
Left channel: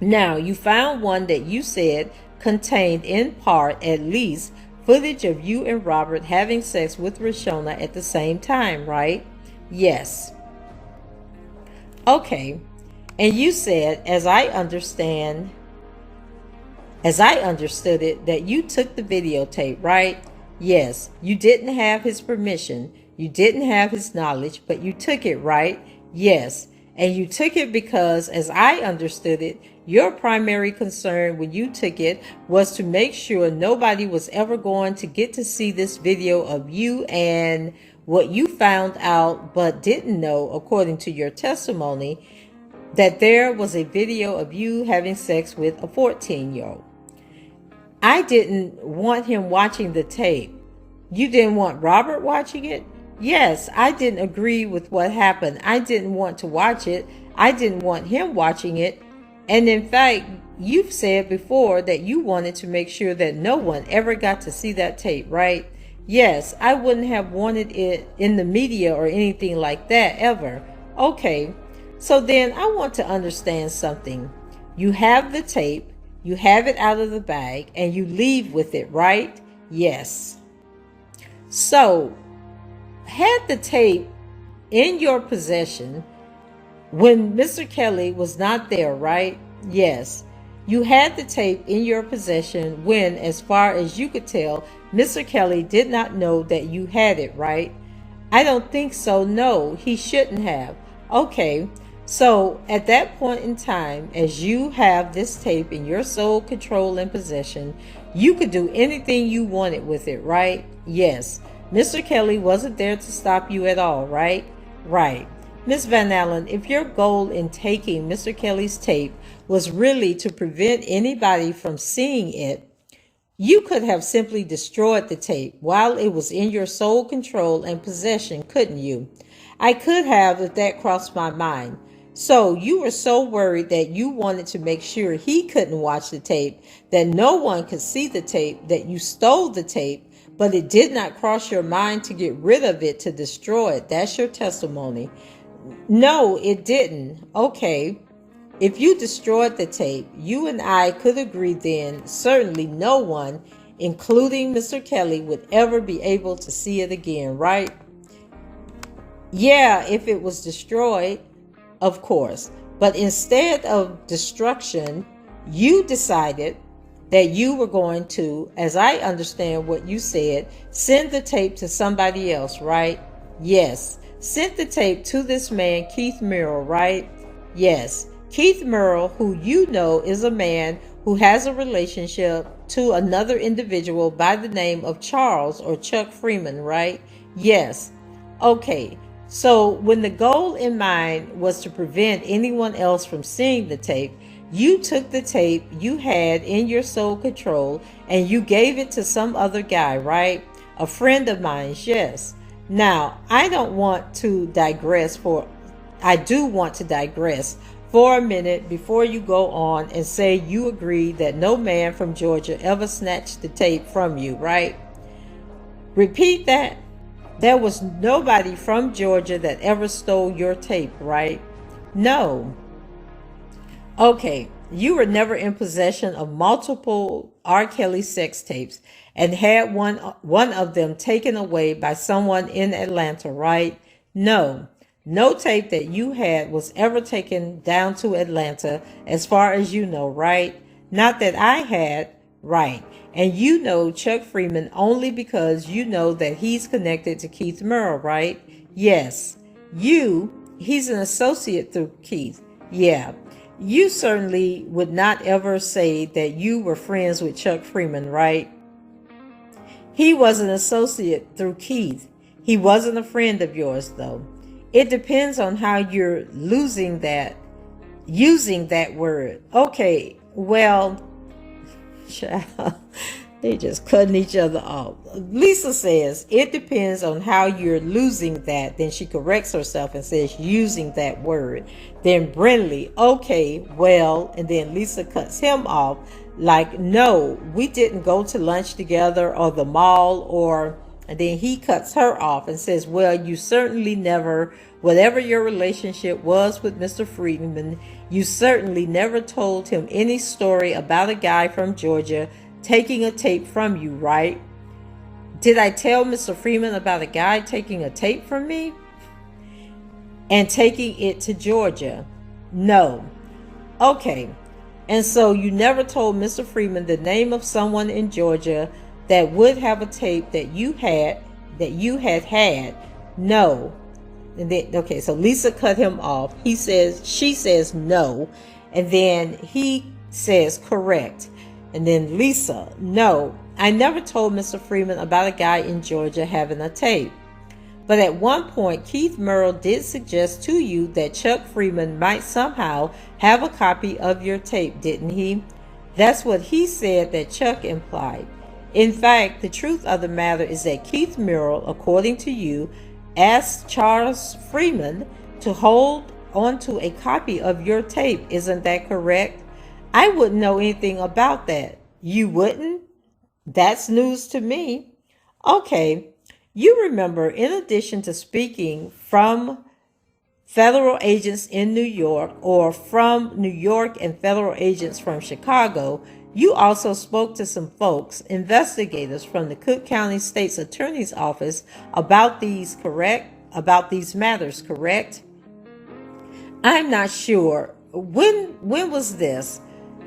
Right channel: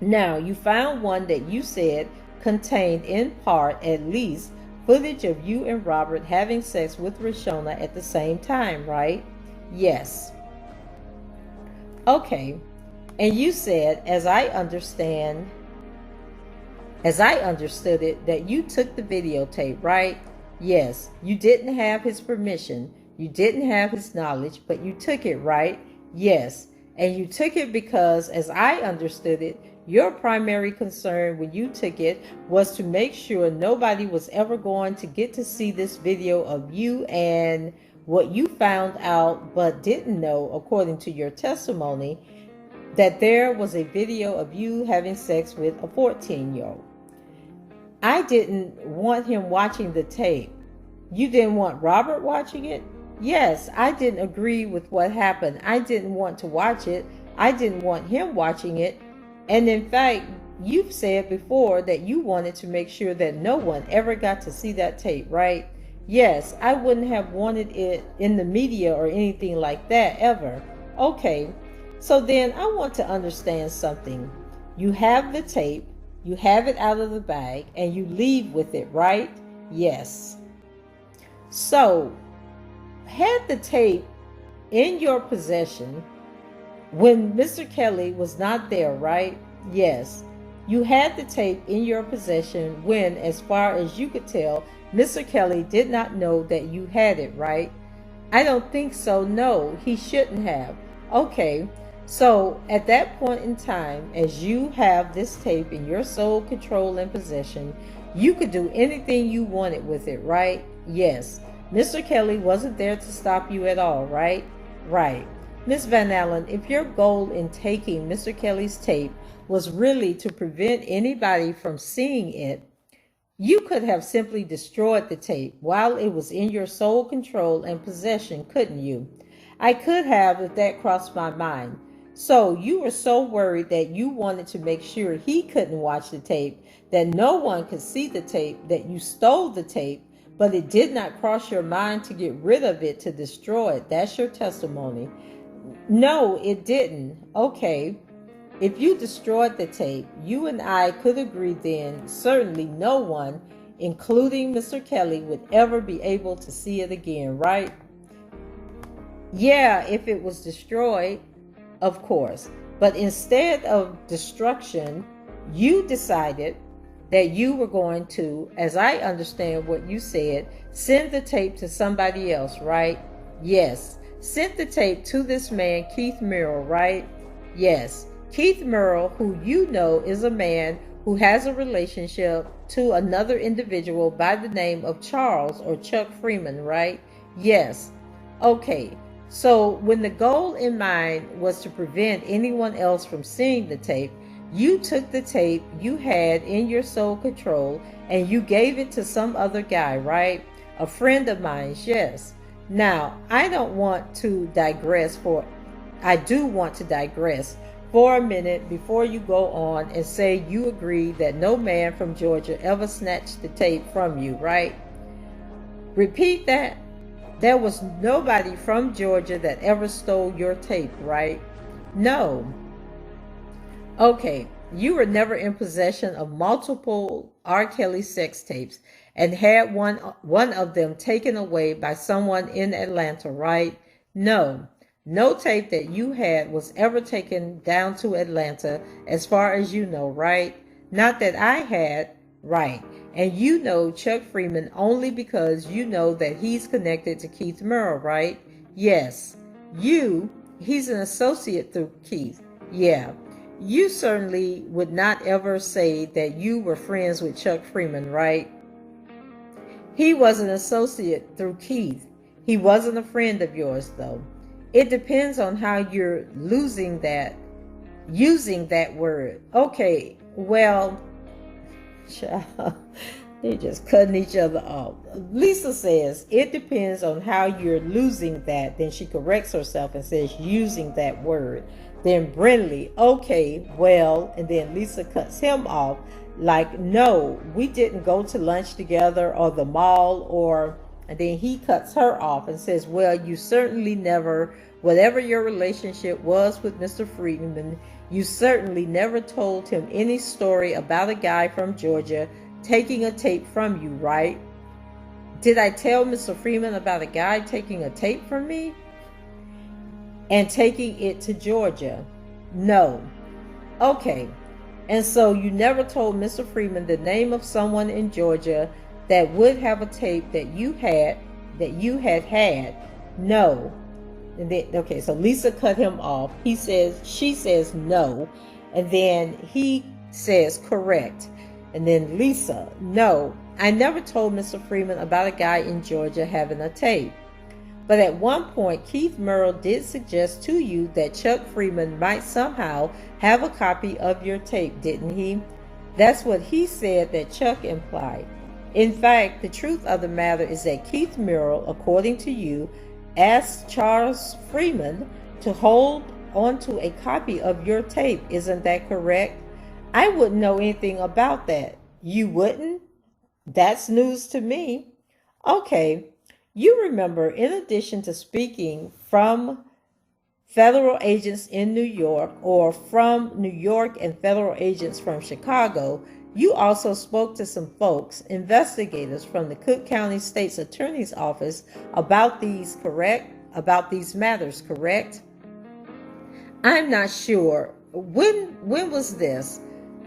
Now, you found one that you said contained in part, at least, footage of you and Robert having sex with Rashona at the same time, right? Yes. Okay. And you said, as I understood it, that you took the videotape, right? Yes. You didn't have his permission. You didn't have his knowledge, but you took it, right? Yes. And you took it because, as I understood it, your primary concern when you took it was to make sure nobody was ever going to get to see this video of you and what you found out but didn't know, according to your testimony, that there was a video of you having sex with a 14-year-old. I didn't want him watching the tape. You didn't want Robert watching it? Yes, I didn't agree with what happened. I didn't want to watch it. I didn't want him watching it. And in fact, you've said before that you wanted to make sure that no one ever got to see that tape, right? Yes, I wouldn't have wanted it in the media or anything like that ever. Okay, so then I want to understand something. You have the tape, you have it out of the bag, and you leave with it, right? Yes. So, had the tape in your possession when Mr. Kelly was not there, right? Yes. You had the tape in your possession when, as far as you could tell, Mr. Kelly did not know that you had it, right? I don't think so. No, he shouldn't have. Okay. So at that point in time, as you have this tape in your sole control and possession, you could do anything you wanted with it, right? Yes. Mr. Kelly wasn't there to stop you at all, right? Right. Ms. Van Allen, if your goal in taking Mr. Kelly's tape was really to prevent anybody from seeing it, you could have simply destroyed the tape while it was in your sole control and possession, couldn't you? I could have if that crossed my mind. So you were so worried that you wanted to make sure he couldn't watch the tape, that no one could see the tape, that you stole the tape, but it did not cross your mind to get rid of it, to destroy it. That's your testimony. No, it didn't. Okay. If you destroyed the tape, you and I could agree then, certainly no one including Mr. Kelly, would ever be able to see it again, right? Yeah, if it was destroyed, of course. But instead of destruction, you decided that you were going to, as I understand what you said, send the tape to somebody else, right? Yes. Sent the tape to this man, Keith Merrill, right? Yes. Keith Merrill, who you know is a man who has a relationship to another individual by the name of Charles or Chuck Freeman, right? Yes. Okay. So when the goal in mind was to prevent anyone else from seeing the tape, you took the tape you had in your sole control and you gave it to some other guy, right? A friend of mine's, yes. Now, I do want to digress for a minute before you go on and say you agree that no man from Georgia ever snatched the tape from you, right? Repeat that. There was nobody from Georgia that ever stole your tape, right? No. Okay, you were never in possession of multiple R. Kelly sex tapes and had one of them taken away by someone in Atlanta, right? No. No tape that you had was ever taken down to Atlanta as far as you know, right? Not that I had, right? And you know Chuck Freeman only because you know that he's connected to Keith Merrill, right? Yes. He's an associate through Keith. Yeah. You certainly would not ever say that you were friends with Chuck Freeman, right? He was an associate through Keith. He wasn't a friend of yours, though. It depends on how you're using that word. Okay, well, child, they just cutting each other off. Lisa says, it depends on how you're losing that. Then she corrects herself and says, using that word. Then Brindley, okay, well, and then Lisa cuts him off. Like, no, we didn't go to lunch together or the mall and then he cuts her off and says, well, you certainly never, whatever your relationship was with Mr. Freeman, you certainly never told him any story about a guy from Georgia taking a tape from you, right? Did I tell Mr. Freeman about a guy taking a tape from me and taking it to Georgia? No. Okay. And so you never told Mr. Freeman the name of someone in Georgia that would have a tape that you had had. No. And then, okay, so Lisa cut him off. She says no. And then he says correct. And then Lisa, no, I never told Mr. Freeman about a guy in Georgia having a tape. But at one point, Keith Merrill did suggest to you that Chuck Freeman might somehow have a copy of your tape, didn't he? That's what he said that Chuck implied. In fact, the truth of the matter is that Keith Merrill, according to you, asked Charles Freeman to hold onto a copy of your tape. Isn't that correct? I wouldn't know anything about that. You wouldn't? That's news to me. Okay. You remember, in addition to speaking from federal agents in New York or from New York and federal agents from Chicago, you also spoke to some folks, investigators from the Cook County State's Attorney's Office about these matters, correct? I'm not sure. When was this?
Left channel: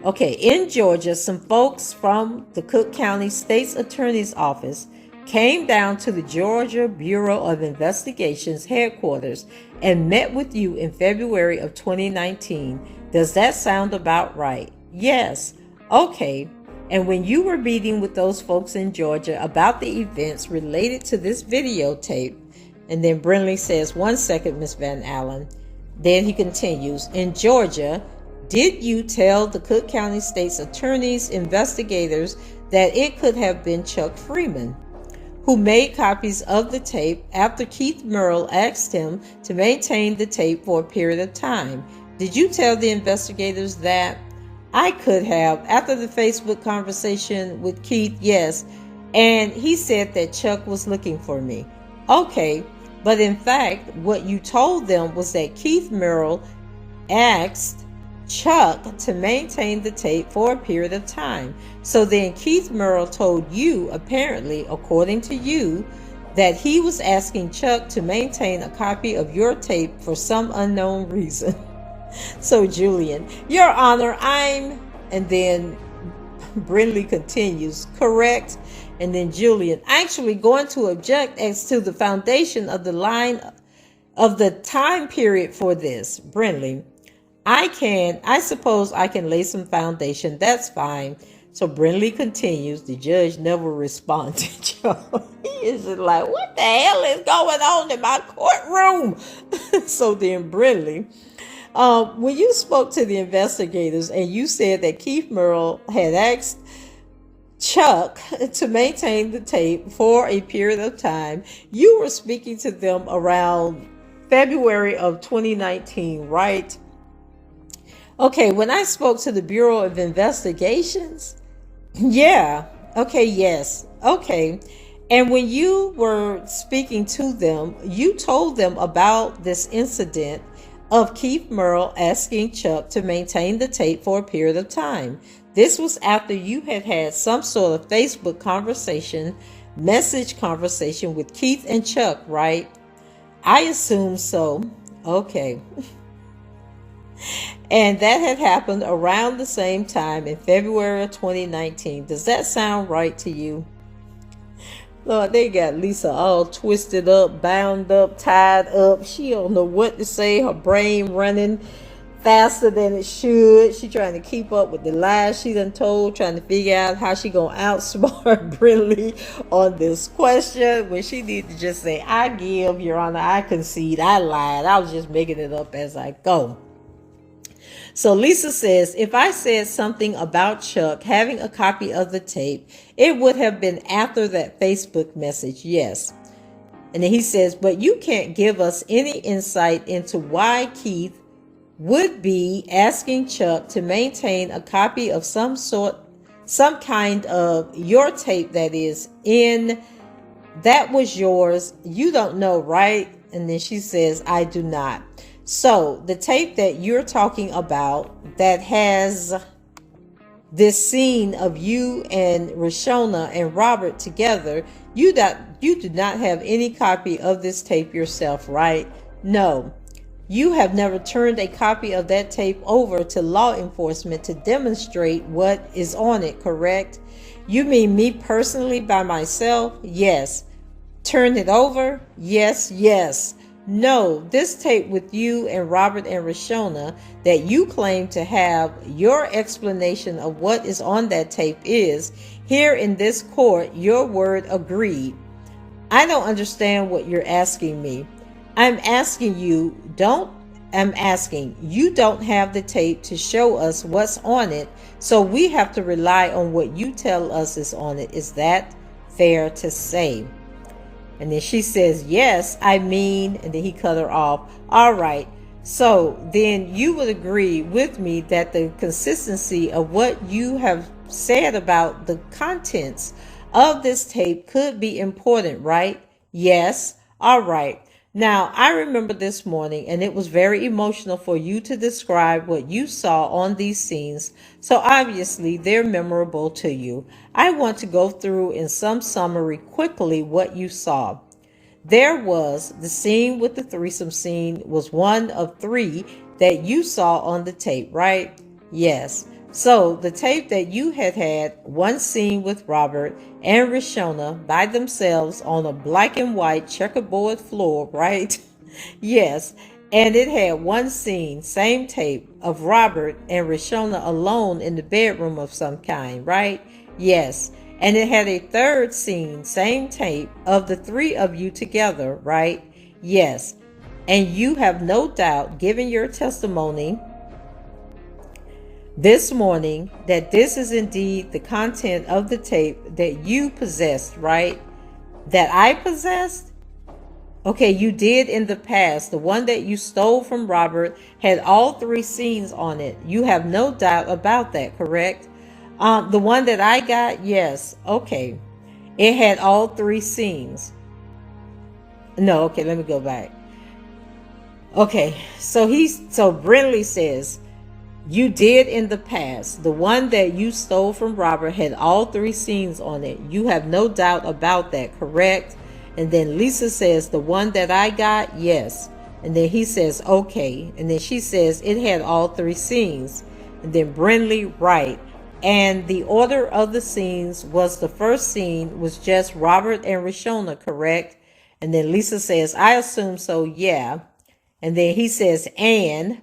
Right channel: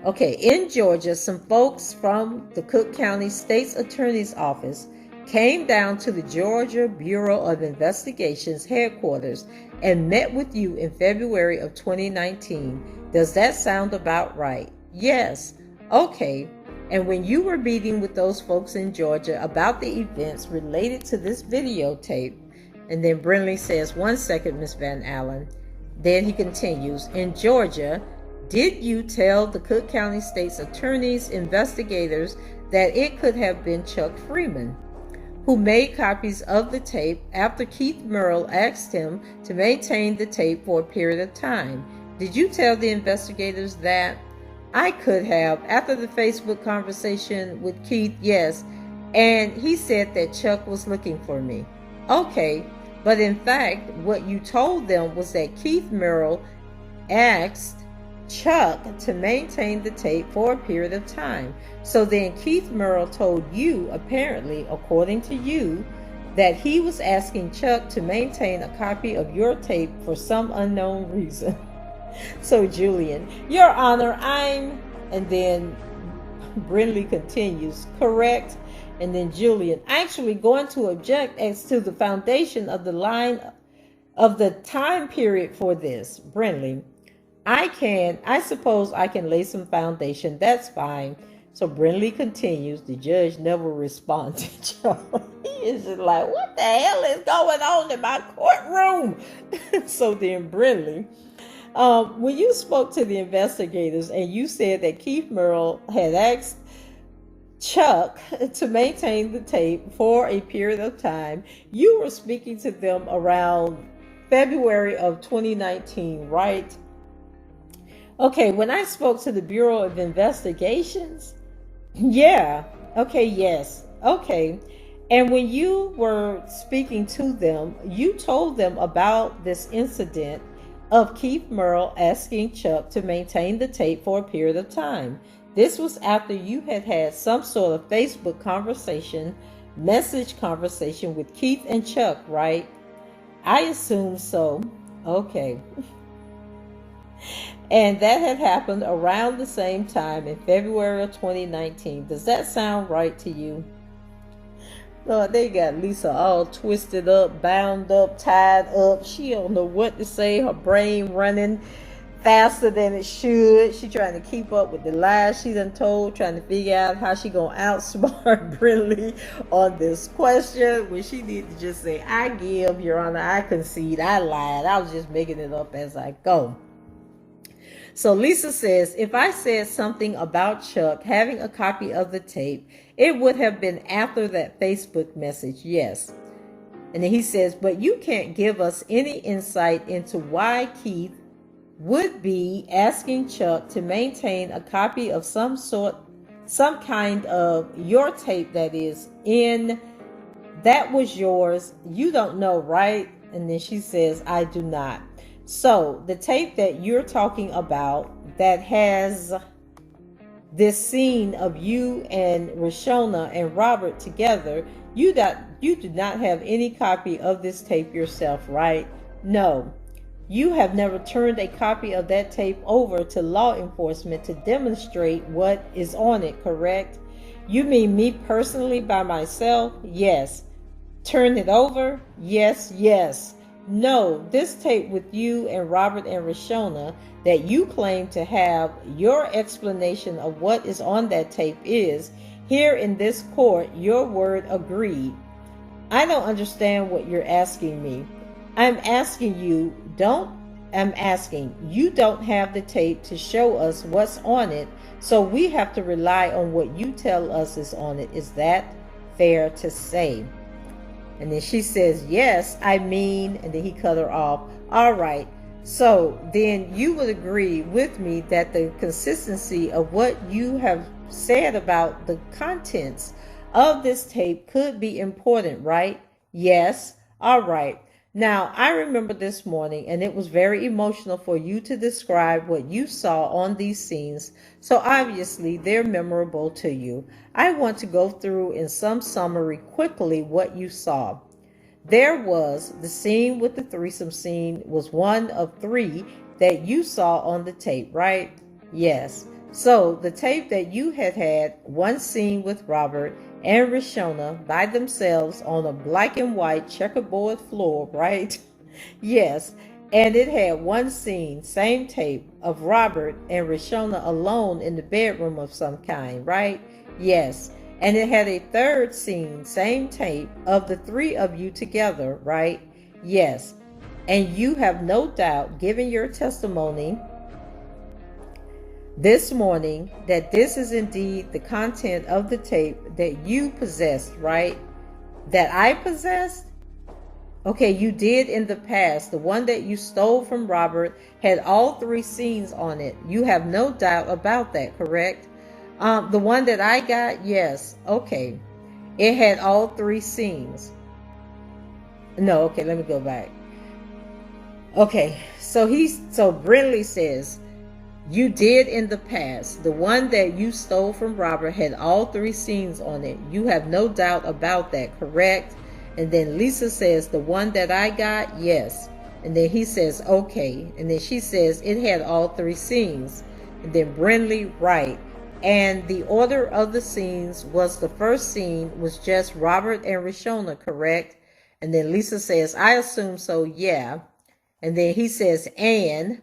Okay, in Georgia, some folks from the Cook County State's Attorney's Office came down to the Georgia Bureau of Investigation's headquarters and met with you in February of 2019. Does that sound about right? Yes. Okay. And when you were meeting with those folks in Georgia about the events related to this videotape, and then Brindley says, 1 second, Miss Van Allen. Then he continues, in Georgia, did you tell the Cook County State's Attorney's investigators that it could have been Chuck Freeman, who made copies of the tape after Keith Merrill asked him to maintain the tape for a period of time? Did you tell the investigators that? I could have. After the Facebook conversation with Keith, yes. And he said that Chuck was looking for me. Okay, but in fact, what you told them was that Keith Merrill asked Chuck to maintain the tape for a period of time. So then Keith Murrell told you, apparently, according to you, that he was asking Chuck to maintain a copy of your tape for some unknown reason. So Julian, Your Honor, and then Brindley continues, correct? And then Julian, actually going to object as to the foundation of the line of the time period for this. Brindley, I suppose I can lay some foundation. That's fine. So Brindley continues. The judge never responded. He is just like, what the hell is going on in my courtroom? So then Brindley, when you spoke to the investigators and you said that Keith Murrell had asked Chuck to maintain the tape for a period of time, you were speaking to them around February of 2019, right? Okay, when I spoke to the Bureau of Investigations, yeah, okay, yes, okay. And when you were speaking to them, you told them about this incident of Keith Murrell asking Chuck to maintain the tape for a period of time. This was after you had had some sort of Facebook conversation, message conversation with Keith and Chuck, right? I assume so. Okay. And that had happened around the same time in February of 2019. Does that sound right to you? Lord, they got Lisa all twisted up, bound up, tied up. She don't know what to say. Her brain running faster than it should. She trying to keep up with the lies she done told, trying to figure out how she gonna outsmart Brindley on this question when she need to just say, I give, Your Honor, I concede, I lied. I was just making it up as I go. So Lisa says, if I said something about Chuck having a copy of the tape, it would have been after that Facebook message, yes. And then he says, but you can't give us any insight into why Keith would be asking Chuck to maintain a copy of some kind of your tape that was yours. You don't know, right? And then she says, I do not. So the tape that you're talking about that has this scene of you and Rashona and Robert together, you do not have any copy of this tape yourself, right? No. You have never turned a copy of that tape over to law enforcement to demonstrate what is on it, correct? You mean me personally by myself? Yes. Turn it over? Yes, yes. No, this tape with you and Robert and Rashona that you claim to have, your explanation of what is on that tape is, here in this court, your word agreed. I don't understand what you're asking me. I'm asking you don't have the tape to show us what's on it, so we have to rely on what you tell us is on it. Is that fair to say? And then she says, yes, and then he cut her off. All right. So then you would agree with me that the consistency of what you have said about the contents of this tape could be important, right? Yes. All right. Now, I remember this morning, and it was very emotional for you to describe what you saw on these scenes, so obviously they're memorable to you. I want to go through in some summary quickly what you saw. There was the scene with the threesome scene was one of 3 that you saw on the tape, right? Yes. So the tape that you had one scene with Robert and Rashona by themselves on a black and white checkerboard floor, right? Yes. And it had one scene, same tape, of Robert and Rashona alone in the bedroom of some kind, right? Yes. And it had a third scene, same tape, of the 3 of you together, right? Yes. And you have no doubt given your testimony this morning that this is indeed the content of the tape that you possessed, right? That I possessed? Okay, you did in the past. The one that you stole from Robert had all 3 scenes on it. You have no doubt about that, correct? The one that I got, yes. Okay. It had all 3 scenes. No, okay, let me go back. Okay, so Brindley says, You did in the past. The one that you stole from Robert had all 3 scenes on it. You have no doubt about that, correct? And then Lisa says, the one that I got, yes. And then he says, okay. And then she says, it had all 3 scenes. And then Brindley, right. And the order of the scenes was the first scene was just Robert and Rashona, correct? And then Lisa says, I assume so, yeah. And then he says,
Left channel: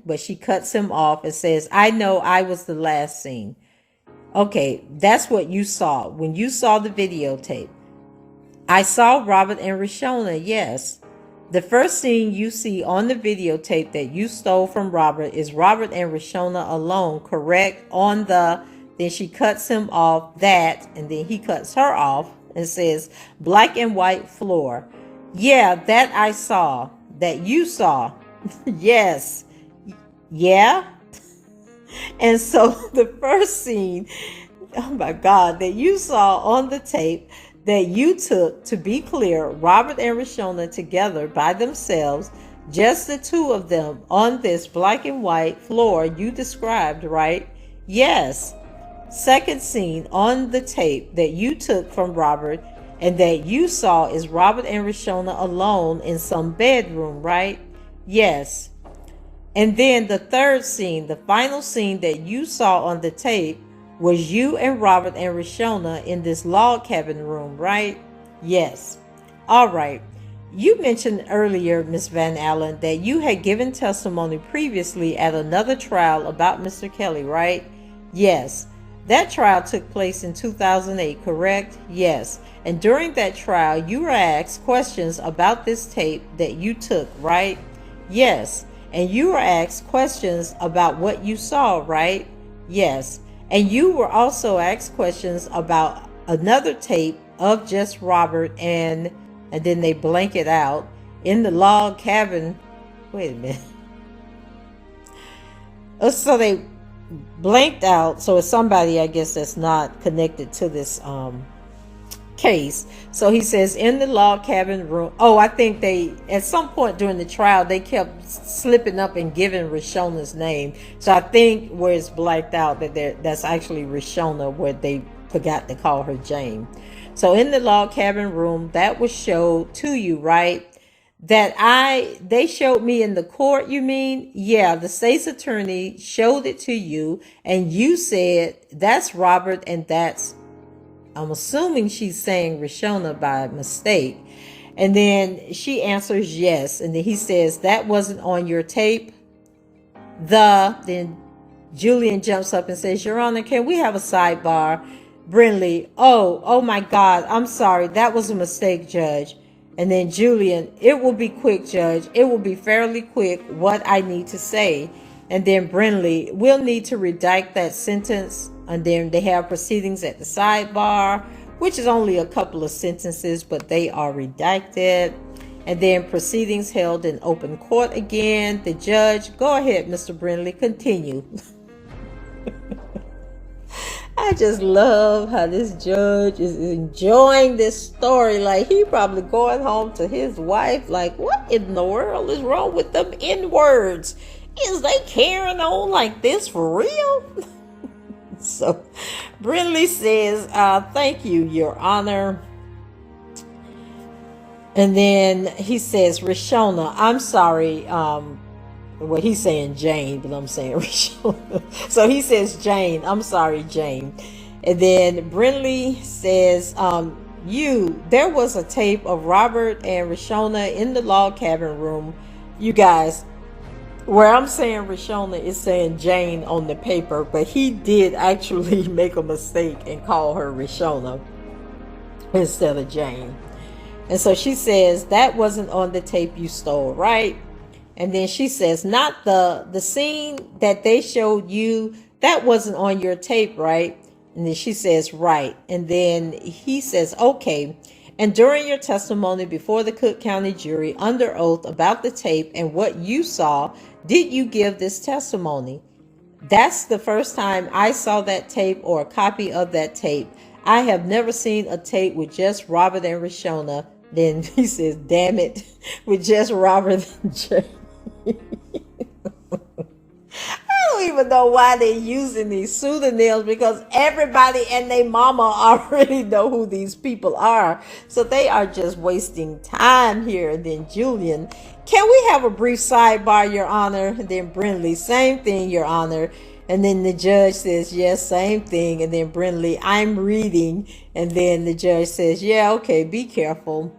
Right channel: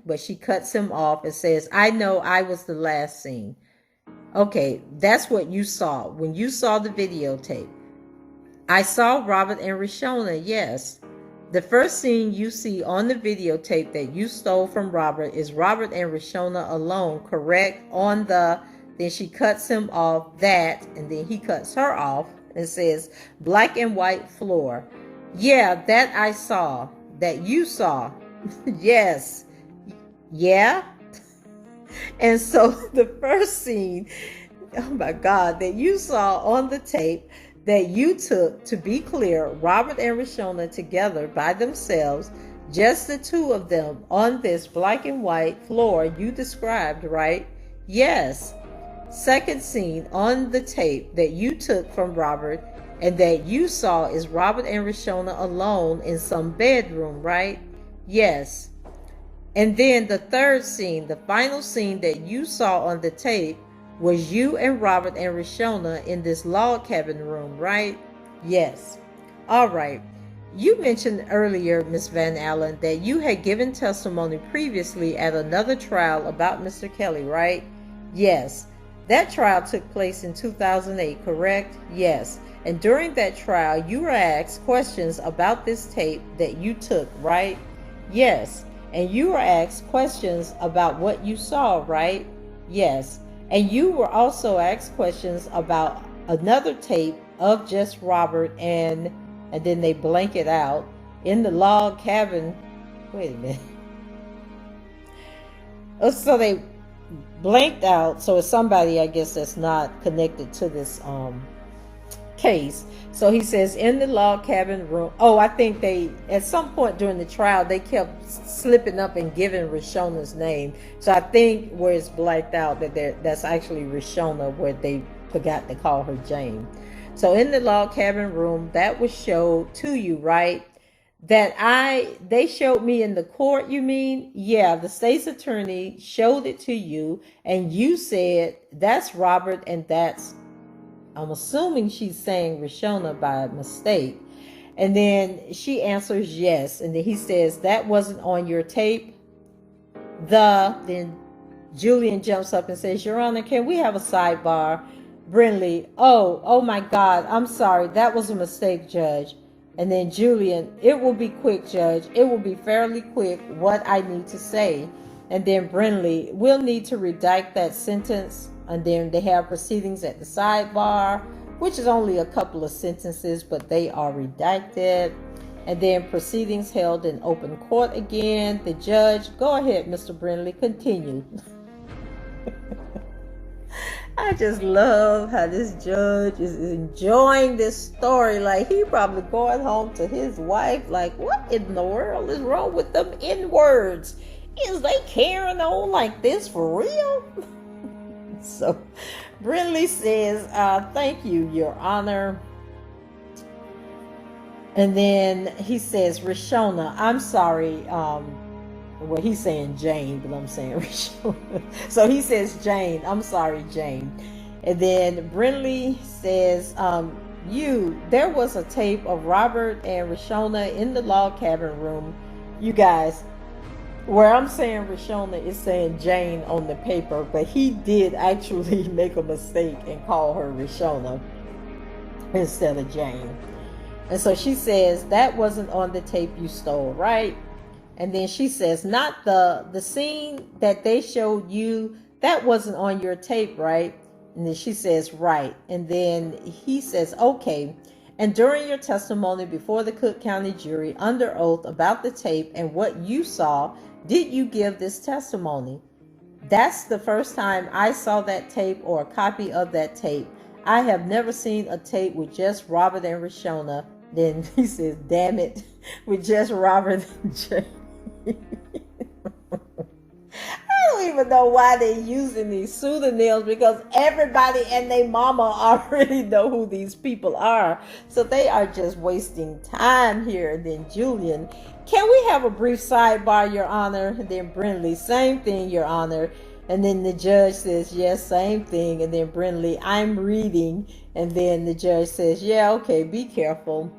but she cuts him off and says, I know I was the last scene. Okay, that's what you saw. When you saw the videotape, I saw Robert and Rashona, yes. The first scene you see on the videotape that you stole from Robert is Robert and Rashona alone, correct? Then she cuts him off that, and then he cuts her off and says, black and white floor. Yeah, that I saw, that you saw. Yes. Yeah. And so the first scene, oh my God, that you saw on the tape that you took, to be clear, Robert and Rashona together by themselves, just the 2 of them on this black and white floor you described, right? Yes. Second scene on the tape that you took from Robert and that you saw is Robert and Rashona alone in some bedroom, right? Yes. And then the third scene, the final scene that you saw on the tape was you and Robert and Rashona in this log cabin room, right? Yes. All right. You mentioned earlier, Miss Van Allen, that you had given testimony previously at another trial about Mr. Kelly, right? Yes. That trial took place in 2008, correct? Yes. And during that trial, you were asked questions about this tape that you took, right? Yes. And you were asked questions about what you saw, right? Yes. And you were also asked questions about another tape of just Robert and then they blank it out in the log cabin. Wait a minute. So they blanked out. So it's somebody, I guess, that's not connected to this case. So he says in the log cabin room. Oh, I think they at some point during the trial they kept slipping up and giving Rashona's name. So I think where it's blacked out that's actually Rashona, where they forgot to call her Jane. So in the log cabin room, that was showed to you, right? They showed me in the court, you mean? Yeah, the state's attorney showed it to you and you said that's Robert and that's, I'm assuming she's saying Rashona by mistake. And then she answers yes. And then he says, that wasn't on your tape. Then Julian jumps up and says, Your Honor, can we have a sidebar? Brindley, oh my God, I'm sorry. That was a mistake, Judge. And then Julian, it will be quick, Judge. It will be fairly quick what I need to say. And then Brindley, we'll need to redact that sentence. And then they have proceedings at the sidebar, which is only a couple of sentences, but they are redacted. And then proceedings held in open court again. The judge, go ahead, Mr. Brindley, continue. I just love how this judge is enjoying this story. Like, he probably going home to his wife like, what in the world is wrong with them N-words? Is they carrying on like this for real? So Brindley says, thank you, Your Honor. And then he says, Rashona, I'm sorry. Well, he's saying Jane, but I'm saying Rashona. So he says, Jane, I'm sorry, Jane. And then Brindley says, there was a tape of Robert and Rashona in the log cabin room. You guys, where I'm saying Rashona is saying Jane on the paper, but he did actually make a mistake and call her Rashona instead of Jane. And so she says, that wasn't on the tape you stole, right? And then she says, not the scene that they showed you, that wasn't on your tape, right? And then she says, right. And then he says, okay. And during your testimony before the Cook County jury under oath about the tape and what you saw, did you give this testimony? That's the first time I saw that tape or a copy of that tape. I have never seen a tape with just Robert and Rashona. Then he says, damn it, with just Robert and Jane. I don't don't even know why they're using these pseudonyms, because everybody and their mama already know who these people are. So they are just wasting time here. And then Julian, can we have a brief sidebar, Your Honor? And then Brindley, same thing, Your Honor. And then the judge says, yes, same thing. And then Brindley, I'm reading. And then the judge says, yeah, okay, be careful.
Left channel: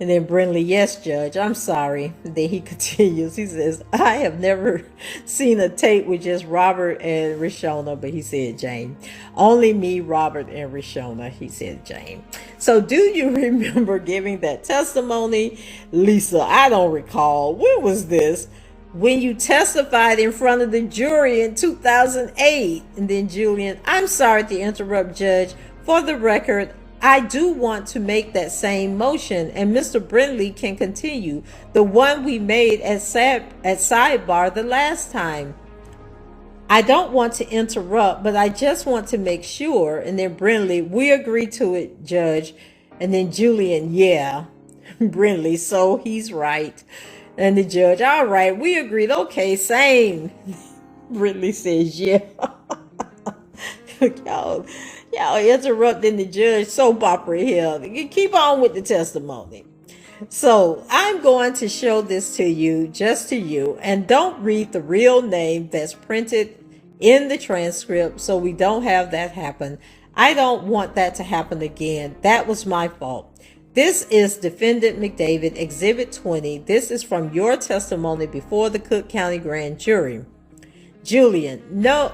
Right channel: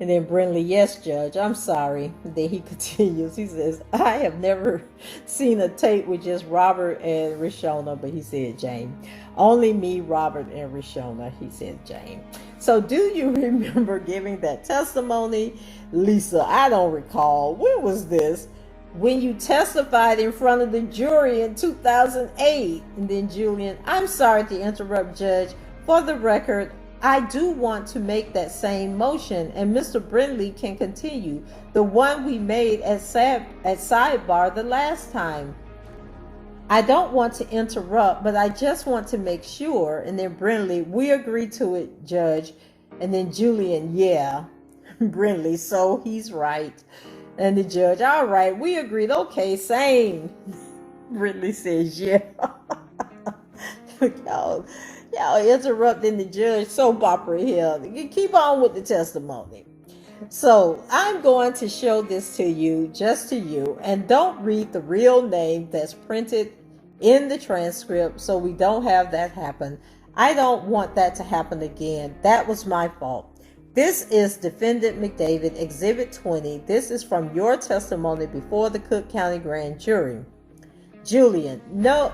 And then Brindley, yes, Judge, I'm sorry. And then he continues. He says, I have never seen a tape with just Robert and Rishona, but he said Jane. Only me, Robert, and Rishona, he said Jane. So do you remember giving that testimony? Lisa, I don't recall. When was this? When you testified in front of the jury in 2008. And then Julian, I'm sorry to interrupt, Judge. For the record, I do want to make that same motion, and Mr. Brindley can continue. The one we made at sidebar the last time. I don't want to interrupt, but I just want to make sure. And then Brindley, we agree to it, Judge. And then Julian, yeah. Brindley, so he's right. And the judge, all right, we agreed. Okay, same. Brindley says, yeah. Y'all interrupting the judge soap opera here. Keep on with the testimony. So I'm going to show this to you, just to you, and don't read the real name that's printed in the transcript, so we don't have that happen. I don't want that to happen again. That was my fault. This is Defendant McDavid, Exhibit 20. This is from your testimony before the Cook County Grand Jury. Julian, no,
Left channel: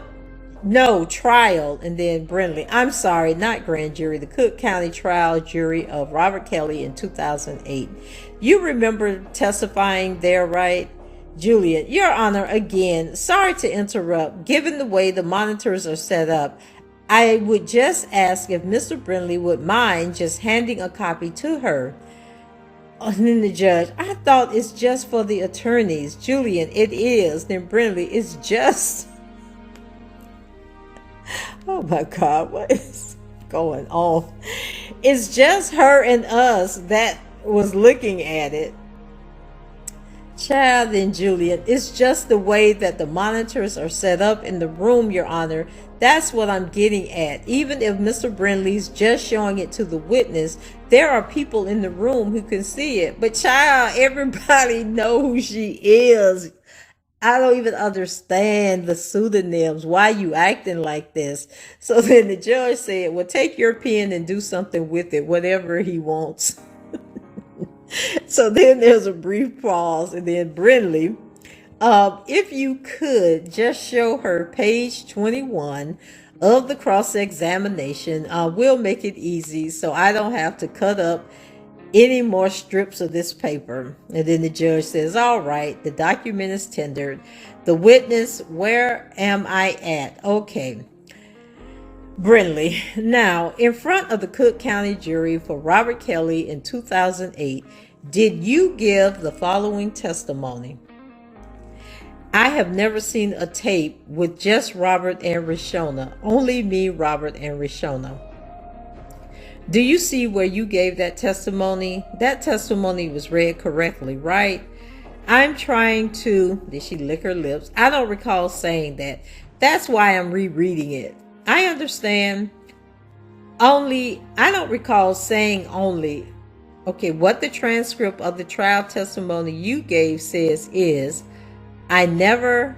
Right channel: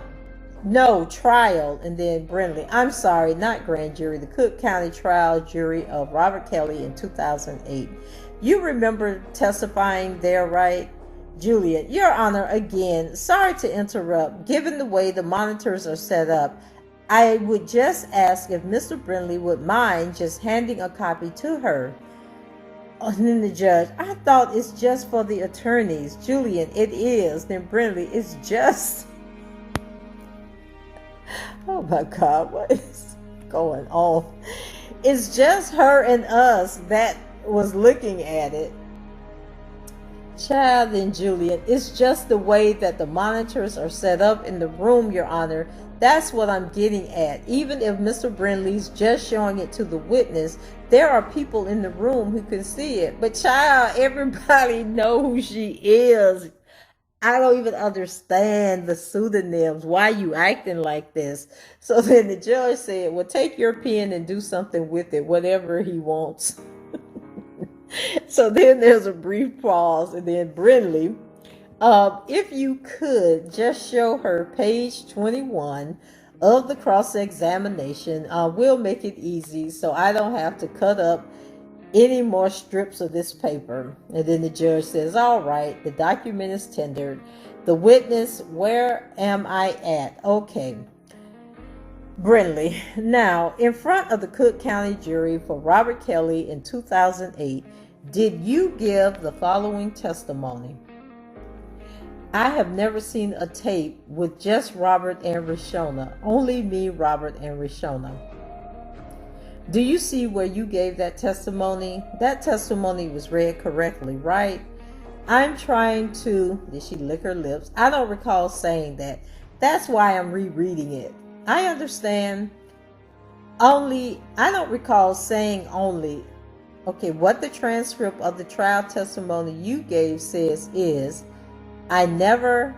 trial. And then Brindley, I'm sorry, not grand jury, the Cook County trial jury of Robert Kelly in 2008. You remember testifying there, right? Julian, Your Honor, again, sorry to interrupt. Given the way the monitors are set up, I would just ask if Mr. Brindley would mind just handing a copy to her. And then the judge, I thought it's just for the attorneys. Julian, it is. Then Brindley, it's just... Oh my God, what is going on? It's just her and us that was looking at it. Child and Julian, it's just the way that the monitors are set up in the room, Your Honor. That's what I'm getting at. Even if Mr. Brindley's just showing it to the witness, there are people in the room who can see it. But child, everybody know who she is. I don't even understand the pseudonyms. Why you acting like this? So then the judge said, well, take your pen and do something with it, whatever he wants. So then there's a brief pause, and then Brindley, if you could just show her page 21 of the cross-examination, we'll make it easy so I don't have to cut up any more strips of this paper. And then the judge says, all right, the document is tendered. The witness, where am I at? Okay. Brindley, now, in front of the Cook County jury for Robert Kelly in 2008, did you give the following testimony? I have never seen a tape with just Robert and Rishona. Only me, Robert, and Rishona. Do you see where you gave that testimony? That testimony was read correctly, right? I'm trying to... Did she lick her lips? I don't recall saying that. That's why I'm rereading it. I understand. I don't recall saying only. Okay, what the transcript of the trial testimony you gave says is, I never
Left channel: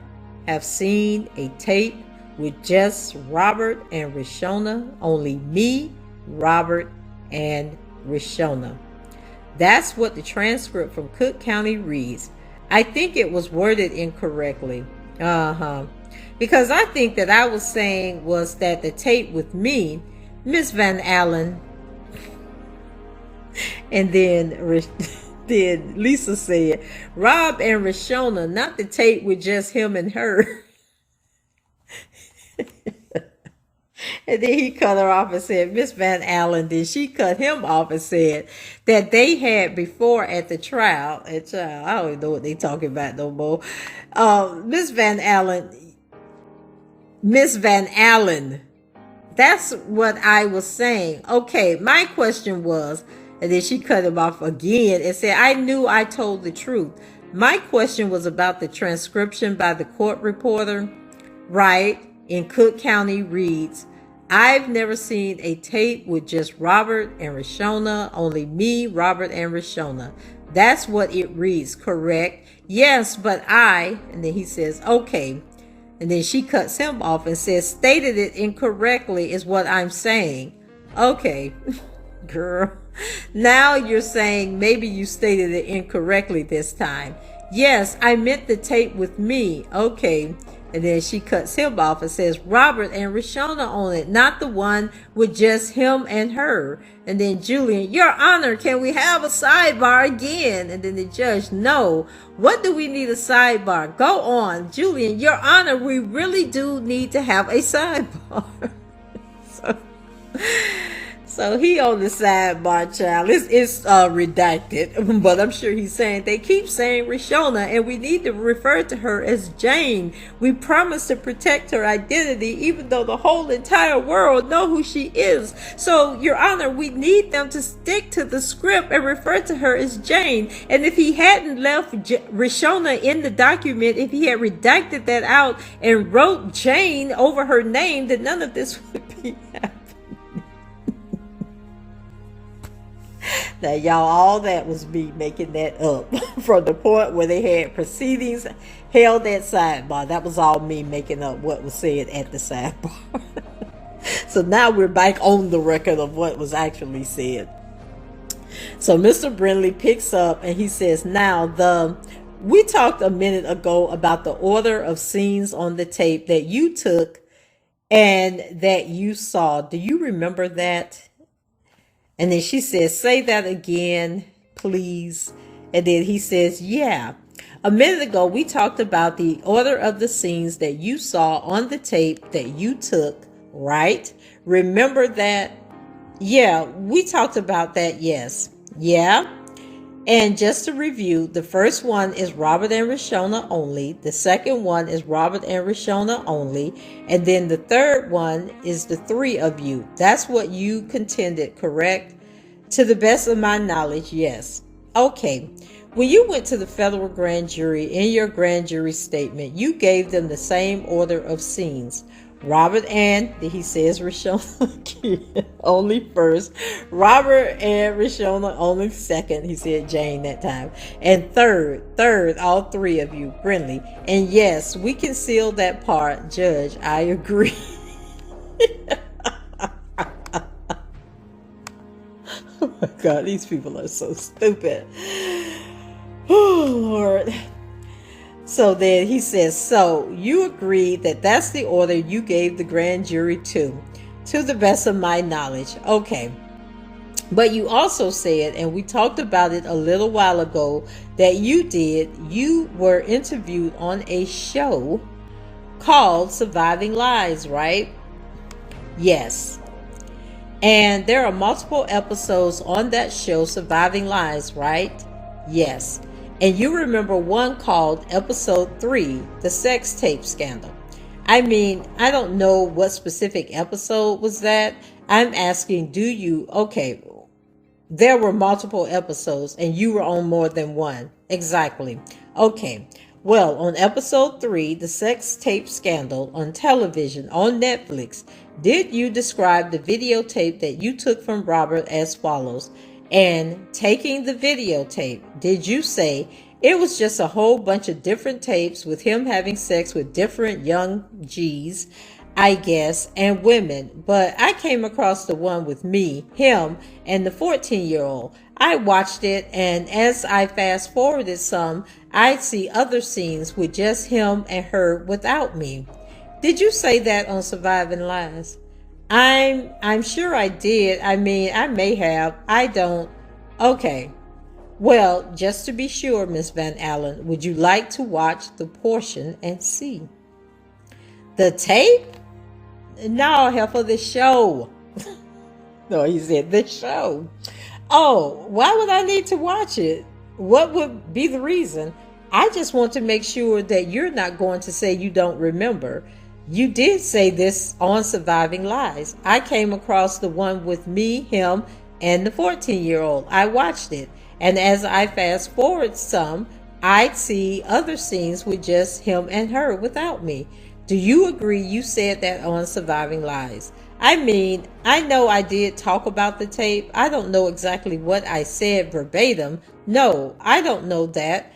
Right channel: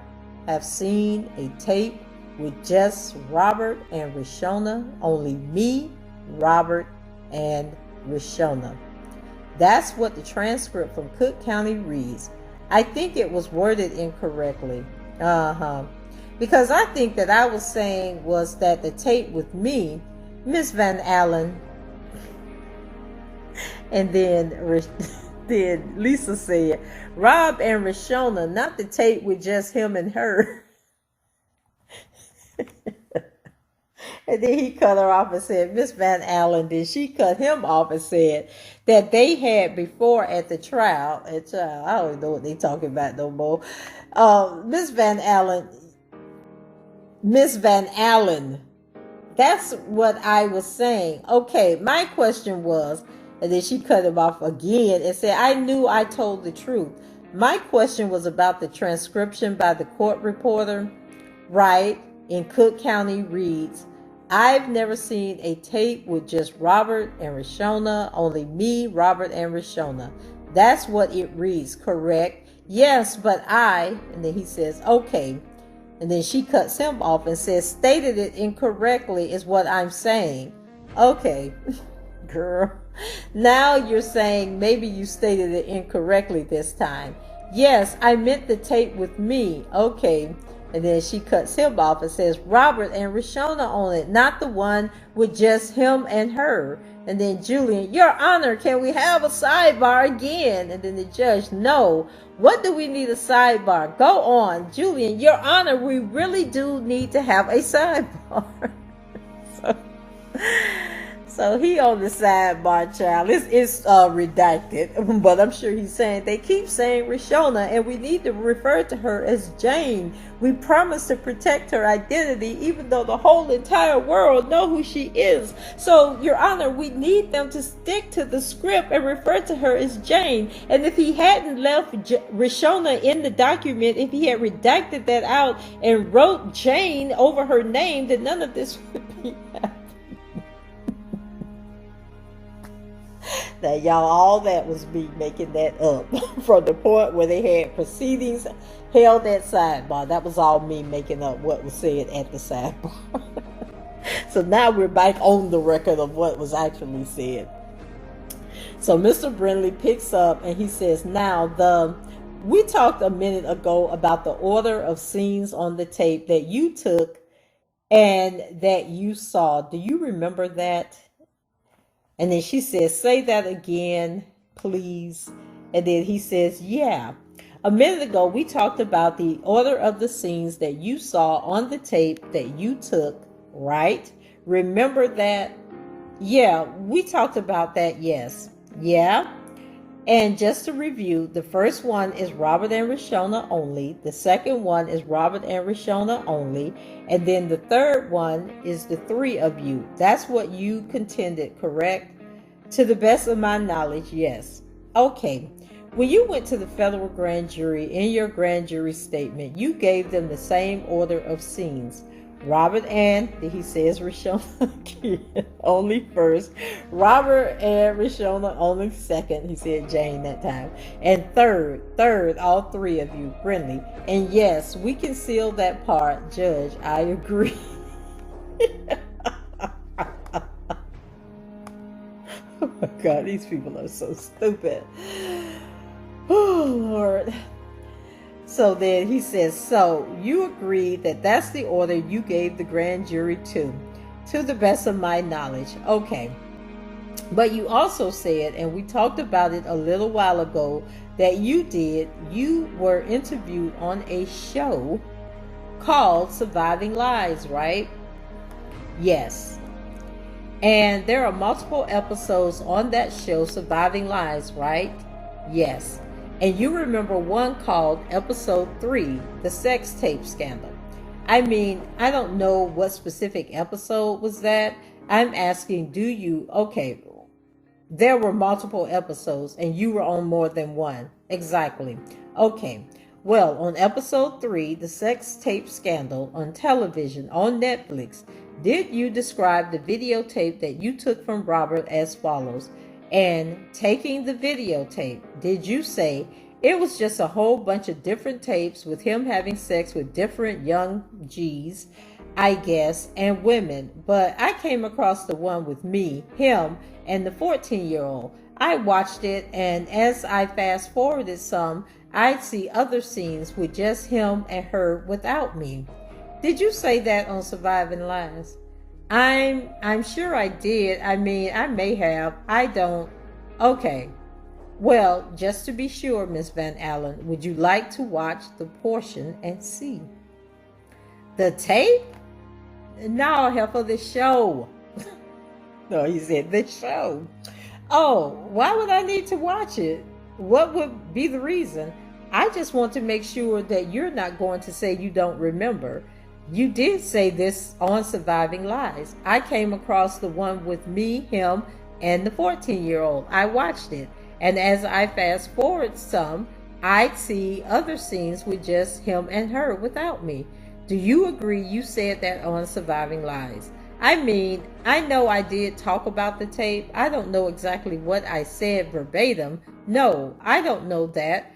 have seen a tape with just Robert and Rishona. Only me, Robert, and Rishona. That's what the transcript from Cook County reads. I think it was worded incorrectly. Because I think that I was saying was that the tape with me, Miss Van Allen, and then Lisa said, Rob and Rishona, not the tape with just him and her. And then he cut her off and said, Miss Van Allen, then she cut him off and said that they had before at the trial. I don't even know what they talking about no more. Miss Van Allen, that's what I was saying. Okay, my question was, and then she cut him off again and said, I knew I told the truth. My question was about the transcription by the court reporter. right, in Cook County reads, I've never seen a tape with just Robert and Rashona, only me, Robert, and Rashona. That's what it reads, correct? Yes, but and then he says, okay. And then she cuts him off and says, stated it incorrectly is what I'm saying. Okay, girl. Now you're saying maybe you stated it incorrectly this time. Yes, I meant the tape with me. Okay. And then she cuts him off and says, Robert and Rashona on it, not the one with just him and her. And then Julian, Your Honor, can we have a sidebar again? And then the judge, no. What do we need a sidebar? Go on. Julian, Your Honor, we really do need to have a sidebar. So he on the sidebar, child. It's redacted, but I'm sure he's saying they keep saying Rashona, and we need to refer to her as Jane. We promise to protect her identity, even though the whole entire world know who she is. So, Your Honor, we need them to stick to the script and refer to her as Jane. And if he hadn't left Rashona in the document, if he had redacted that out and wrote Jane over her name, then none of this would be happening. Now, y'all, all that was me making that up from the point where they had proceedings held at sidebar. That was all me making up what was said at the sidebar. So now we're back on the record of what was actually said. So Mr. Brindley picks up and he says, now we talked a minute ago about the order of scenes on the tape that you took and that you saw. Do you remember that? And then she says, say that again, please. And then he says, yeah. A minute ago, we talked about the order of the scenes that you saw on the tape that you took, right? Remember that? Yeah, we talked about that, yes. Yeah. And just to review, the first one is Robert and Rashona only. The second one is Robert and Rashona only. And then the third one is the three of you. That's what you contended, correct? To the best of my knowledge, yes. Okay. When you went to the federal grand jury, in your grand jury statement, you gave them the same order of scenes. Robert and, he says Rashona only first. Robert and Rashona only second. He said Jane that time. And third, all three of you, Brindley. And yes, we can seal that part. Judge, I agree. Oh my God, these people are so stupid. Oh, Lord. So then he says, so you agree that that's the order you gave the grand jury to the best of my knowledge. Okay. But you also said, and we talked about it a little while ago, that you were interviewed on a show called Surviving Lives, right? Yes. And there are multiple episodes on that show, Surviving Lives, right? Yes. And you remember one called episode 3, the sex tape scandal. I mean, I don't know what specific episode was that. I'm asking, okay, there were multiple episodes and you were on more than one. Exactly. Okay. Well, on episode 3, the sex tape scandal on television on Netflix, did you describe the videotape that you took from Robert as follows? And taking the videotape, did you say it was just a whole bunch of different tapes with him having sex with different young G's, I guess, and women? But I came across the one with me, him, and the 14-year-old. I watched it, and as I fast forwarded some, I'd see other scenes with just him and her without me. Did you say that on Surviving Lives? I'm sure I did. I mean, I may have. I don't. Okay. Well, just to be sure, Miss Van Allen, would you like to watch the portion and see? The tape? No, hell, for the show. No, he said the show. Oh, why would I need to watch it? What would be the reason? I just want to make sure that you're not going to say you don't remember. You did say this on Surviving Lives. I came across the one with me, him, and the 14-year-old. I watched it. And as I fast forward some, I'd see other scenes with just him and her without me. Do you agree you said that on Surviving Lies? I mean, I know I did talk about the tape. I don't know exactly what I said verbatim. No, I don't know that.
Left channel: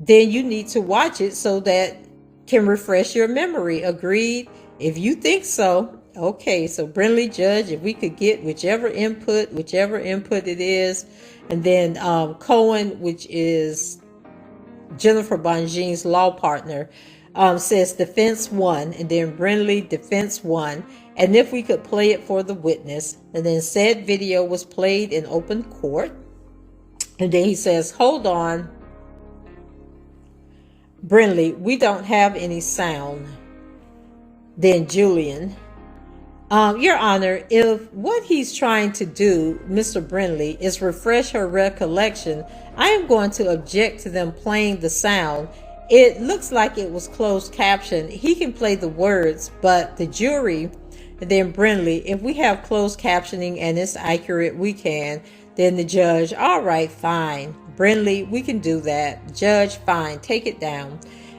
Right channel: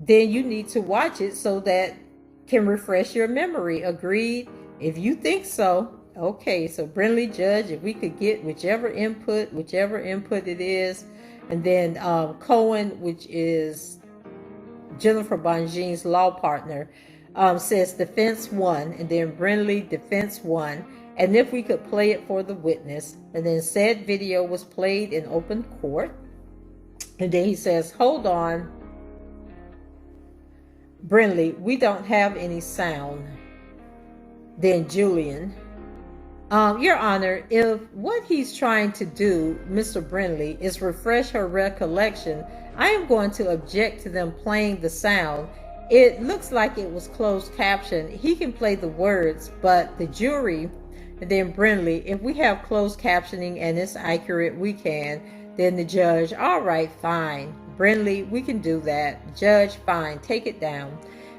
Then you need to watch it so that can refresh your memory. Agreed? If you think so. Okay, so Brindley, Judge, if we could get whichever input it is. And then Cohen, which is Jennifer Bonjean's law partner, says defense 1, and then Brindley defense 1, and if we could play it for the witness. And then said video was played in open court. And then he says, hold on, Brindley, we don't have any sound. Then Julian, Your Honor, if what he's trying to do, Mr. Brindley, is refresh her recollection, I am going to object to them playing the sound. It looks like it was closed caption. He can play the words, but the jury, and then Brindley, if we have closed captioning and it's accurate, we can. Then the judge, all right, fine. Brindley, we can do that. Judge, fine, take it down.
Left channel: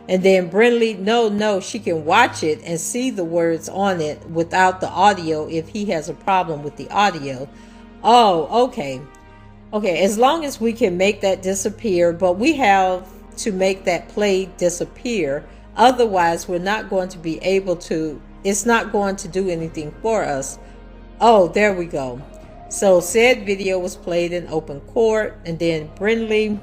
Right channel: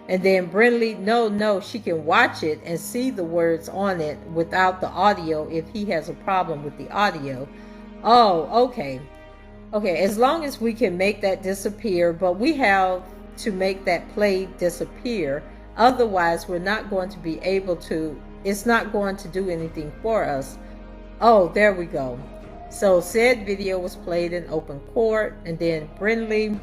And then Brindley, no, she can watch it and see the words on it without the audio if he has a problem with the audio. Oh, okay. Okay, as long as we can make that disappear, but we have to make that play disappear. Otherwise, we're not going to be able to, it's not going to do anything for us. Oh, there we go. So said video was played in open court, and then Brindley,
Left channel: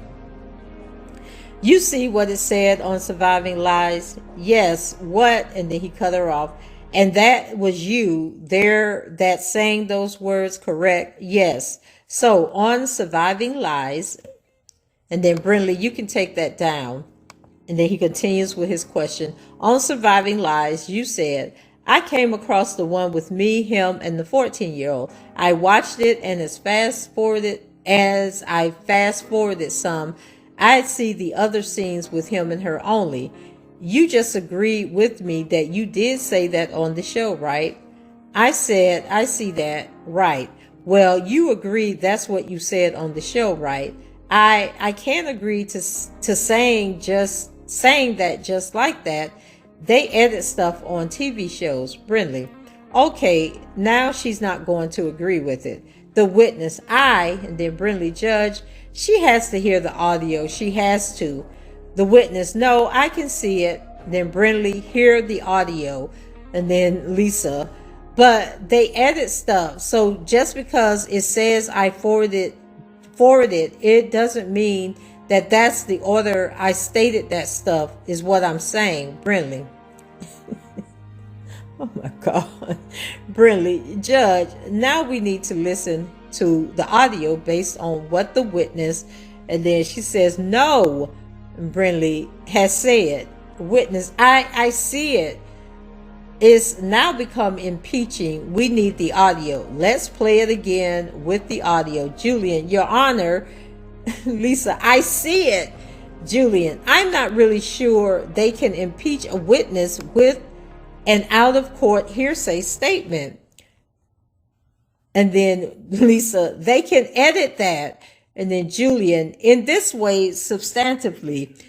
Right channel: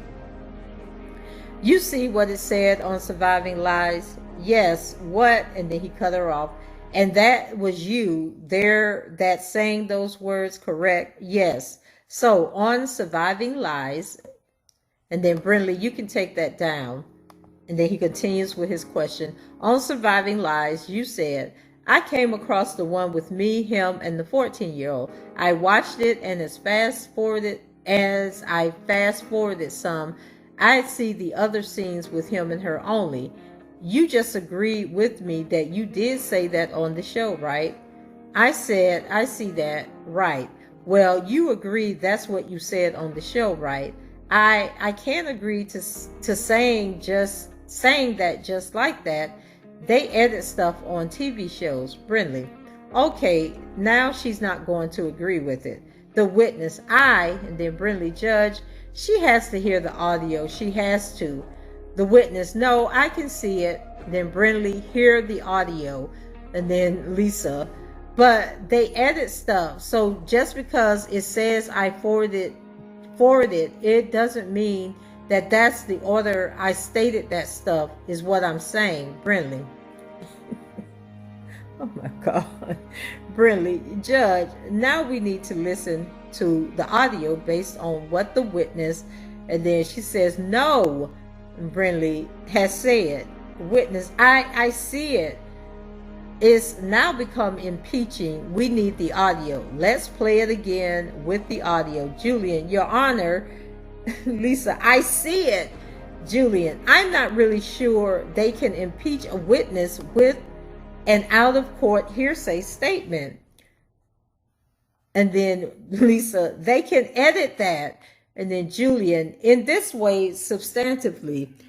you see what it said on Surviving Lies? Yes, what? And then he cut her off. And that was you there that saying those words, correct? Yes. So on Surviving Lies, and then Brindley, you can take that down. And then he continues with his question. On Surviving Lies, you said, I came across the one with me, him, and the 14-year-old. I watched it, and as I fast forwarded some, I'd see the other scenes with him and her only. You just agreed with me that you did say that on the show, right? I said, I see that, right. Well, you agreed that's what you said on the show, right? I can't agree to saying that just like that. They edit stuff on TV shows, Brindley. Okay, now she's not going to agree with it. The witness, and then Brindley, Judge, she has to hear the audio. She has to. The witness, no, I can see it. Then Brindley, hear the audio. And then Lisa, but they edit stuff. So just because it says I forwarded, it doesn't mean that that's the order I stated that stuff is what I'm saying. Brindley. Oh my God. Brindley, Judge, now we need to listen to the audio based on what the witness, and then she says, no, Brindley has said. Witness, I see it. It's now become impeaching. We need the audio. Let's play it again with the audio. Julian, Your Honor. Lisa, I see it. Julian, I'm not really sure they can impeach a witness with an out-of-court hearsay statement. And then Lisa, they can edit that. And then Julian, in this way, substantively.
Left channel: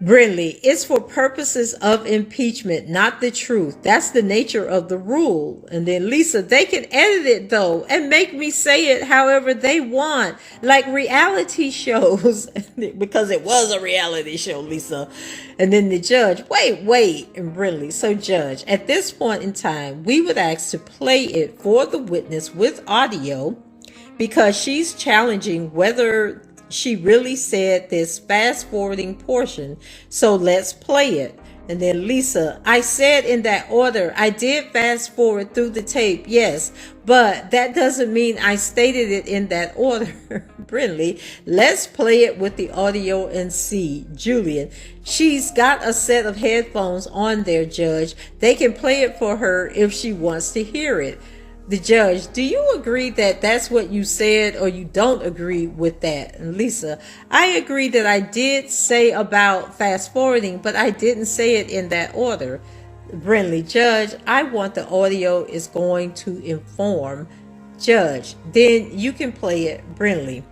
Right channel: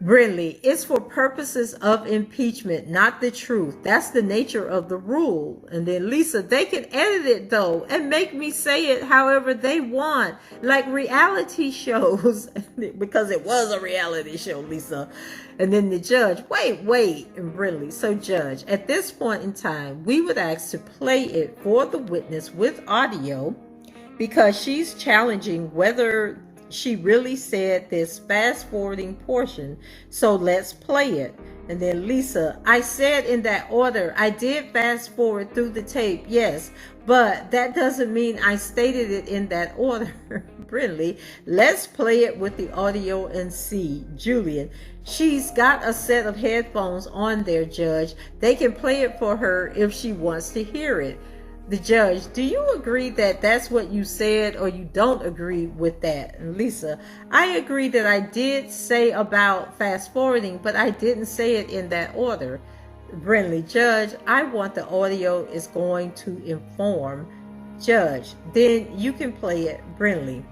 Brindley, it's for purposes of impeachment, not the truth. That's the nature of the rule. And then Lisa, they can edit it though and make me say it however they want, like reality shows, because it was a reality show, Lisa. And then the judge, wait, and Brindley. So Judge, at this point in time, we would ask to play it for the witness with audio because she's challenging whether she really said this fast forwarding portion. So let's play it. And then Lisa, I said in that order, I did fast forward through the tape, yes, but that doesn't mean I stated it in that order. Brindley, let's play it with the audio and see. Julian, she's got a set of headphones on there, Judge. They can play it for her if she wants to hear it. The judge, do you agree that that's what you said, or you don't agree with that? And Lisa, I agree that I did say about fast forwarding, but I didn't say it in that order. Brindley, Judge, I want the audio is going to inform. Judge, then you can play it. Brindley,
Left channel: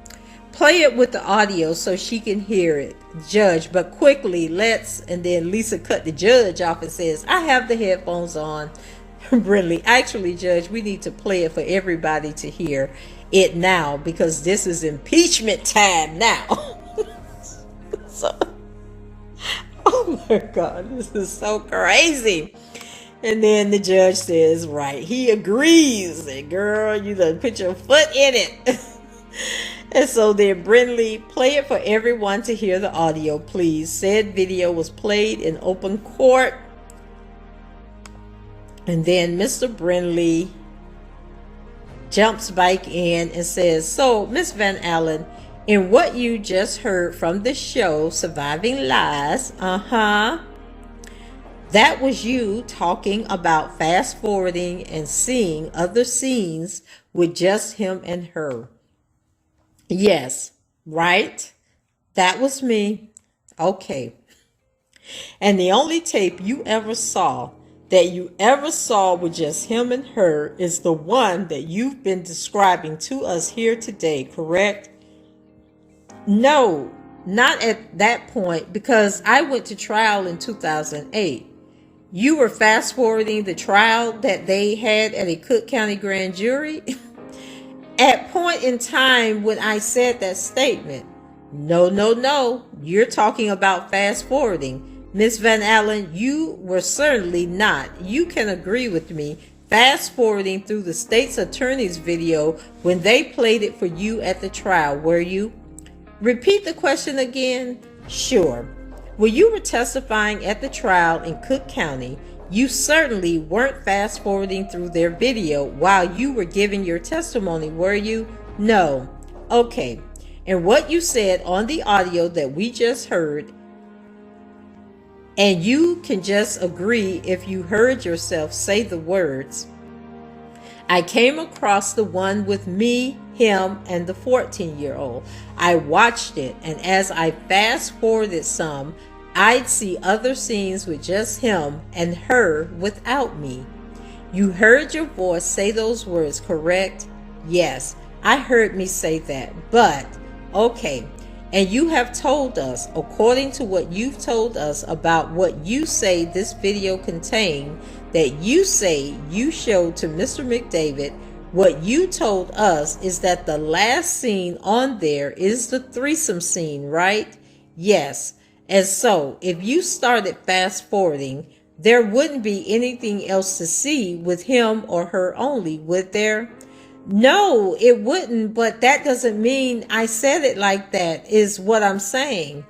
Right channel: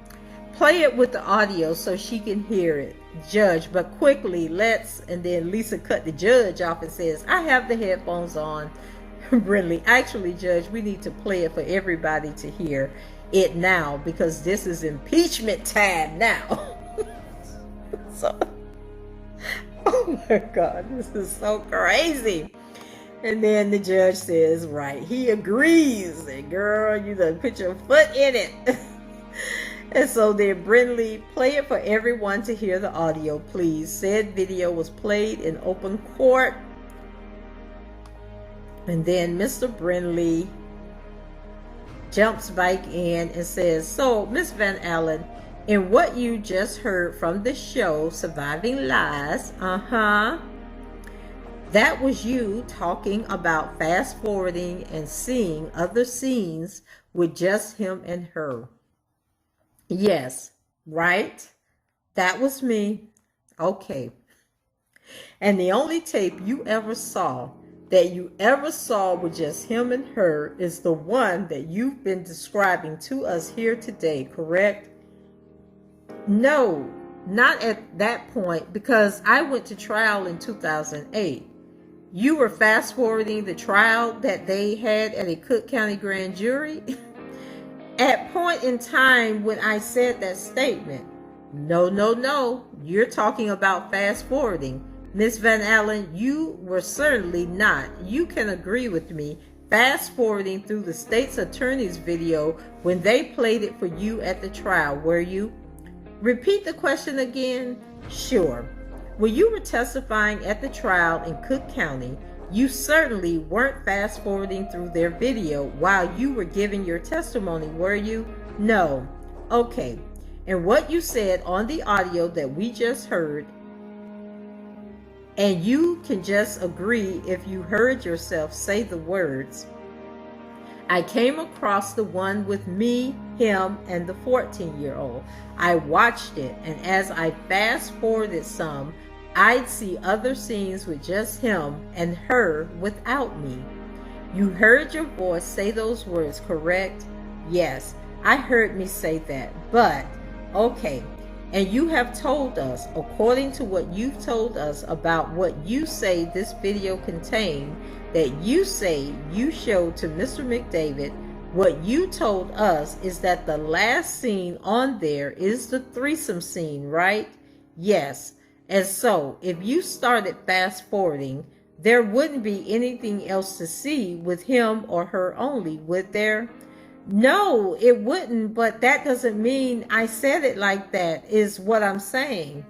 play it with the audio so she can hear it, Judge, but quickly, let's. And then Lisa cut the judge off and says, I have the headphones on. Brindley, actually, Judge, we need to play it for everybody to hear it now, because this is impeachment time now. So, oh my God, this is so crazy. And then the judge says, right, he agrees. And girl, you done put your foot in it. And so then Brindley, play it for everyone to hear the audio, please. Said video was played in open court. And then Mr. Brindley jumps back in and says, so, Miss Van Allen, in what you just heard from the show, Surviving Lies, that was you talking about fast forwarding and seeing other scenes with just him and her. Yes, right? That was me. Okay. And the only tape you ever saw with just him and her is the one that you've been describing to us here today, correct? No, not at that point, because I went to trial in 2008. You were fast forwarding the trial that they had at a Cook County grand jury. At point in time when I said that statement. No. You're talking about fast forwarding. Miss Van Allen, you were certainly not. You can agree with me. Fast forwarding through the state's attorney's video when they played it for you at the trial, were you? Repeat the question again. Sure. When you were testifying at the trial in Cook County, you certainly weren't fast forwarding through their video while you were giving your testimony, were you? No. Okay. And what you said on the audio that we just heard, and you can just agree if you heard yourself say the words, I came across the one with me, him, and the 14-year-old. I watched it, and as I fast forwarded some, I'd see other scenes with just him and her without me. You heard your voice say those words, correct? Yes, I heard me say that, but okay. And you have told us, according to what you've told us about what you say this video contained, that you say you showed to Mr. McDavid, what you told us is that the last scene on there is the threesome scene, right? Yes. And so, if you started fast forwarding, there wouldn't be anything else to see with him or her only, would there? No, it wouldn't, but that doesn't mean I said it like that, is what I'm saying.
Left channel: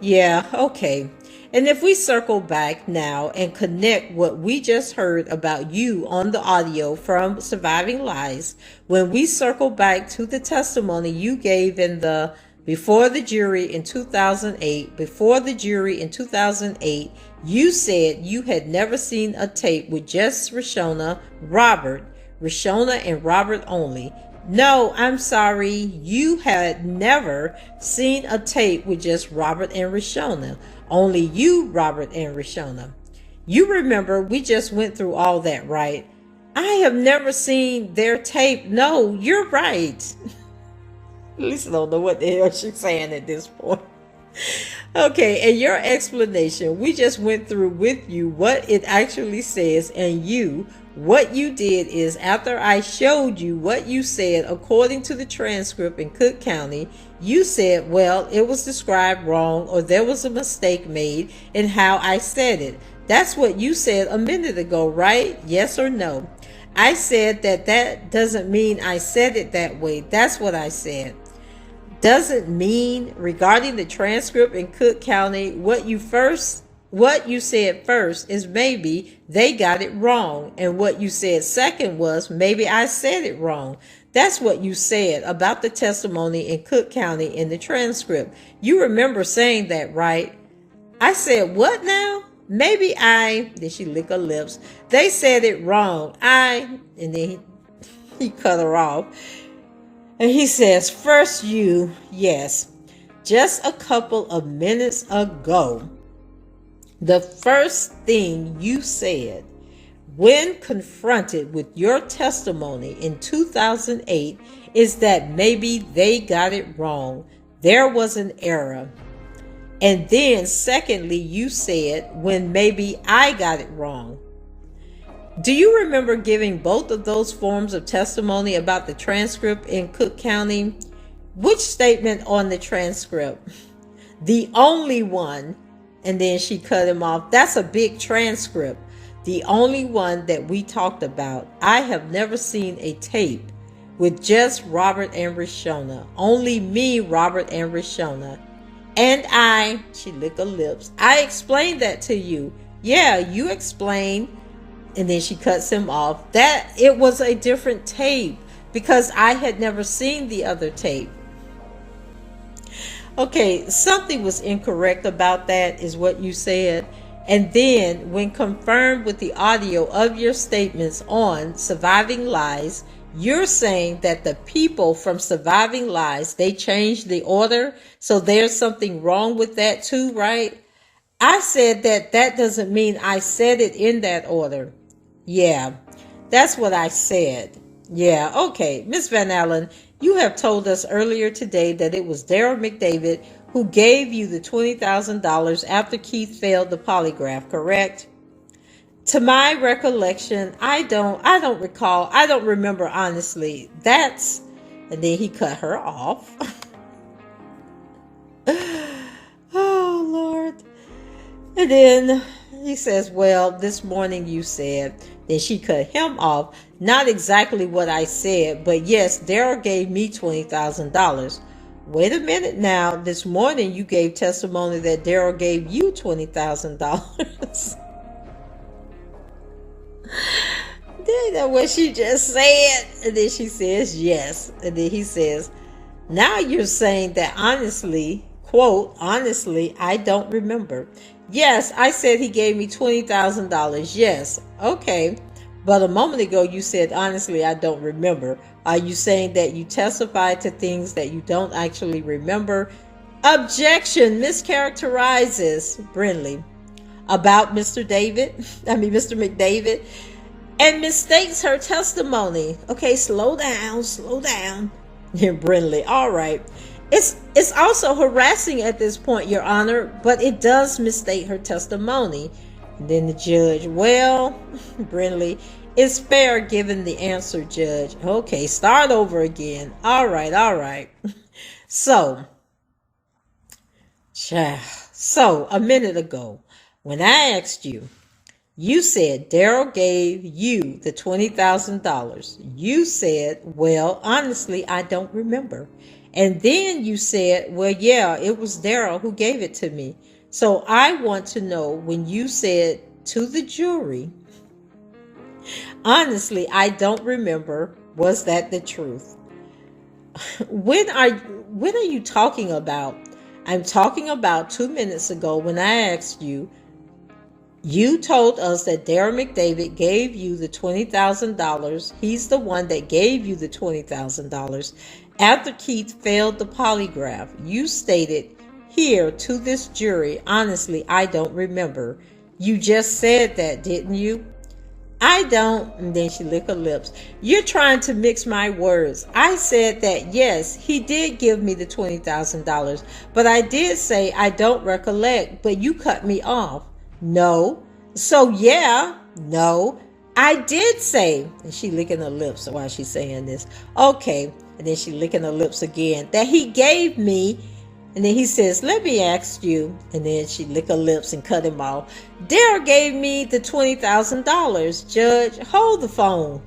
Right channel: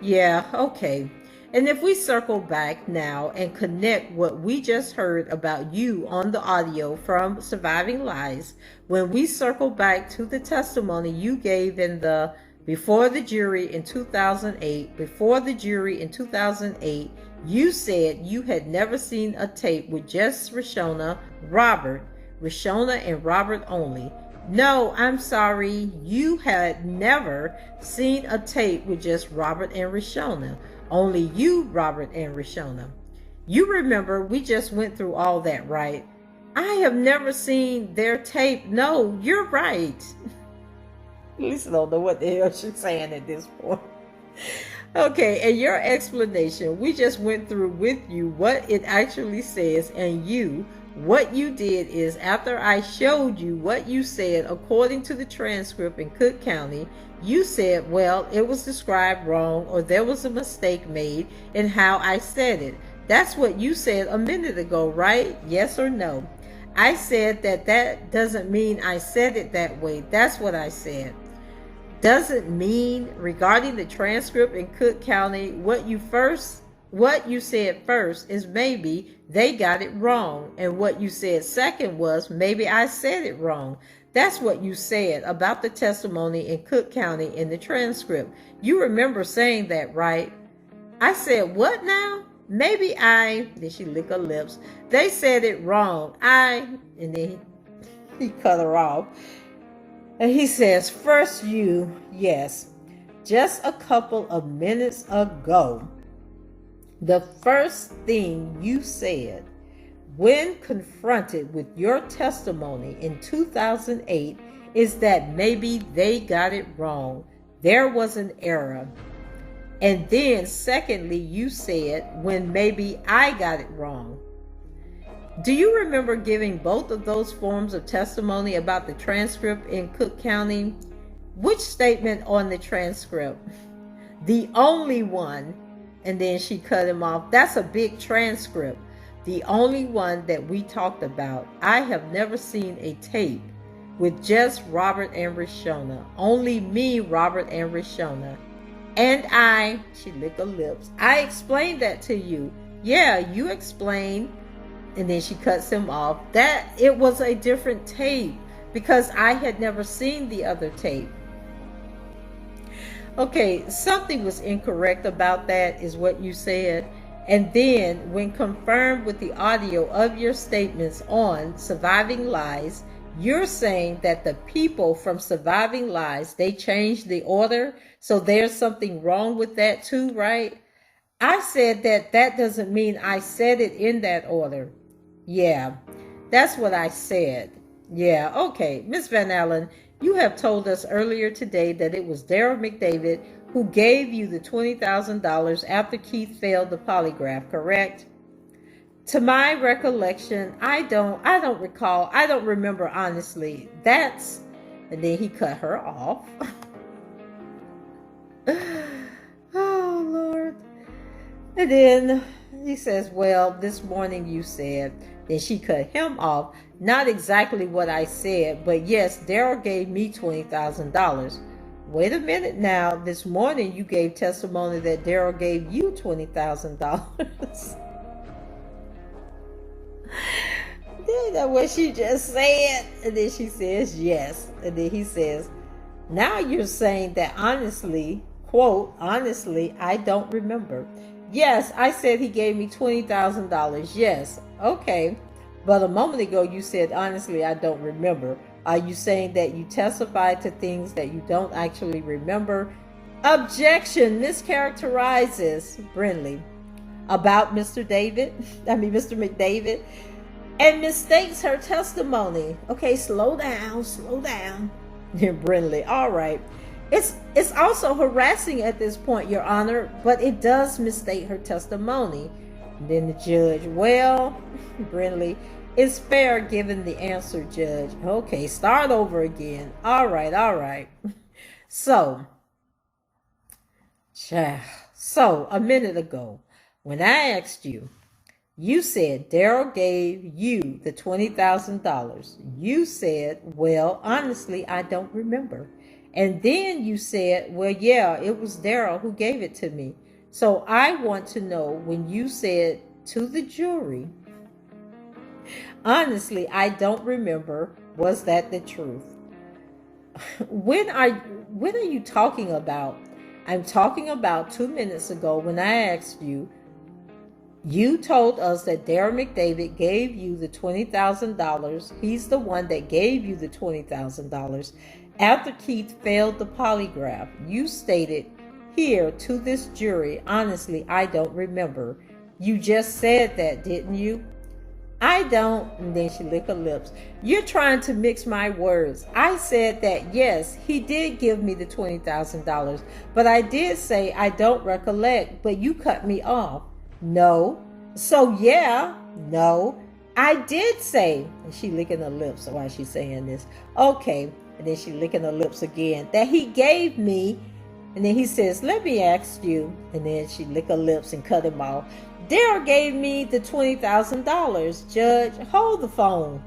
Yeah, okay. And if we circle back now and connect what we just heard about you on the audio from Surviving Lies, when we circle back to the testimony you gave in the before the jury in 2008, you said you had never seen a tape with just Rashona and Robert only. No, I'm sorry, you had never seen a tape with just Robert and Rashona. Only you, Robert and Rashona. You remember we just went through all that, right? I have never seen their tape. No, you're right. Lisa don't know what the hell she's saying at this point. Okay, and your explanation, we just went through with you what it actually says, and what you did is, after I showed you what you said according to the transcript in Cook County, you said, well, it was described wrong, or there was a mistake made in how I said it. That's what you said a minute ago, right? Yes or no? I said that doesn't mean I said it that way. That's what I said. Doesn't mean, regarding the transcript in Cook County, what you said first is maybe they got it wrong, and what you said second was maybe I said it wrong. That's what you said about the testimony in Cook County in the transcript. You remember saying that, right? I said, what now? Maybe did she lick her lips? They said it wrong. And then he cut her off. And he says, first yes, just a couple of minutes ago, the first thing you said when confronted with your testimony in 2008 is that maybe they got it wrong. There was an error. And then secondly, you said, when maybe I got it wrong. Do you remember giving both of those forms of testimony about the transcript in Cook County? Which statement on the transcript? The only one. And then she cut him off. That's a big transcript. The only one that we talked about. I have never seen a tape with just Robert and Rashona. Only me, Robert and Rashona. And she licked her lips. I explained that to you. Yeah, you explained. And then she cuts him off. That it was a different tape because I had never seen the other tape. Okay, something was incorrect about that is what you said. And then when confirmed with the audio of your statements on Surviving Lies, you're saying that the people from Surviving Lies, they changed the order. So there's something wrong with that too, right? I said that doesn't mean I said it in that order. Yeah, that's what I said. Yeah, okay. Miss Van Allen, you have told us earlier today that it was Daryl McDavid who gave you the $20,000 after Keith failed the polygraph, correct? To my recollection, I don't recall. I don't remember honestly. And then he cut her off. Oh, Lord. And then he says, well, this morning you said. Then she cut him off. Not exactly what I said, but yes, Daryl gave me $20,000. Wait a minute now. This morning you gave testimony that Daryl gave you $20,000. Isn't that what she just said? And then she says yes. And then he says, now you're saying that honestly, quote, honestly, I don't remember. Yes, I said he gave me $20,000. Yes. Okay. But a moment ago you said, honestly, I don't remember. Are you saying that you testified to things that you don't actually remember? Objection. Mischaracterizes Brindley about Mr. McDavid, and mistakes her testimony. Okay, slow down. Here, Brindley. All right. It's also harassing at this point, Your Honor, but it does misstate her testimony. And then the judge, well, Brindley, it's fair given the answer, Judge. Okay, start over again. All right. So a minute ago, when I asked you, you said Daryl gave you the $20,000. You said, well, honestly, I don't remember. And then you said, well, yeah, it was Daryl who gave it to me. So I want to know, when you said to the jury, honestly, I don't remember, was that the truth? When are you talking about? I'm talking about 2 minutes ago when I asked you. You told us that Daryl McDavid gave you the $20,000. He's the one that gave you the $20,000 after Keith failed the polygraph. You stated here to this jury, honestly, I don't remember. You just said that, didn't you? I don't. And then she licked her lips. You're trying to mix my words. I said that, yes, he did give me the $20,000, but I did say I don't recollect, but you cut me off. No. So yeah, no, I did say, and she licking her lips while she's saying this. Okay. And then she licking her lips again, that he gave me. And then he says, let me ask you. And then she licked her lips and cut him off. Daryl gave me the $20,000. Judge, hold the phone.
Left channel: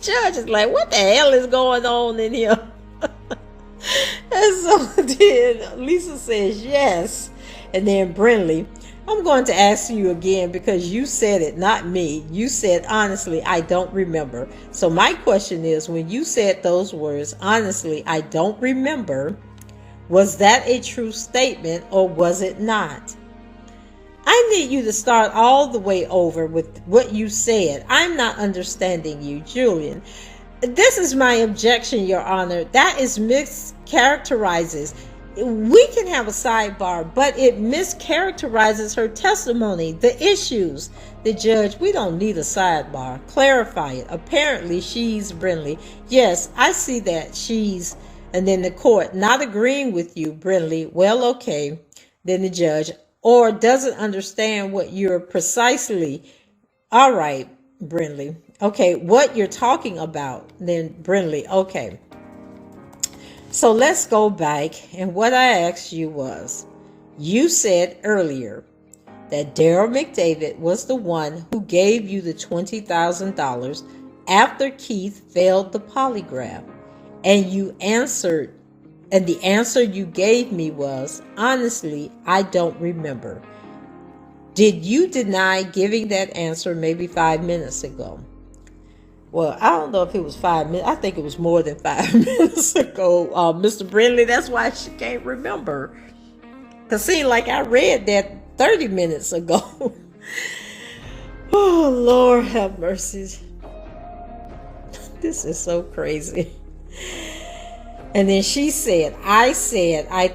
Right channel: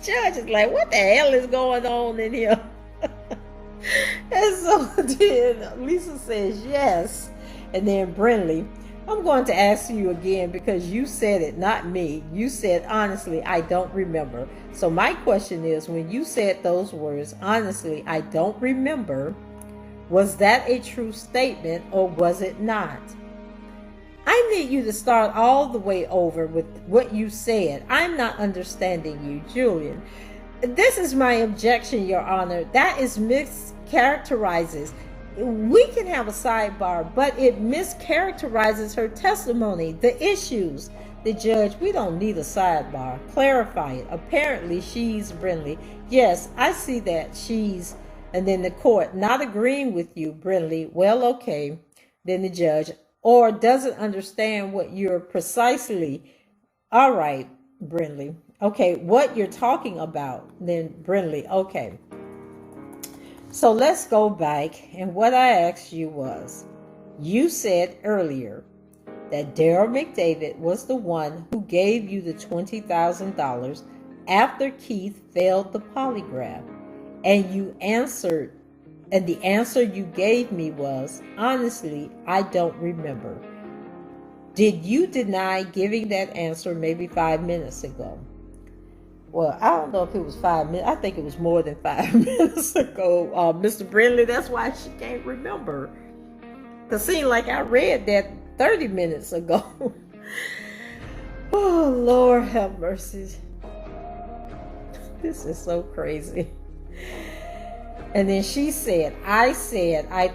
Judge is like, what the hell is going on in here? And so then Lisa says, yes. And then Brindley, I'm going to ask you again because you said it, not me. You said, honestly, I don't remember. So my question is, when you said those words, honestly, I don't remember, was that a true statement or was it not? I need you to start all the way over with what you said. I'm not understanding you, Julian. This is my objection, Your Honor. That is mischaracterizes. We can have a sidebar, but it mischaracterizes her testimony, the issues. The judge, we don't need a sidebar. Clarify it. Apparently she's Brindley. Yes, I see that she's, and then the court, not agreeing with you, Brindley. Well, okay. Then the judge, or doesn't understand what you're precisely. All right, Brindley. Okay, what you're talking about. Then Brindley, okay. So let's go back. And what I asked you was, you said earlier that Daryl McDavid was the one who gave you the $20,000 after Keith failed the polygraph. And you answered, and the answer you gave me was, honestly, I don't remember. Did you deny giving that answer maybe 5 minutes ago? Well, I don't know if it was 5 minutes. I think it was more than 5 minutes ago, Mr. Brindley. That's why she can't remember. Because it seemed like I read that 30 minutes ago. Oh, Lord have mercy. This is so crazy. And then she said, I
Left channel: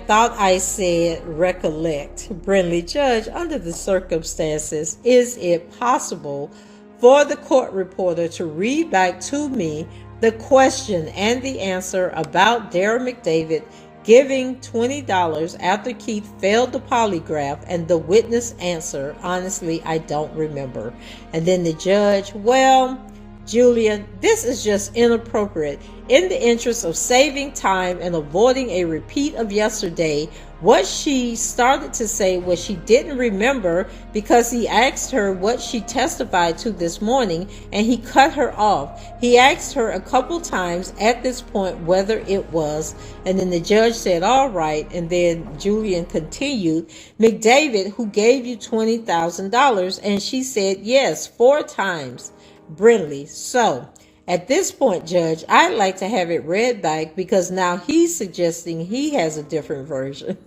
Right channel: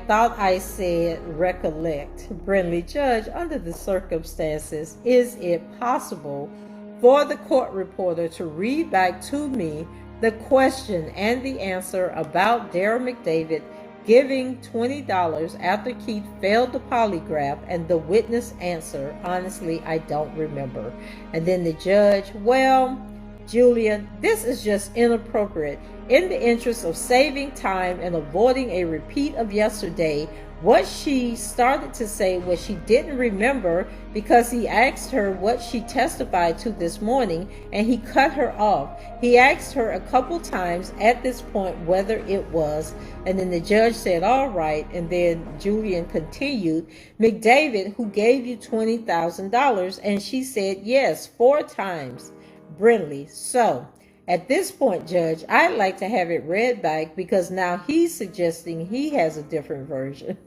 thought I said, recollect. Brindley, judge, under the circumstances, is it possible for the court reporter to read back to me the question and the answer about Daryl McDavid giving $20 after Keith failed the polygraph, and the witness answer, honestly, I don't remember. And then the judge, well, Julian, this is just inappropriate. In the interest of saving time and avoiding a repeat of yesterday, what she started to say was she didn't remember because he asked her what she testified to this morning and he cut her off. He asked her a couple times at this point whether it was, and then the judge said, all right. And then Julian continued, McDavid, who gave you $20,000, and she said, yes, 4 times. Brindley, so at this point, Judge, I'd like to have it read back because now he's suggesting he has a different version.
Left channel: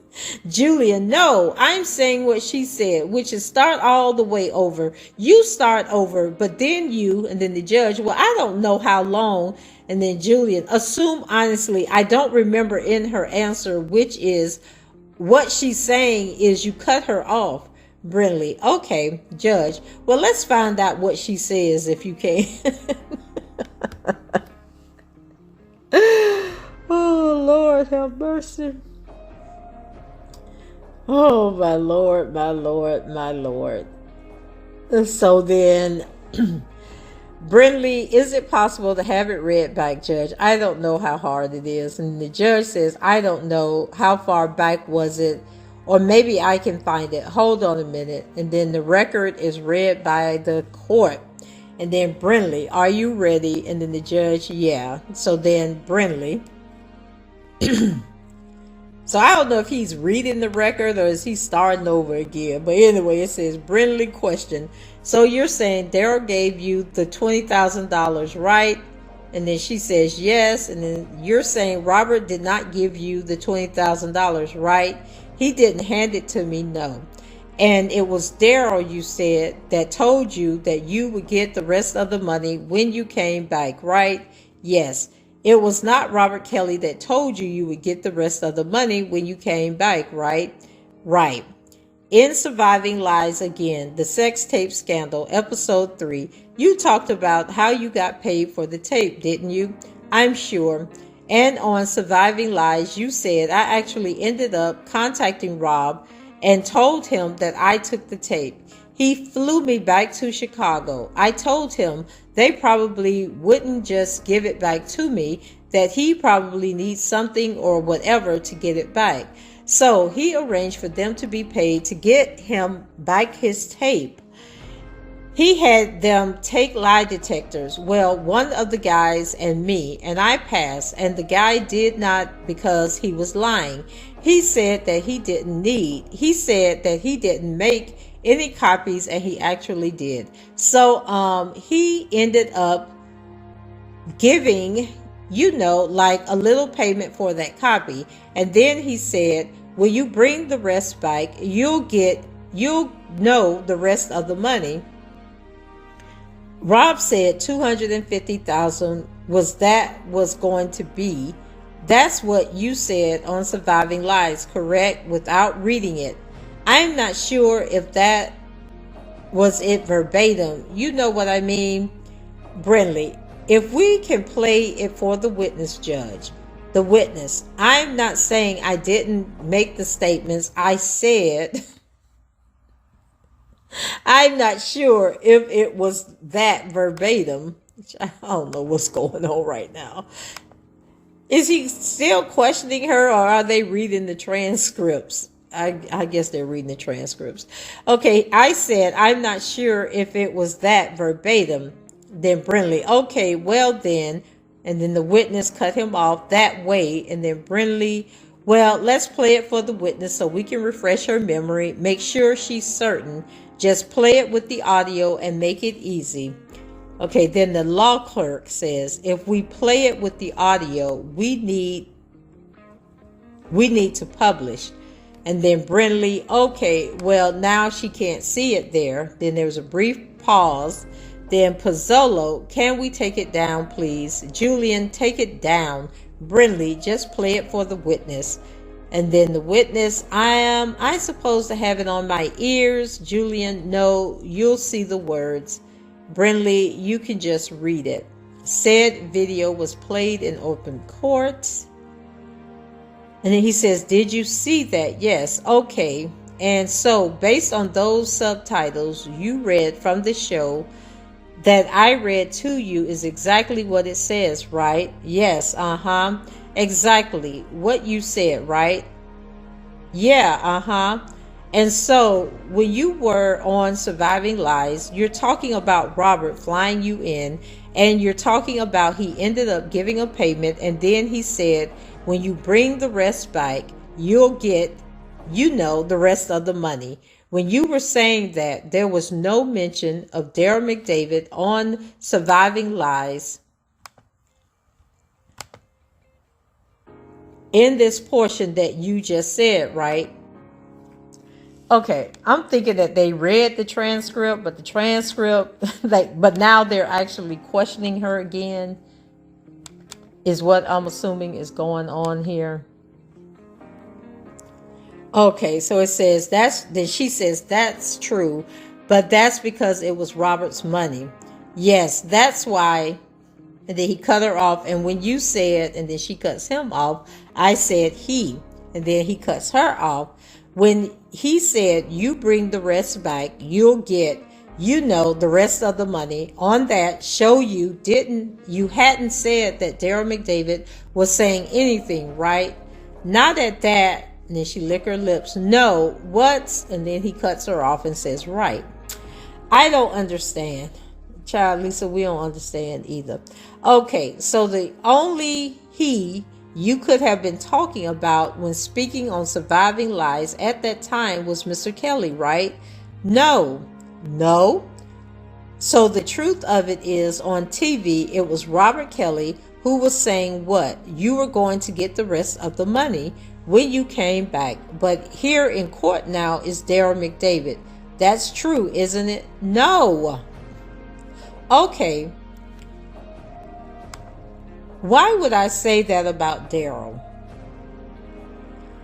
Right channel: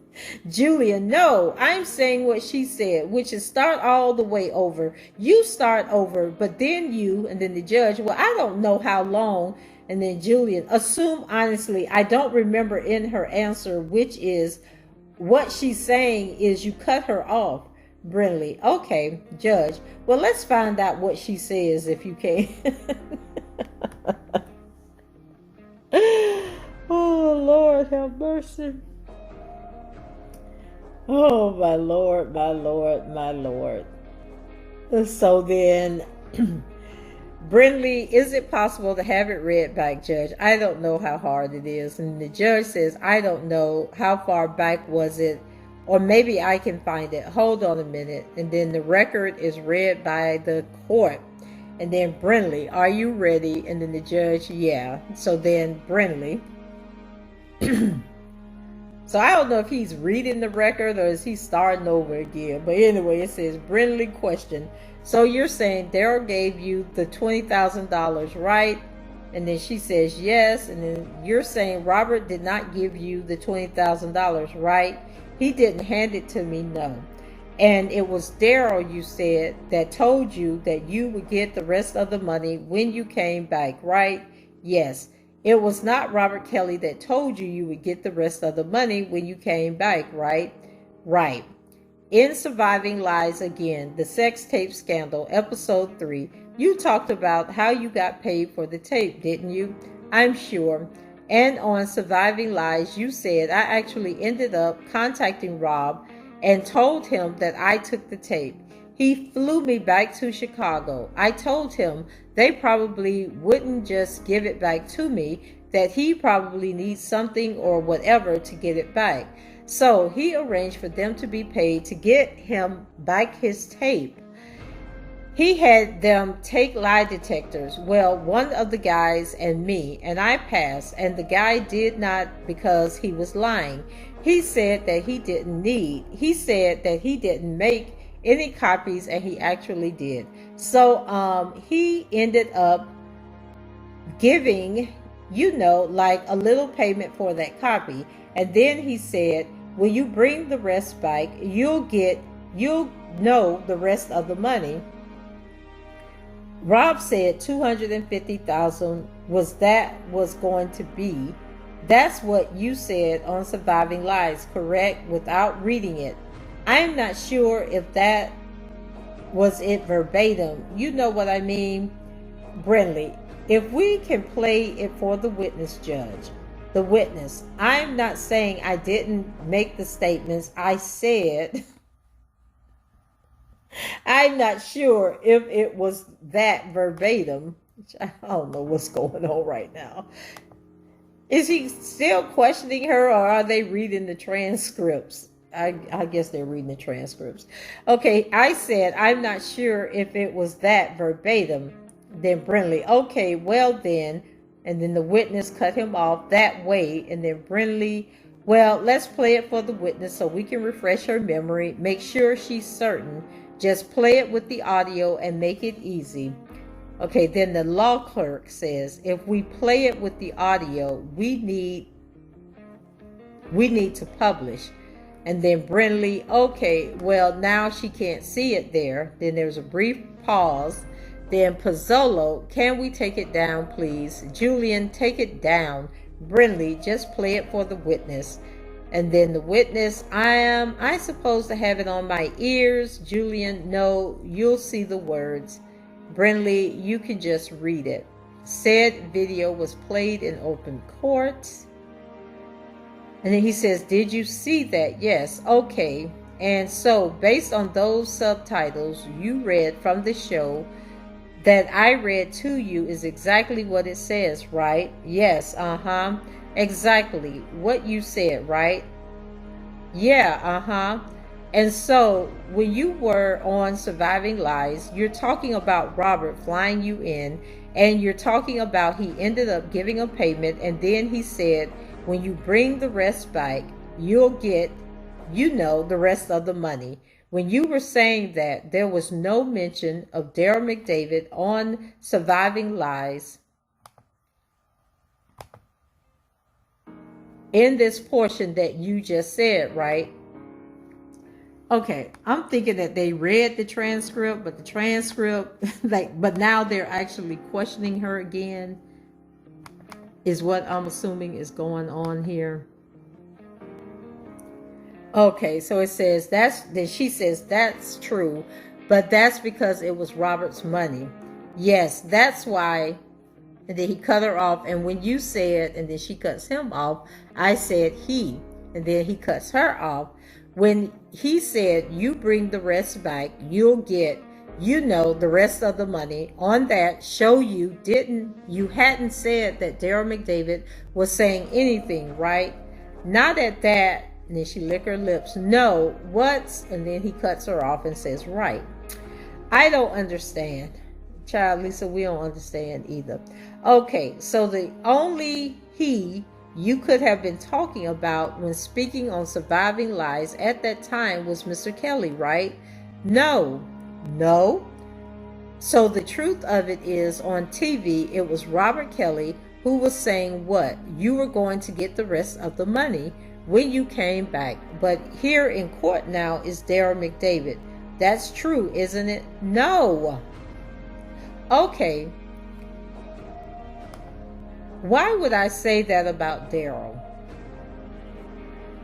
Julian, no, I'm saying what she said, which is start all the way over. You start over, but then you, and then the judge, well, I don't know how long. And then Julian, assume honestly, I don't remember in her answer, which is what she's saying is you cut her off. Brindley, okay, Judge, well, let's find out what she says if you can. Oh, Lord, have mercy. Oh, my Lord, my Lord, my Lord. So then, Brindley, is it possible to have it read back, Judge? I don't know how hard it is. And the judge says, I don't know. How far back was it? Or maybe I can find it. Hold on a minute. And then the record is read by the court. And then Brindley, are you ready? And then the judge, yeah. So then Brindley. So I don't know if he's reading the record or is he starting over again. But anyway, it says Brindley question. So you're saying Daryl gave you the $20,000, right? And then she says yes. And then you're saying Robert did not give you the $20,000, right? He didn't hand it to me, no. And it was Daryl, you said, that told you that you would get the rest of the money when you came back, right? Yes. It was not Robert Kelly that told you you would get the rest of the money when you came back, right? Right. In Surviving Lies Again, the sex tape scandal, episode 3, you talked about how you got paid for the tape, didn't you? I'm sure. And on Surviving Lies, you said I actually ended up contacting Rob and told him that I took the tape. He flew me back to Chicago. I told him they probably wouldn't just give it back to me, that he probably needs something or whatever to get it back. So he arranged for them to be paid to get him back his tape. He had them take lie detectors. Well, one of the guys and me, and I passed, and the guy did not because he was lying. He said that he didn't make any copies, and he actually did. So he ended up giving, like a little payment for that copy. And then he said, will you bring the rest back? You'll know the rest of the money. Rob said $250,000 was going to be. That's what you said on Surviving Lies, correct? Without reading it. I'm not sure if that Was it verbatim? You know what I mean, Brindley. If we can play it for the witness, judge, the witness. I'm not saying I didn't make the statements. I said I'm not sure if it was that verbatim. I don't know what's going on right now. Is he still questioning her, or are they reading the transcripts? I guess they're reading the transcripts. Okay, I said I'm not sure if it was that verbatim. Then Brindley, okay, well then, and then the witness cut him off that way, and then Brindley, well, let's play it for the witness so we can refresh her memory, make sure she's certain. Just play it with the audio and make it easy. Okay, then the law clerk says, if we play it with the audio, we need to publish. And then Brindley, okay, well, now she can't see it there. Then there's a brief pause. Then Pozzolo, can we take it down, please? Julian, take it down. Brindley, just play it for the witness. And then the witness, I supposed to have it on my ears. Julian, no, you'll see the words. Brindley, you can just read it. Said video was played in open court. And then he says, did you see that? Yes. Okay. And so based on those subtitles you read from the show that I read to you is exactly what it says, right? Yes. Exactly what you said, right? Yeah. And so when you were on Surviving Lies, you're talking about Robert flying you in, and you're talking about he ended up giving a payment, and then he said, when you bring the rest back, you'll get, the rest of the money. When you were saying that, there was no mention of Daryl McDavid on Surviving Lies in this portion that you just said, right? Okay, I'm thinking that they read the transcript, but the transcript, but now they're actually questioning her again, is what I'm assuming is going on here. Okay, so it says then she says that's true, but that's because it was Robert's money. Yes, that's why. And then he cut her off. And when you said, and then she cuts him off, I said he, and then he cuts her off. When he said, you bring the rest back, you'll get, the rest of the money. On that show you hadn't said that Daryl McDavid was saying anything, right? Not at that. And then she licked her lips. No, what's, and then he cuts her off and says, right. I don't understand. Child, Lisa, we don't understand either. Okay, so the only he you could have been talking about when speaking on Surviving Lies at that time was Mr. Kelly, right? No. So the truth of it is, on TV, it was Robert Kelly who was saying what? You were going to get the rest of the money when you came back. But here in court now is Daryl McDavid. That's true, isn't it? No. Okay. Why would I say that about Daryl?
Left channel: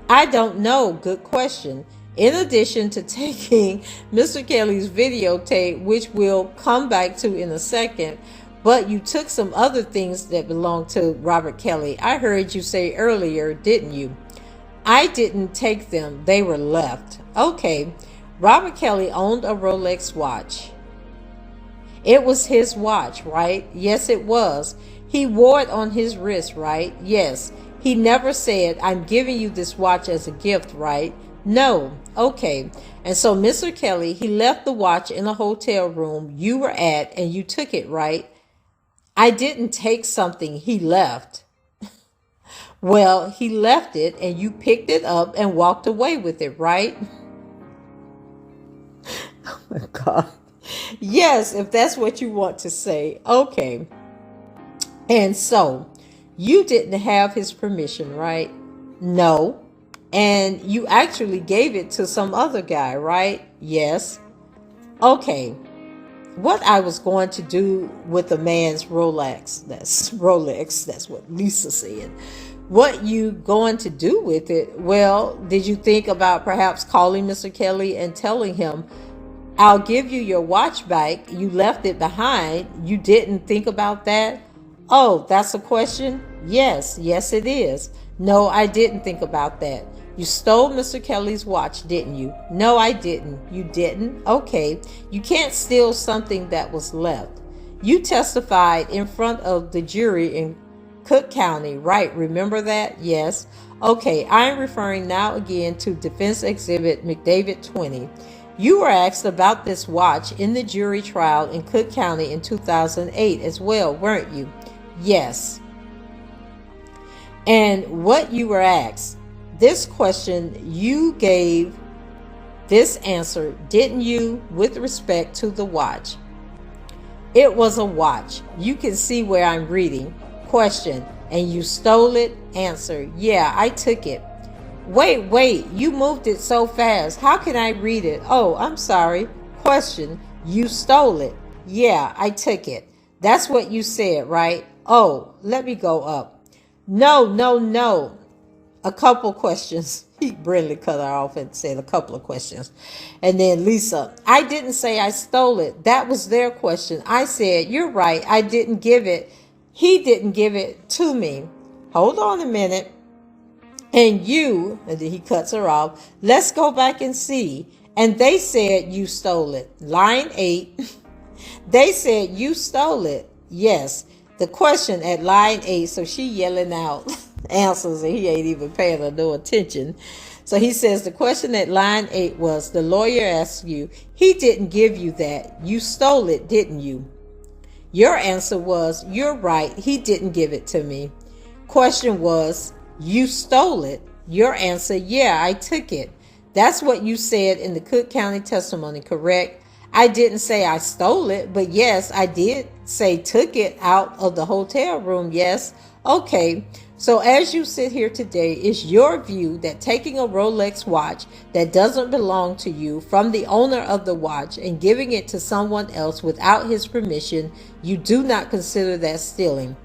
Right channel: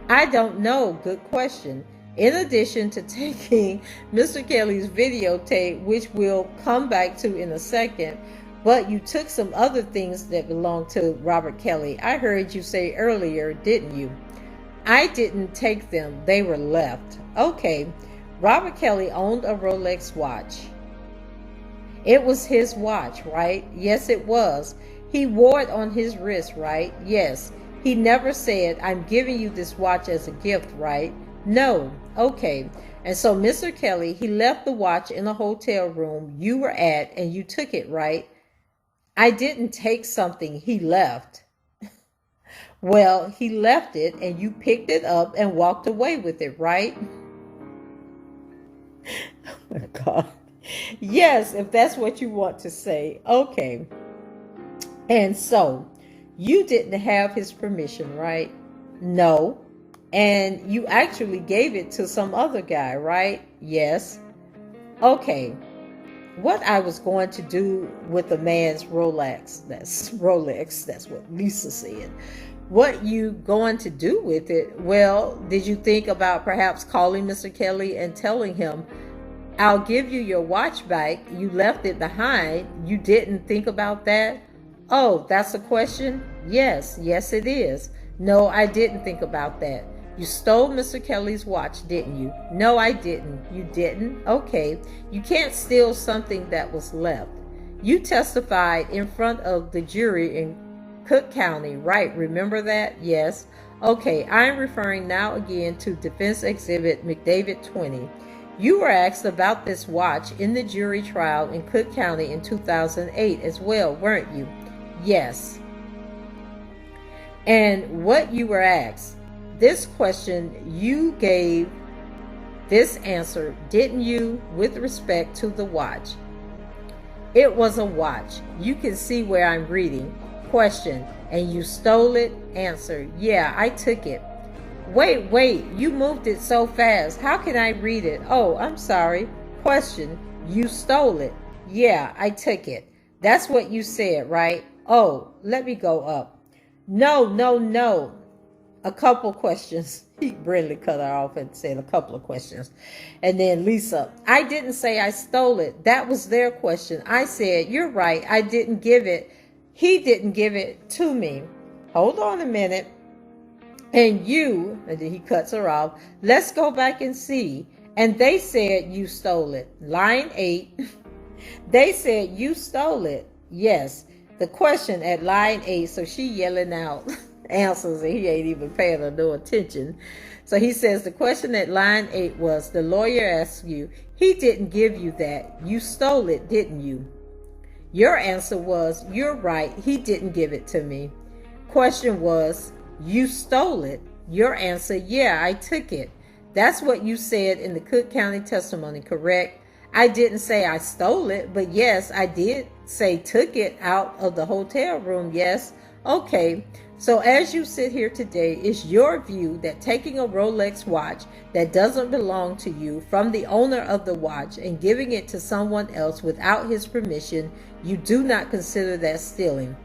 I don't know. Good question. In addition to taking Mr. Kelly's videotape, which we'll come back to in a second, but you took some other things that belong to Robert Kelly. I heard you say earlier, didn't you? I didn't take them. They were left. Okay. Robert Kelly owned a Rolex watch. It was his watch, right? Yes, it was. He wore it on his wrist, right? Yes. He never said, I'm giving you this watch as a gift, right? No. Okay. And so Mr. Kelly, he left the watch in a hotel room you were at, and you took it, right? I didn't take something he left. Well, he left it and you picked it up and walked away with it, right? Oh my God. Yes, if that's what you want to say. Okay. And so you didn't have his permission, right? No. And you actually gave it to some other guy, right? Yes. Okay. What I was going to do with a man's Rolex, that's what Lisa said. What you going to do with it? Well, did you think about perhaps calling Mr. Kelly and telling him, I'll give you your watch back. You left it behind. You didn't think about that? Oh, that's a question? Yes, yes it is. No, I didn't think about that. You stole Mr. Kelly's watch, didn't you? No, I didn't. You didn't? Okay. You can't steal something that was left. You testified in front of the jury in Cook County, right? Remember that? Yes. Okay, I'm referring now again to Defense Exhibit McDavid 20. You were asked about this watch in the jury trial in Cook County in 2008 as well, weren't you? Yes. And what you were asked, this question, you gave this answer, didn't you, with respect to the watch? It was a watch. You can see where I'm reading. Question, and you stole it? Answer, yeah, I took it. Wait, you moved it so fast. How can I read it? Oh, I'm sorry. Question, you stole it? Yeah, I took it. That's what you said, right? Oh, let me go up. No. A couple questions. Brindley cut her off and said a couple of questions. And then Lisa, I didn't say I stole it. That was their question. I said, you're right. I didn't give it. He didn't give it to me. Hold on a minute. And then he cuts her off. Let's go back and see. And they said you stole it. Line 8. They said you stole it. Yes. The question at line 8. So she yelling out answers and he ain't even paying her no attention. So he says the question at line 8 was, the lawyer asked you, he didn't give you that. You stole it, didn't you? Your answer was, you're right. He didn't give it to me. Question was, you stole it. Your answer, yeah, I took it. That's what you said in the Cook County testimony, correct? I didn't say I stole it, but yes, I did say took it out of the hotel room. Yes. Okay. So as you sit here today, it's your view that taking a Rolex watch that doesn't belong to you from the owner of the watch and giving it to someone else without his permission, you do not consider that stealing.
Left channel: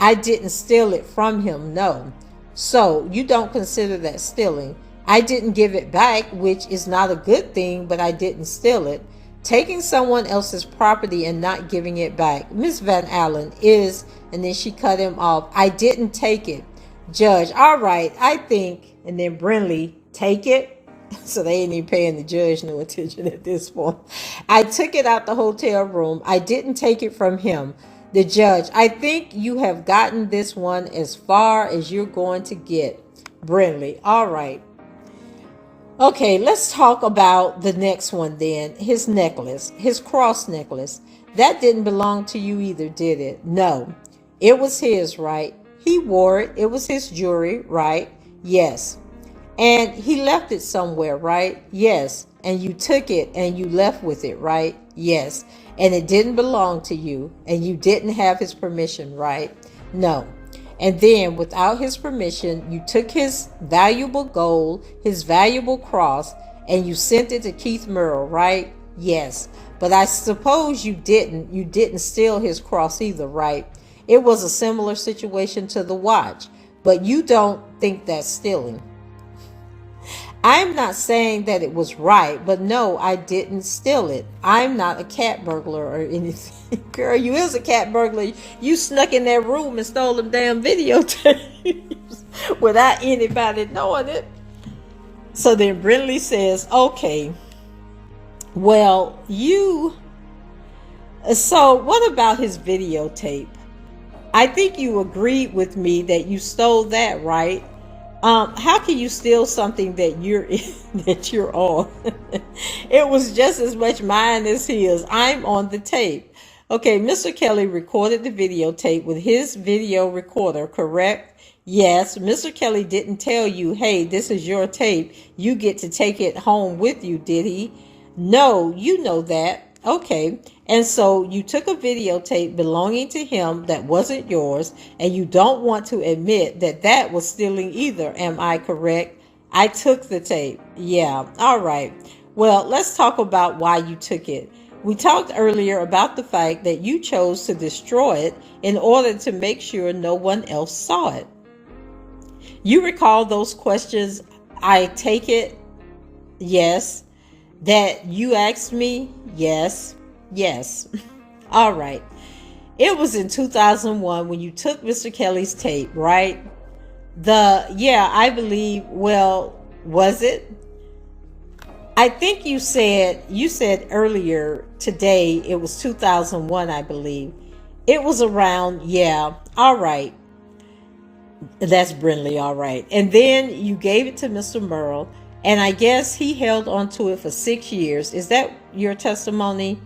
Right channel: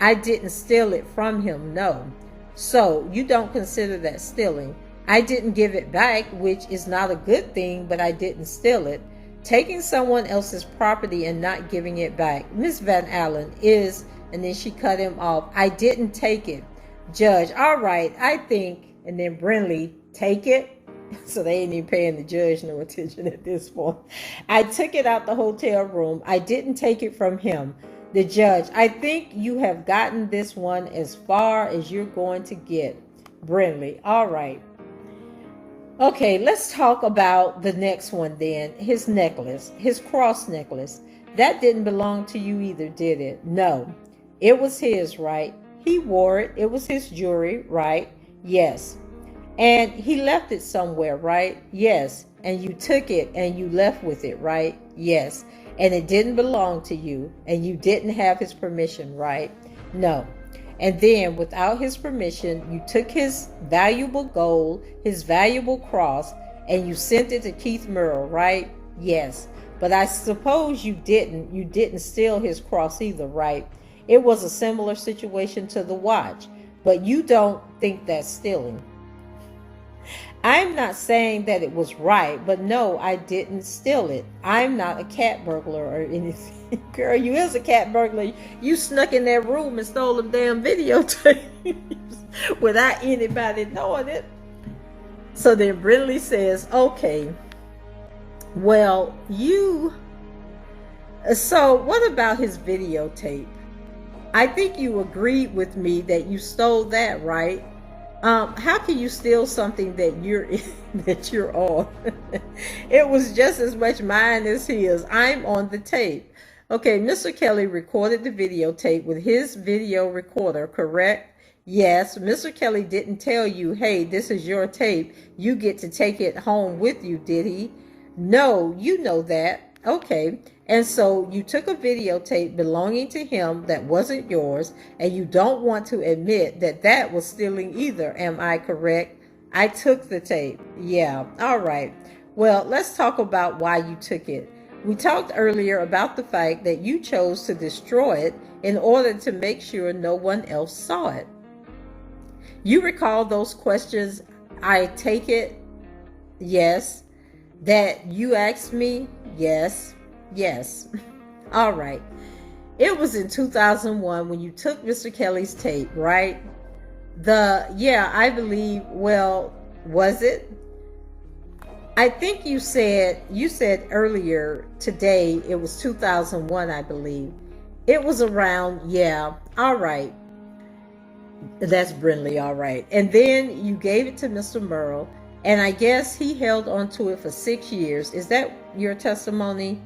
I didn't steal it from him, no. So you don't consider that stealing. I didn't give it back, which is not a good thing, but I didn't steal it. Taking someone else's property and not giving it back, Miss Van Allen, is, and then she cut him off. I didn't take it. Judge, all right, I think, and then Brindley, take it. So they ain't even paying the judge no attention at this point. I took it out the hotel room. I didn't take it from him. The judge, I think you have gotten this one as far as you're going to get. Brindley, all right. Okay, let's talk about the next one then. His necklace, his cross necklace. That didn't belong to you either, did it? No. It was his, right? He wore it. It was his jewelry, right? Yes. And he left it somewhere, right? Yes. And you took it and you left with it, right? Yes. And it didn't belong to you and you didn't have his permission, right? No. And then without his permission, you took his valuable gold, his valuable cross, and you sent it to Keith Merle, right? Yes. But I suppose you didn't steal his cross either, right? It was a similar situation to the watch, but you don't think that's stealing. I'm not saying that it was right, but no, I didn't steal it. I'm not a cat burglar or anything. Girl, you is a cat burglar. You snuck in that room and stole them damn videotapes without anybody knowing it. So then Brindley says, okay, well, so what about his videotape? I think you agreed with me that you stole that, right? How can you steal something that you're on? It was just as much mine as his. I'm on the tape. Okay, Mr. Kelly recorded the videotape with his video recorder, correct? Yes, Mr. Kelly didn't tell you, hey, this is your tape. You get to take it home with you, did he? No, you know that. Okay, and so you took a videotape belonging to him that wasn't yours, and you don't want to admit that that was stealing either. Am I correct? I took the tape. Yeah, all right. Well, let's talk about why you took it. We talked earlier about the fact that you chose to destroy it in order to make sure no one else saw it. You recall those questions? I take it. Yes. That you asked me? Yes. Yes. All right. It was in 2001 when you took Mr. Kelly's tape, right? I believe, well, was it? I think you said earlier today it was 2001, I believe. It was around, yeah. All right. That's Brindley, all right. And then you gave it to Mr. Merle, and I guess he held on to it for 6 years. Is that your testimony?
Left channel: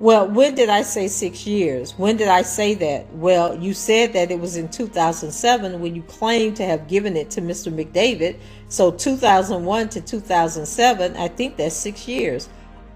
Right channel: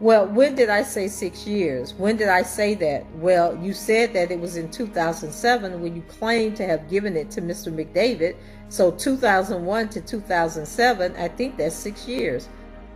Well, when did I say 6 years? When did I say that? Well, you said that it was in 2007 when you claimed to have given it to Mr. McDavid. So 2001 to 2007, I think that's 6 years.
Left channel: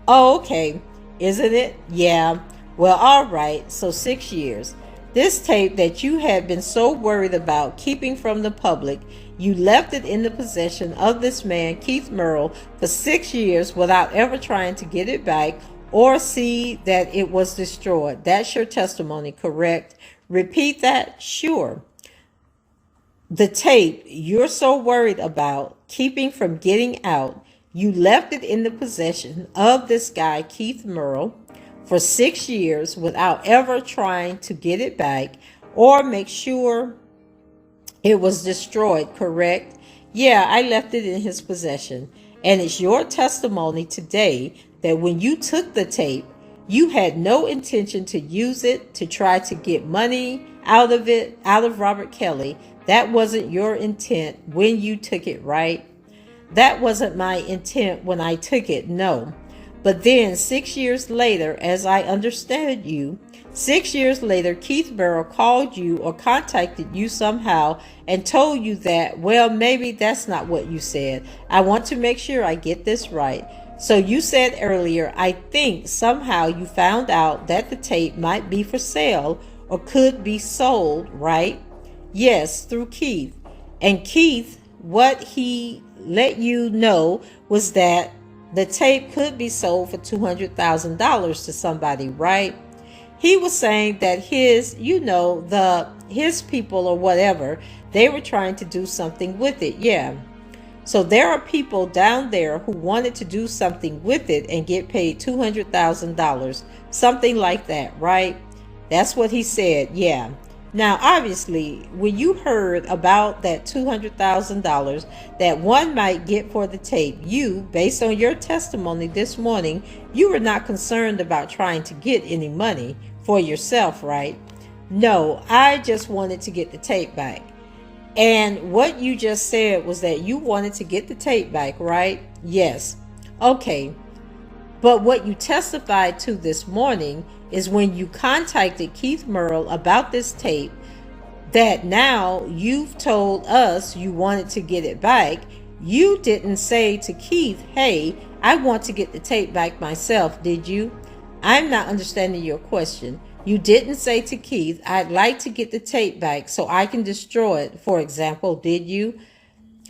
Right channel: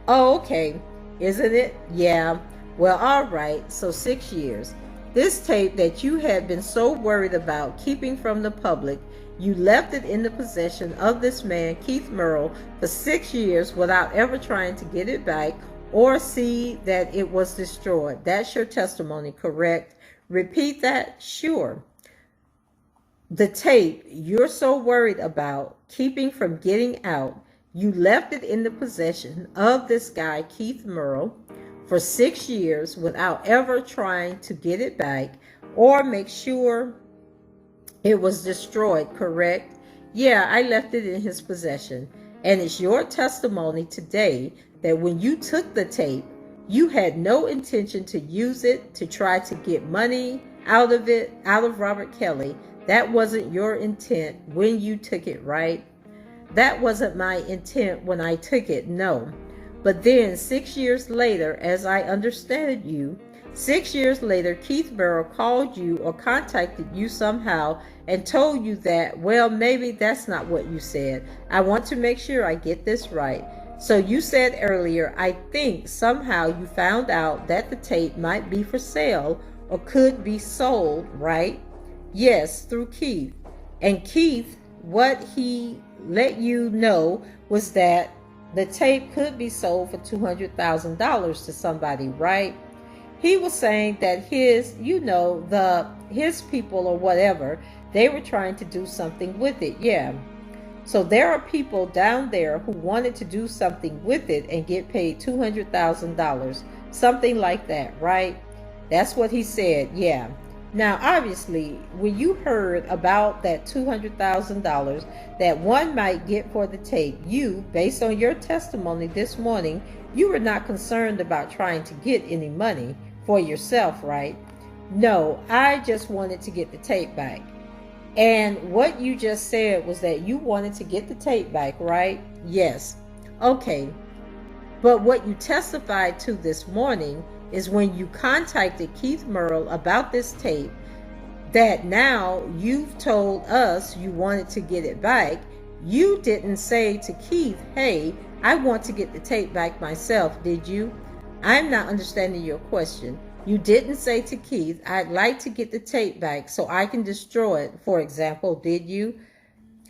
Oh, okay. Isn't it? Yeah. Well, all right. So 6 years. This tape that you had been so worried about keeping from the public, you left it in the possession of this man, Keith Merle, for 6 years without ever trying to get it back or see that it was destroyed. That's your testimony, correct? Repeat that? Sure. The tape you're so worried about keeping from getting out, you left it in the possession of this guy, Keith Merle, for 6 years without ever trying to get it back or make sure it was destroyed, correct? Yeah, I left it in his possession. And it's your testimony today that when you took the tape, you had no intention to use it to try to get money out of Robert Kelly. That wasn't your intent when you took it, right? That wasn't my intent when I took it, no. But then 6 years later, as I understand you, 6 years later, Keith Merle called you or contacted you somehow and told you that, well, maybe that's not what you said. I want to make sure I get this right. So you said earlier, I think somehow you found out that the tape might be for sale or could be sold, right? Yes, through Keith. And Keith, what he let you know was that the tape could be sold for $200,000 to somebody, right? He was saying that his people or whatever, they were trying to do something with it. Yeah. So there are people down there who wanted to do something with it and get paid $200,000, something like that, right? That's what he said. Yeah. Now, obviously, when you heard about that $200,000 that one might get for the tape, you, based on your testimony this morning, you were not concerned about trying to get any money for yourself, right? No, I just wanted to get the tape back. And what you just said was that you wanted to get the tape back, right? Yes. Okay. But what you testified to this morning is when you contacted Keith Merle about this tape, that now you've told us you wanted to get it back. You didn't say to Keith, hey, I want to get the tape back myself, did you? I'm not understanding your question. You didn't say to Keith, I'd like to get the tape back so I can destroy it, for example, did you?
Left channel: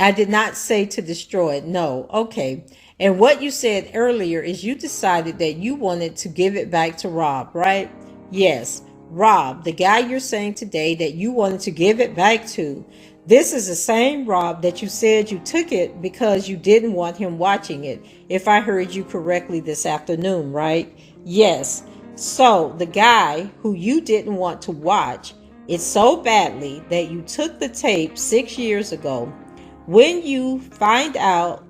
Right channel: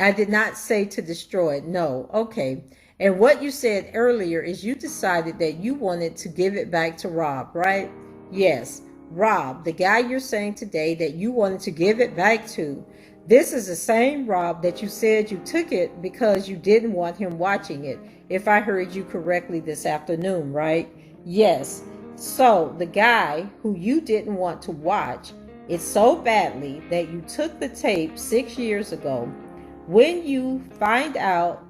I did not say to destroy it, no. Okay. And what you said earlier is you decided that you wanted to give it back to Rob, right? Yes, Rob, the guy you're saying today that you wanted to give it back to. This is the same Rob that you said you took it because you didn't want him watching it, if I heard you correctly this afternoon, right? Yes. So the guy who you didn't want to watch it so badly that you took the tape 6 years ago. When you find out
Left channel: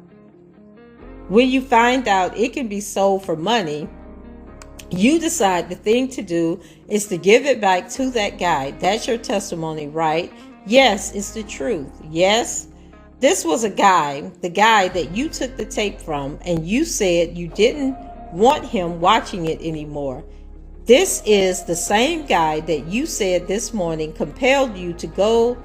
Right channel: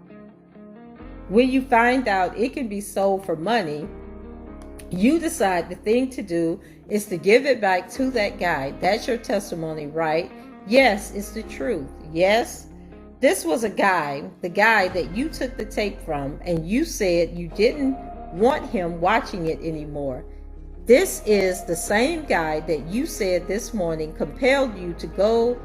it can be sold for money, you decide the thing to do is to give it back to that guy. That's your testimony, right? Yes, it's the truth. Yes. This was the guy that you took the tape from, and you said you didn't want him watching it anymore. This is the same guy that you said this morning compelled you to go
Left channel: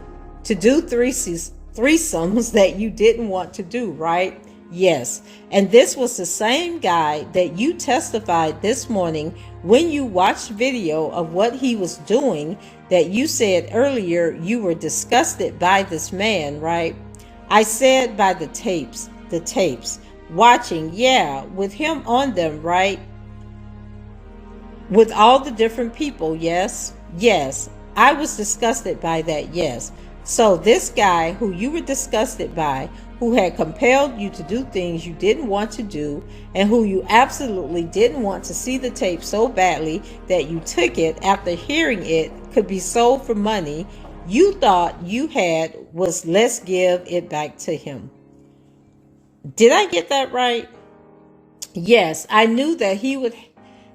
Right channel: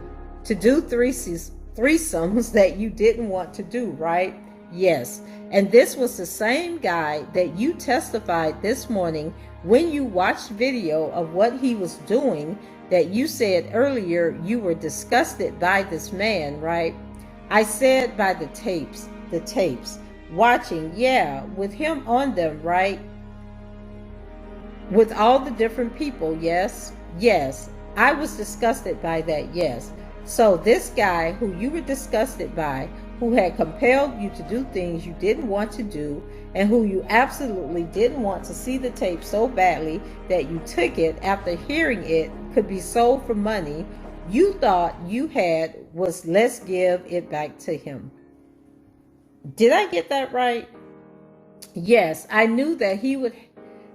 to do threesomes that you didn't want to do, right? Yes. And this was the same guy that you testified this morning when you watched video of what he was doing, that you said earlier you were disgusted by this man, right? I said by the tapes, watching, yeah, with him on them, right? With all the different people, yes, yes. I was disgusted by that, yes. So this guy who you were disgusted by, who had compelled you to do things you didn't want to do, and who you absolutely didn't want to see the tape so badly that you took it after hearing it could be sold for money you thought you had, was let's give it back to him. Did I get that right? Yes, I knew that he would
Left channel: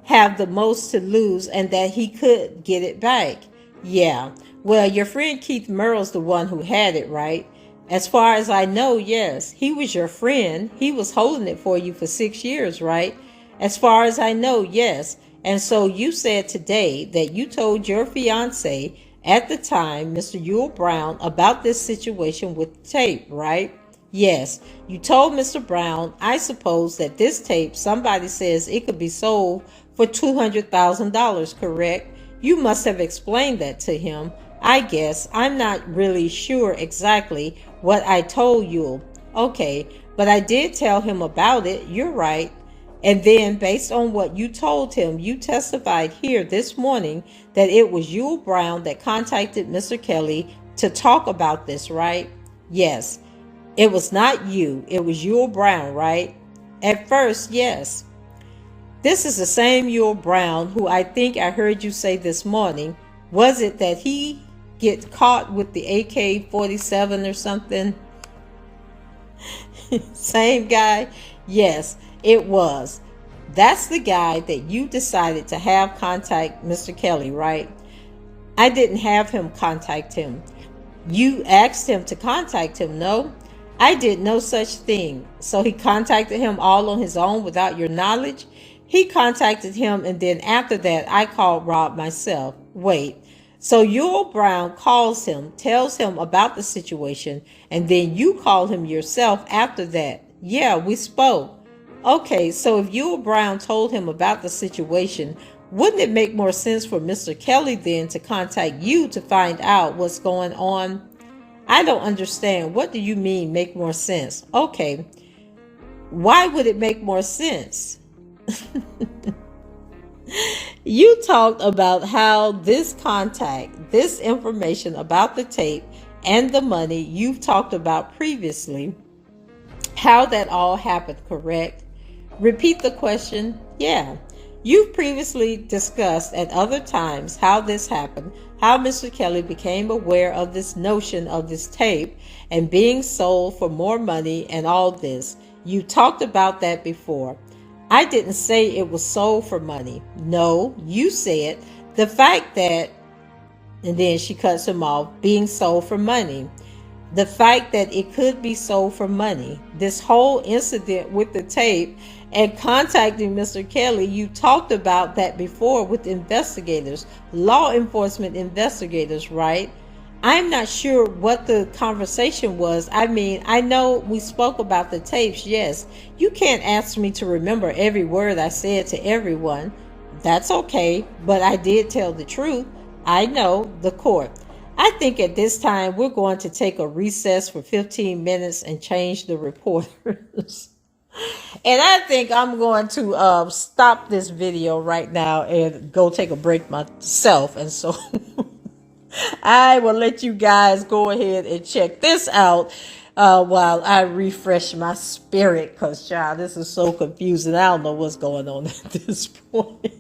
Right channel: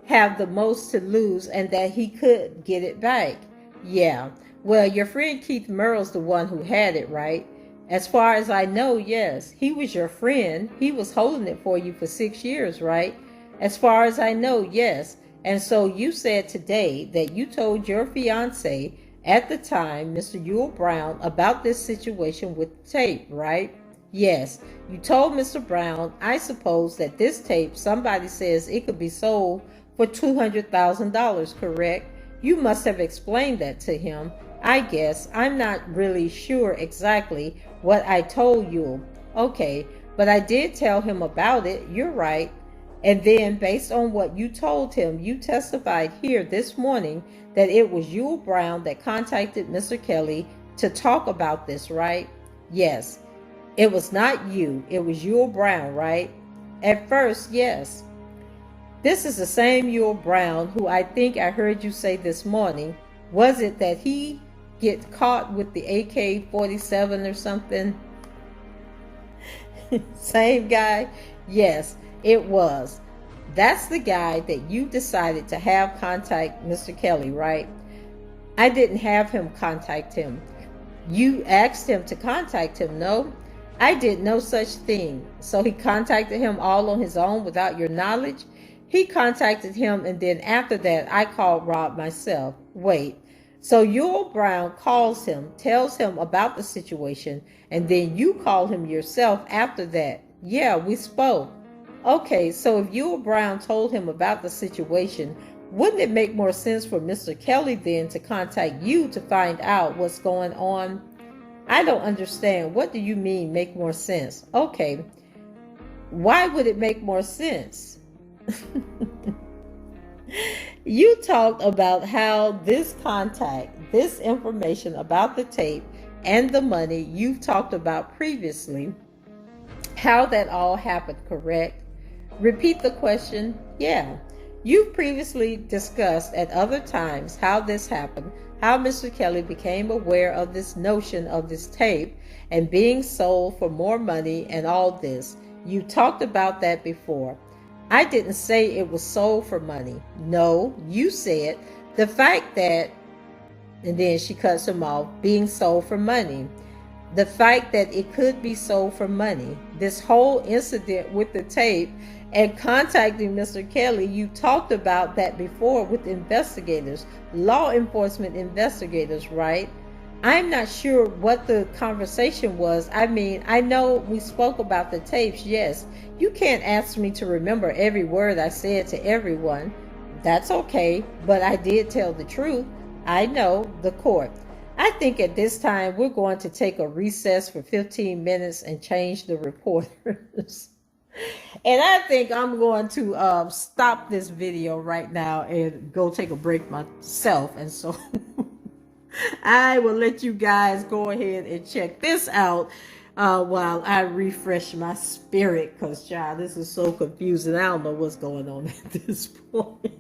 have the most to lose and that he could get it back. Yeah, well, your friend Keith Merle's the one who had it, right? As far as I know, yes. He was your friend. He was holding it for you for 6 years, right? As far as I know, yes. And so you said today that you told your fiance at the time, Mr. Yule Brown, about this situation with the tape, right? Yes. You told Mr. Brown, I suppose, that this tape, somebody says it could be sold for $200,000, correct? You must have explained that to him. I guess. I'm not really sure exactly what I told you. Okay, but I did tell him about it. You're right. And then, based on what you told him, you testified here this morning that it was Yule Brown that contacted Mr. Kelly to talk about this, right? Yes. It was not you. It was Yule Brown, right? At first, yes. This is the same Yule Brown who I think I heard you say this morning. Was it that he get caught with the AK-47 or something? Same guy? Yes, it was. That's the guy that you decided to have contact Mr. Kelly, right? I didn't have him contact him. You asked him to contact him, no? I did no such thing. So he contacted him all on his own without your knowledge? He contacted him, and then after that, I called Rob myself. Wait, so Yule Brown calls him, tells him about the situation, and then you call him yourself after that? Yeah, we spoke. Okay, so if Yule Brown told him about the situation, wouldn't it make more sense for Mr. Kelly then to contact you to find out what's going on? I don't understand. What do you mean make more sense? Okay, why would it make more sense? You talked about how this contact, this information about the tape and the money you've talked about previously, how that all happened, correct? Repeat the question. Yeah. You've previously discussed at other times how this happened, how Mr. Kelly became aware of this notion of this tape and being sold for more money and all this. You talked about that before. I didn't say it was sold for money. No, you said the fact that, and then she cuts him off, being sold for money. The fact that it could be sold for money. This whole incident with the tape and contacting Mr. Kelly, you talked about that before with investigators, law enforcement investigators, right? I'm not sure what the conversation was. I mean, I know we spoke about the tapes, yes. You can't ask me to remember every word I said to everyone. That's okay, but I did tell the truth. I know, the court. I think at this time we're going to take a recess for 15 minutes and change the reporters. And I think I'm going to stop this video right now and go take a break myself. And so I will let you guys go ahead and check this out while I refresh my spirit, because, child, this is so confusing. I don't know what's going on at this point.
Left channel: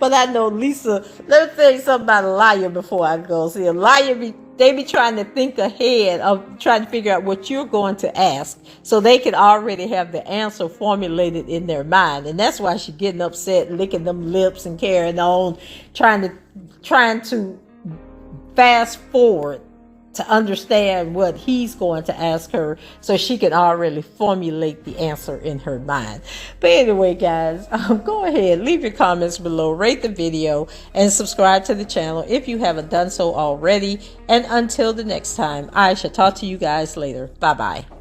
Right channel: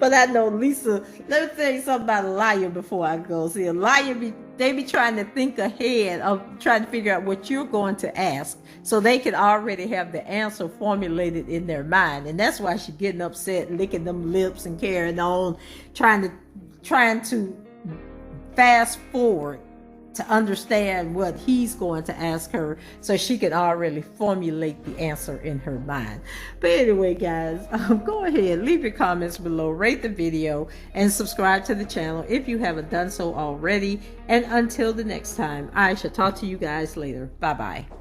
But I know Lisa, let me tell you something about a liar before I go. See, a liar, they be trying to think ahead of trying to figure out what you're going to ask, so they can already have the answer formulated in their mind. And that's why she's getting upset, licking them lips and carrying on, trying to fast forward to understand what he's going to ask her so she can already formulate the answer in her mind. But anyway, guys, go ahead, leave your comments below, rate the video, and subscribe to the channel if you haven't done so already. And until the next time, I shall talk to you guys later. Bye-bye.